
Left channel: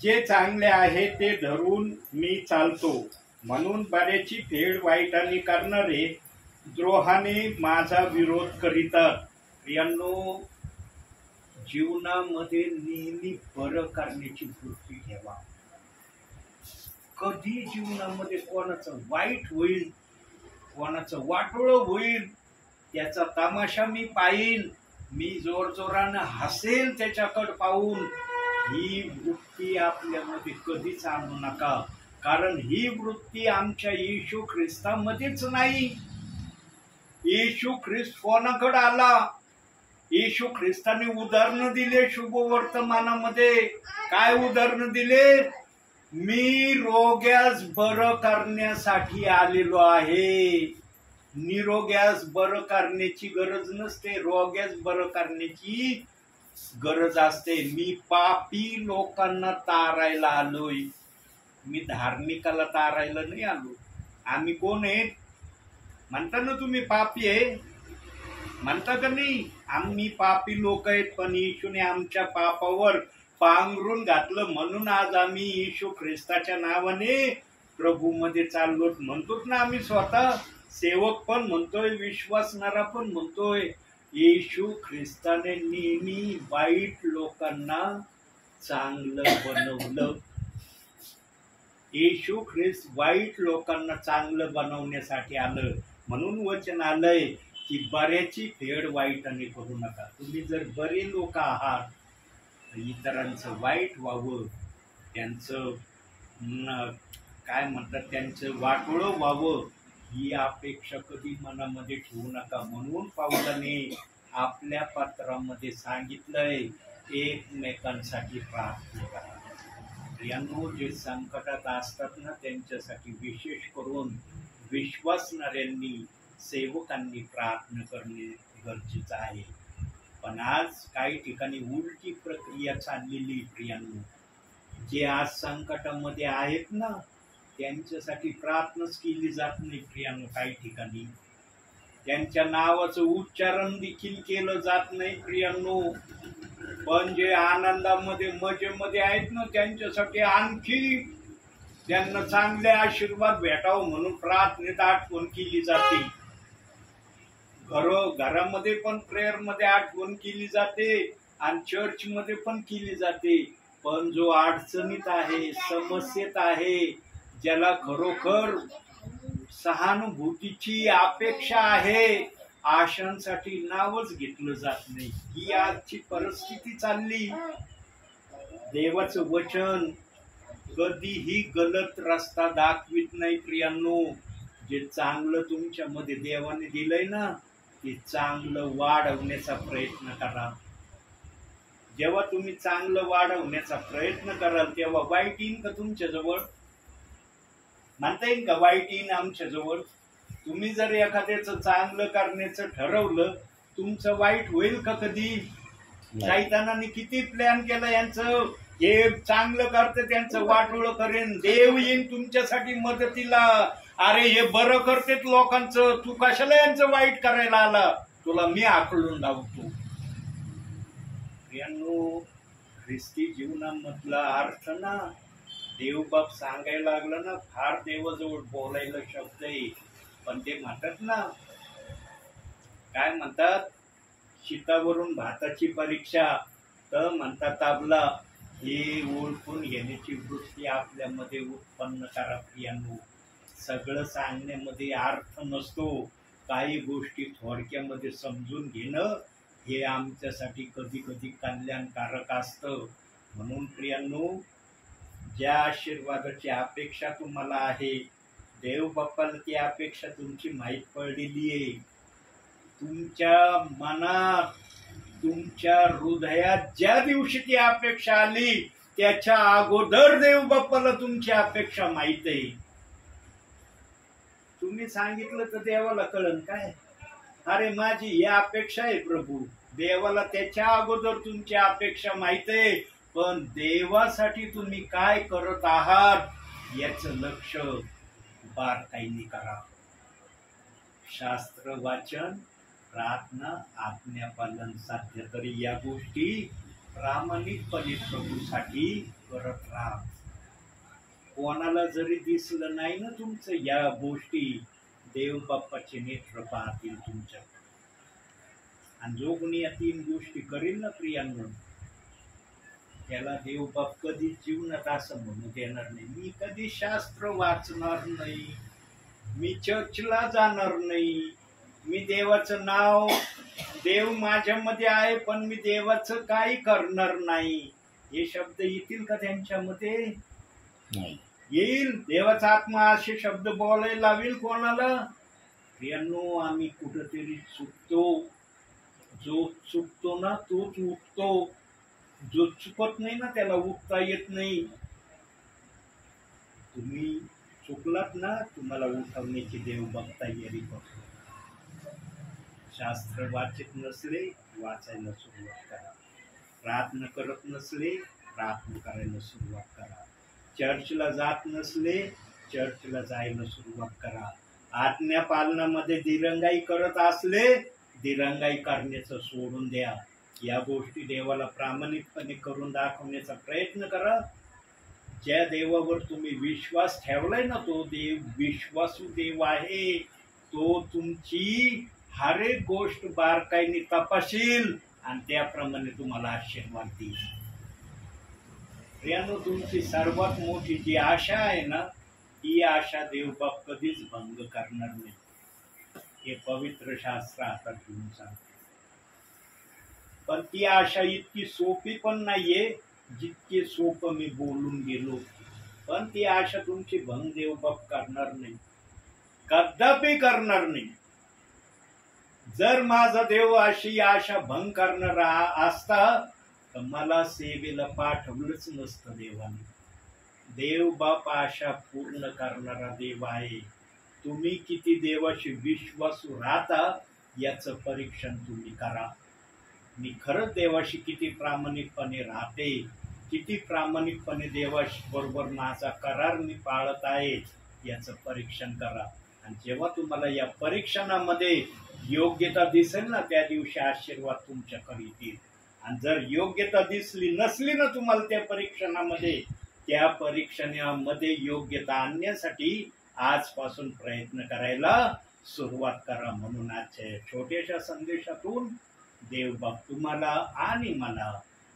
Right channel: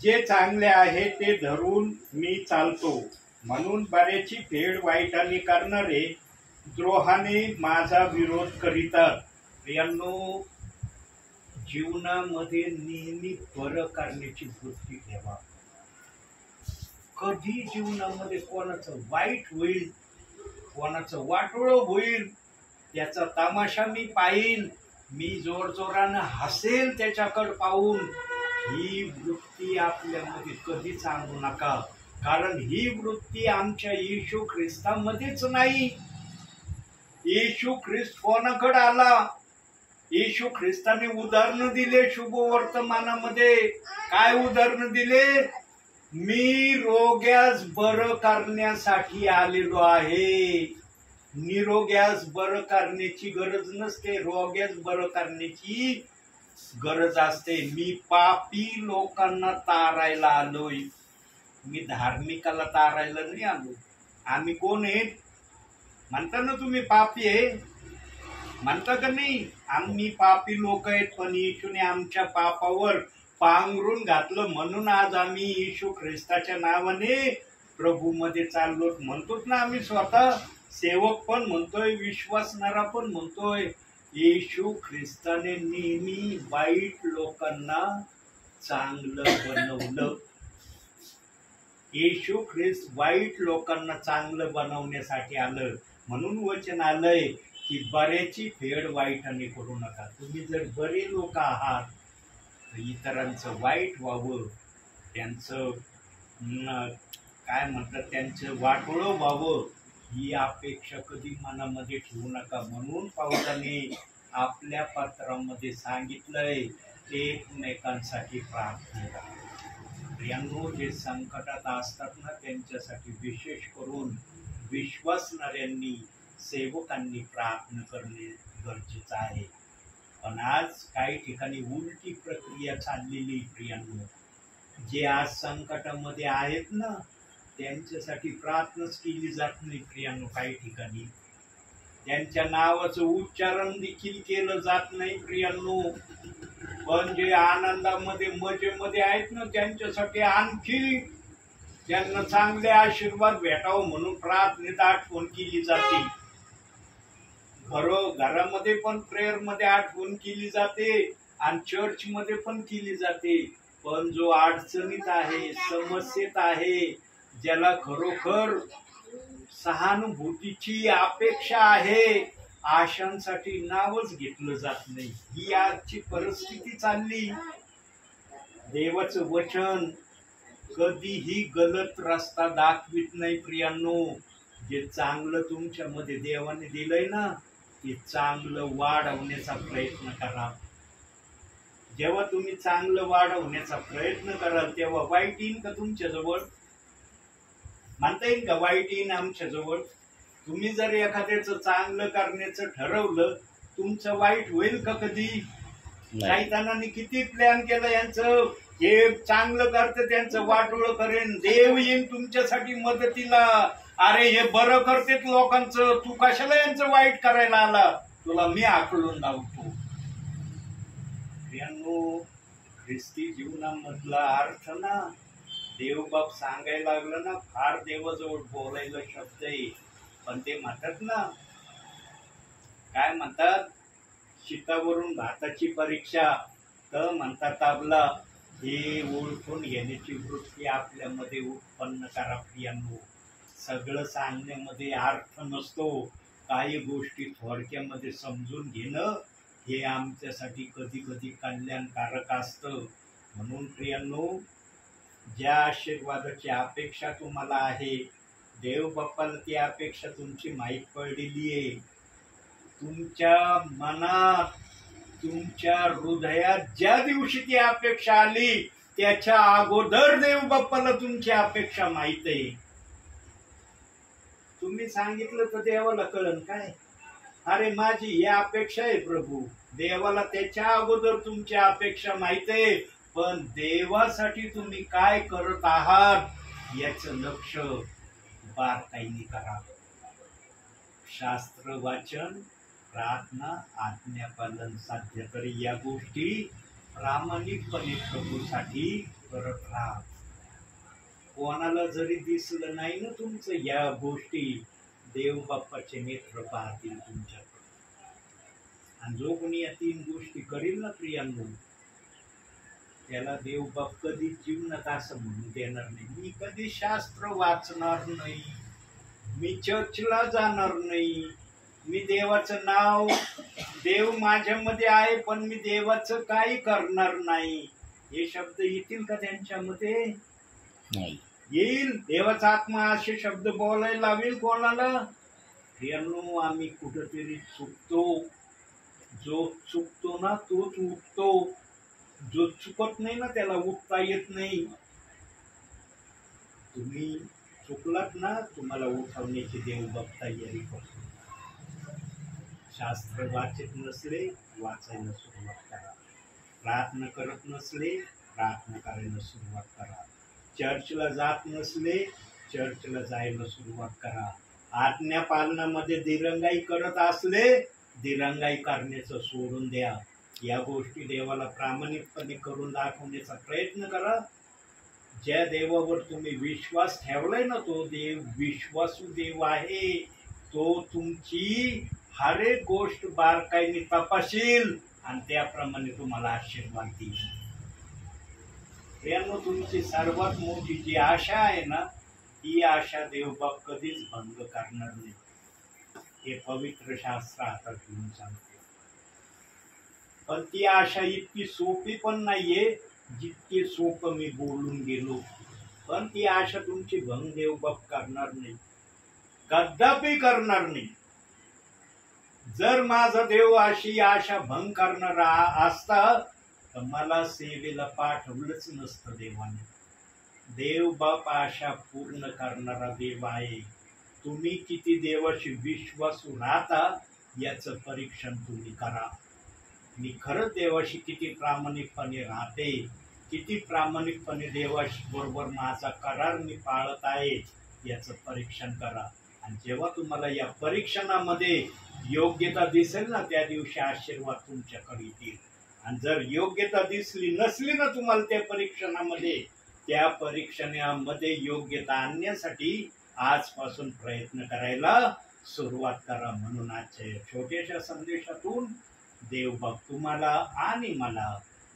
जे चांगले आहे ते धरून मी चालतो, म्हणून बऱ्याची फेड वाईटाने करणारे द्रोहाने माझा विरोध करीतात. प्रियांनो, जीवनामध्ये नेहमी बरं करण्याची वृत्ती ठेवा. कधी जीवनामध्ये कोणाचं वाईट होईल, कोणाचं वाटोळं होईल, त्याचा तमाशा मी पाहीन, मी जोरजोरानं हसेल त्याच्याकडे पाहून, ही वृत्ती आपल्यामध्ये कधीच आणू नका. कारण ही वृत्ती आमच्या येशू ख्रिस्तामध्येच नाही. येशू ख्रिस्त कोणाकडे आला? येशू ख्रिस्ताने उदाहरण दिले शुभवर्तमानामध्ये. काय उदाहरण दिले? मी रोग्यास बरं करण्यासाठी आलेलो आहे. निरोग्यास बरं करण्याची गरज नसते, रोग्यास बरं करण्याची गरज असते. मी पापी लोकांना तारायला आलोय, मी धार्मिकाला तारायला नाही आलो. आम्ही कोण आहेत म्हणता ना तुम्ही? पापी आहे म्हणता का नाही? आम्ही पापी लोक आहेत, पण येशूने आमच्या पापावर पांघरून घातलं, म्हणून आज आम्ही येशू ख्रिस्ताच्या नावाने प्रभूमध्ये चाललो म्हणतोच ना. आम्ही स्वतः सेवक पण म्हणतोय, विश्वासणारा पण म्हणतोय. येशू ख्रिस्ताने नेहमी वाईट लोकांना चांगलं बनवलं. येशू ख्रिस्त वाईट लोकांना चांगलं बनवण्यासाठी आलं. म्हणून वचन आलंय की बऱ्याची फेड वाईटाने करू नका. तुम्ही जर बरे लोक आहात तर इतरांचं वाईट व्हावं, त्यांचं काय म्हणतात, त्यांचं वाटोळं व्हावं, ही अपेक्षा कधी मनामध्ये ठेवू नका. म्हणून पाऊलाने आपल्या पत्रामध्ये सांगितलंय, एकमेकांसाठी प्रार्थना करा. प्रियांनो, जे संकटात असतात ना, त्यांच्यासाठी विशेष करून विश्वासणाऱ्यांनी, सेवकांनी प्रार्थना करणे गरजेचं आहे. पण आज काही ठिकाणी उलटी प्रक्रिया चाललेली. प्रियांनो, जे आज संकटामध्ये आहेत ना, त्यांच्यासाठी प्रार्थनाच केली जात नाही. प्रियांनो, काही ठिकाणी त्यांच्या नावाचं उच्चारण देखील केलं जात नाही. प्रियांनो, पण जे आनंदामध्ये मजेमध्ये आहेत ना, त्यांच्यासाठी आणखी त्यांना चांगले आशीर्वाद भेटावं म्हणून प्रार्थनेत आठवण केली जाते. घरामध्ये पण प्रेयर मध्ये आठवण केली जाते आणि चर्च मध्ये पण केली जाते. पण जो अडचणीत आहे, समस्येत आहे, ज्याला खरोखर सहानुभूतीची अपेक्षा आहे, आशांसाठी नावच घेतलं जात नाही. ही आजची परिस्थिती चालली. देवाचं वचन कधीही गलत रस्ता दाखवित नाही. प्रियांनो, जे चांगलं तुमच्यामध्ये देवाने दिलंय ना, ते चांगलं वाढवण्याचा प्रयत्न करा. जेव्हा तुम्ही चांगलं वाढवण्याचा प्रयत्न कराल तेव्हा वाईट येईन का तुमच्या जवळ? म्हणता येईल का वाईट येईन आमच्या जवळ? तुम्ही जर एखाद्याचं चांगलं करण्याचं ठरवलं, तुमचं वाईट होईल का कधी? शैतानाने किती प्लॅन केलं यांचं, जे चांगलं करते त्यांचं वाटोळ करेन, देव येईन तुमच्यासाठी मदतीला. अरे हे बरं करतेत लोकांचं, तू कशाला यांचं वाईट करायला आला, तुला मी आकलून लावतो. प्रियांनो, ख्रिस्ती जीवनामधला अर्थ ना देवबाप सांगायला लागलं ना, फार देवाजवळ बोलायला शब्द आहे, पण ते म्हणतात ना, काय म्हणतात, शितावरून भाताची परीक्षा, तर म्हणतात ताबला, हे ओळखून घेण्याची वृत्ती आपल्यामध्ये उत्पन्न करा. प्रियांनो, सगळं सांगण्यामध्ये अर्थ नसतो, काही गोष्टी थोडक्यामध्ये समजून घेणं हे आमच्यासाठी कधी कधी कल्याणकारक असतं. म्हणून प्रियांनो, ज्या आशीर्वादाची अपेक्षा तुम्हाला आहे, देव बाप्पाला ती अपेक्षा तुमची माहीत पडलेली आहे. तुमच्या मनात, तुमच्या हृदयात ज्या दिवशी ती अपेक्षा आली त्याच्या अगोदर देव बाप्पाला तुमची अपेक्षा माहित आहे. तुम्ही सांगितलं तर देवाला कळन काय, अरे माझी ही अपेक्षा आहे प्रभू, देवाला त्याच्या अगोदर तुमची अपेक्षा माहित आहे. पण देवासाठी तुम्ही काय करत आहात याचं लक्ष बारकाईने करा. शास्त्र वाचन, प्रार्थना, आज्ञापालन साध्य तरी या गोष्टी प्रामाणिकपणे प्रभूसाठी करत राहा. कोणाला जरी दिसलं नाही ना तुमचं या गोष्टी, देव बाप्पाचे नेत्र पाहतील तुमच्यात. आणि जो कोणी या 3 गोष्टी करील ना प्रियांनो, त्याला देव बाप कधी जीवनात असं म्हणू देणार नाही, मी कधी शास्त्र वाचणार नाही, मी चर्चला जाणार नाही, मी देवाचं नाव, देव माझ्यामध्ये आहे पण मी देवाचं काही करणार नाही. हे शब्द येतील का त्यांच्यामध्ये? नाही. येईल? देवाचा आत्मा असे शब्द बोलायला लावेल कोणाला? प्रियांनो, आम्ही कुठंतरी चुकतो. जो चुकतो ना तोच उठतो, जो चुकत नाही ना त्याला उठता येत नाही. तुम्ही चुकलात ना, तुम्हाला उठवण्याची देव बाप तयारी करतो. शास्त्र वाचित नसले, वाचायला सुरुवात करा. प्रार्थना करत नसले, प्रार्थना करायला सुरुवात करा. चर्चला जात नसले, चर्चला जायला सुरुवात करा. आज्ञा पालनामध्ये दिरंगाई करत असले, दिरंगाई करण्याचं सोडून द्या. या गोष्टी देवाला प्रामाणिकपणे करून दाखवण्याचा प्रयत्न करा. ज्या देवावर तुम्ही विश्वास ठेवलाय ना, तो देव विश्वासू देव आहे. तो तुमची हर एक गोष्ट बारकाईने तपासील आणि त्याप्रमाणे तुम्हाला आशीर्वाद देईल. प्रियांनो, तुमची सर्वात मोठी जी आशा आहे ना, ही आशा देवबाप कधीच भंग करणार नाही. हे पवित्र शास्त्र आता घेऊन सांगते. पण ती आशा इतकी सोपी पण नाहीये जितके सोपं मी बोलून गेलो. पण ती आशा तुमची भंग देवबाप करणार नाही, कदापि करणार नाही. जर माझा देव अशी आशा भंग करणारा असता तर मला सेवेला पाठवलंच नसतं देवाने. देव बाप आशा पूर्ण करणारा देव आहे. तुम्ही किती देवाशी विश्वासू राहता याचं परीक्षण तुम्ही करा. मी खरंच देवाशी किती प्रामाणिकपणे राहते, किती प्रामाणिकपणे देवाशी बरोबर माझा करार मी पाळत आहे याचं परीक्षण करा. आणि जेव्हा तुम्हाला या परीक्षणामध्ये योग्यता दिसेल ना, त्या दिवशी आशीर्वाद तुमच्याकडे येतील. आणि जर योग्यता दिसली नसली ना तुम्हाला त्या परीक्षणामध्ये, त्या परीक्षणामध्ये योग्यता आणण्यासाठी आजपासून प्रयत्न करायला सुरुवात करा. म्हणून आजच्या छोट्याशा संदेशातून देवबाप तुम्हाला आणि मला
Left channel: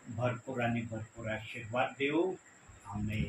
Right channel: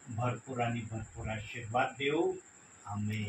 भरपूर आणि भरपूर आशीर्वाद देऊ. आमेन.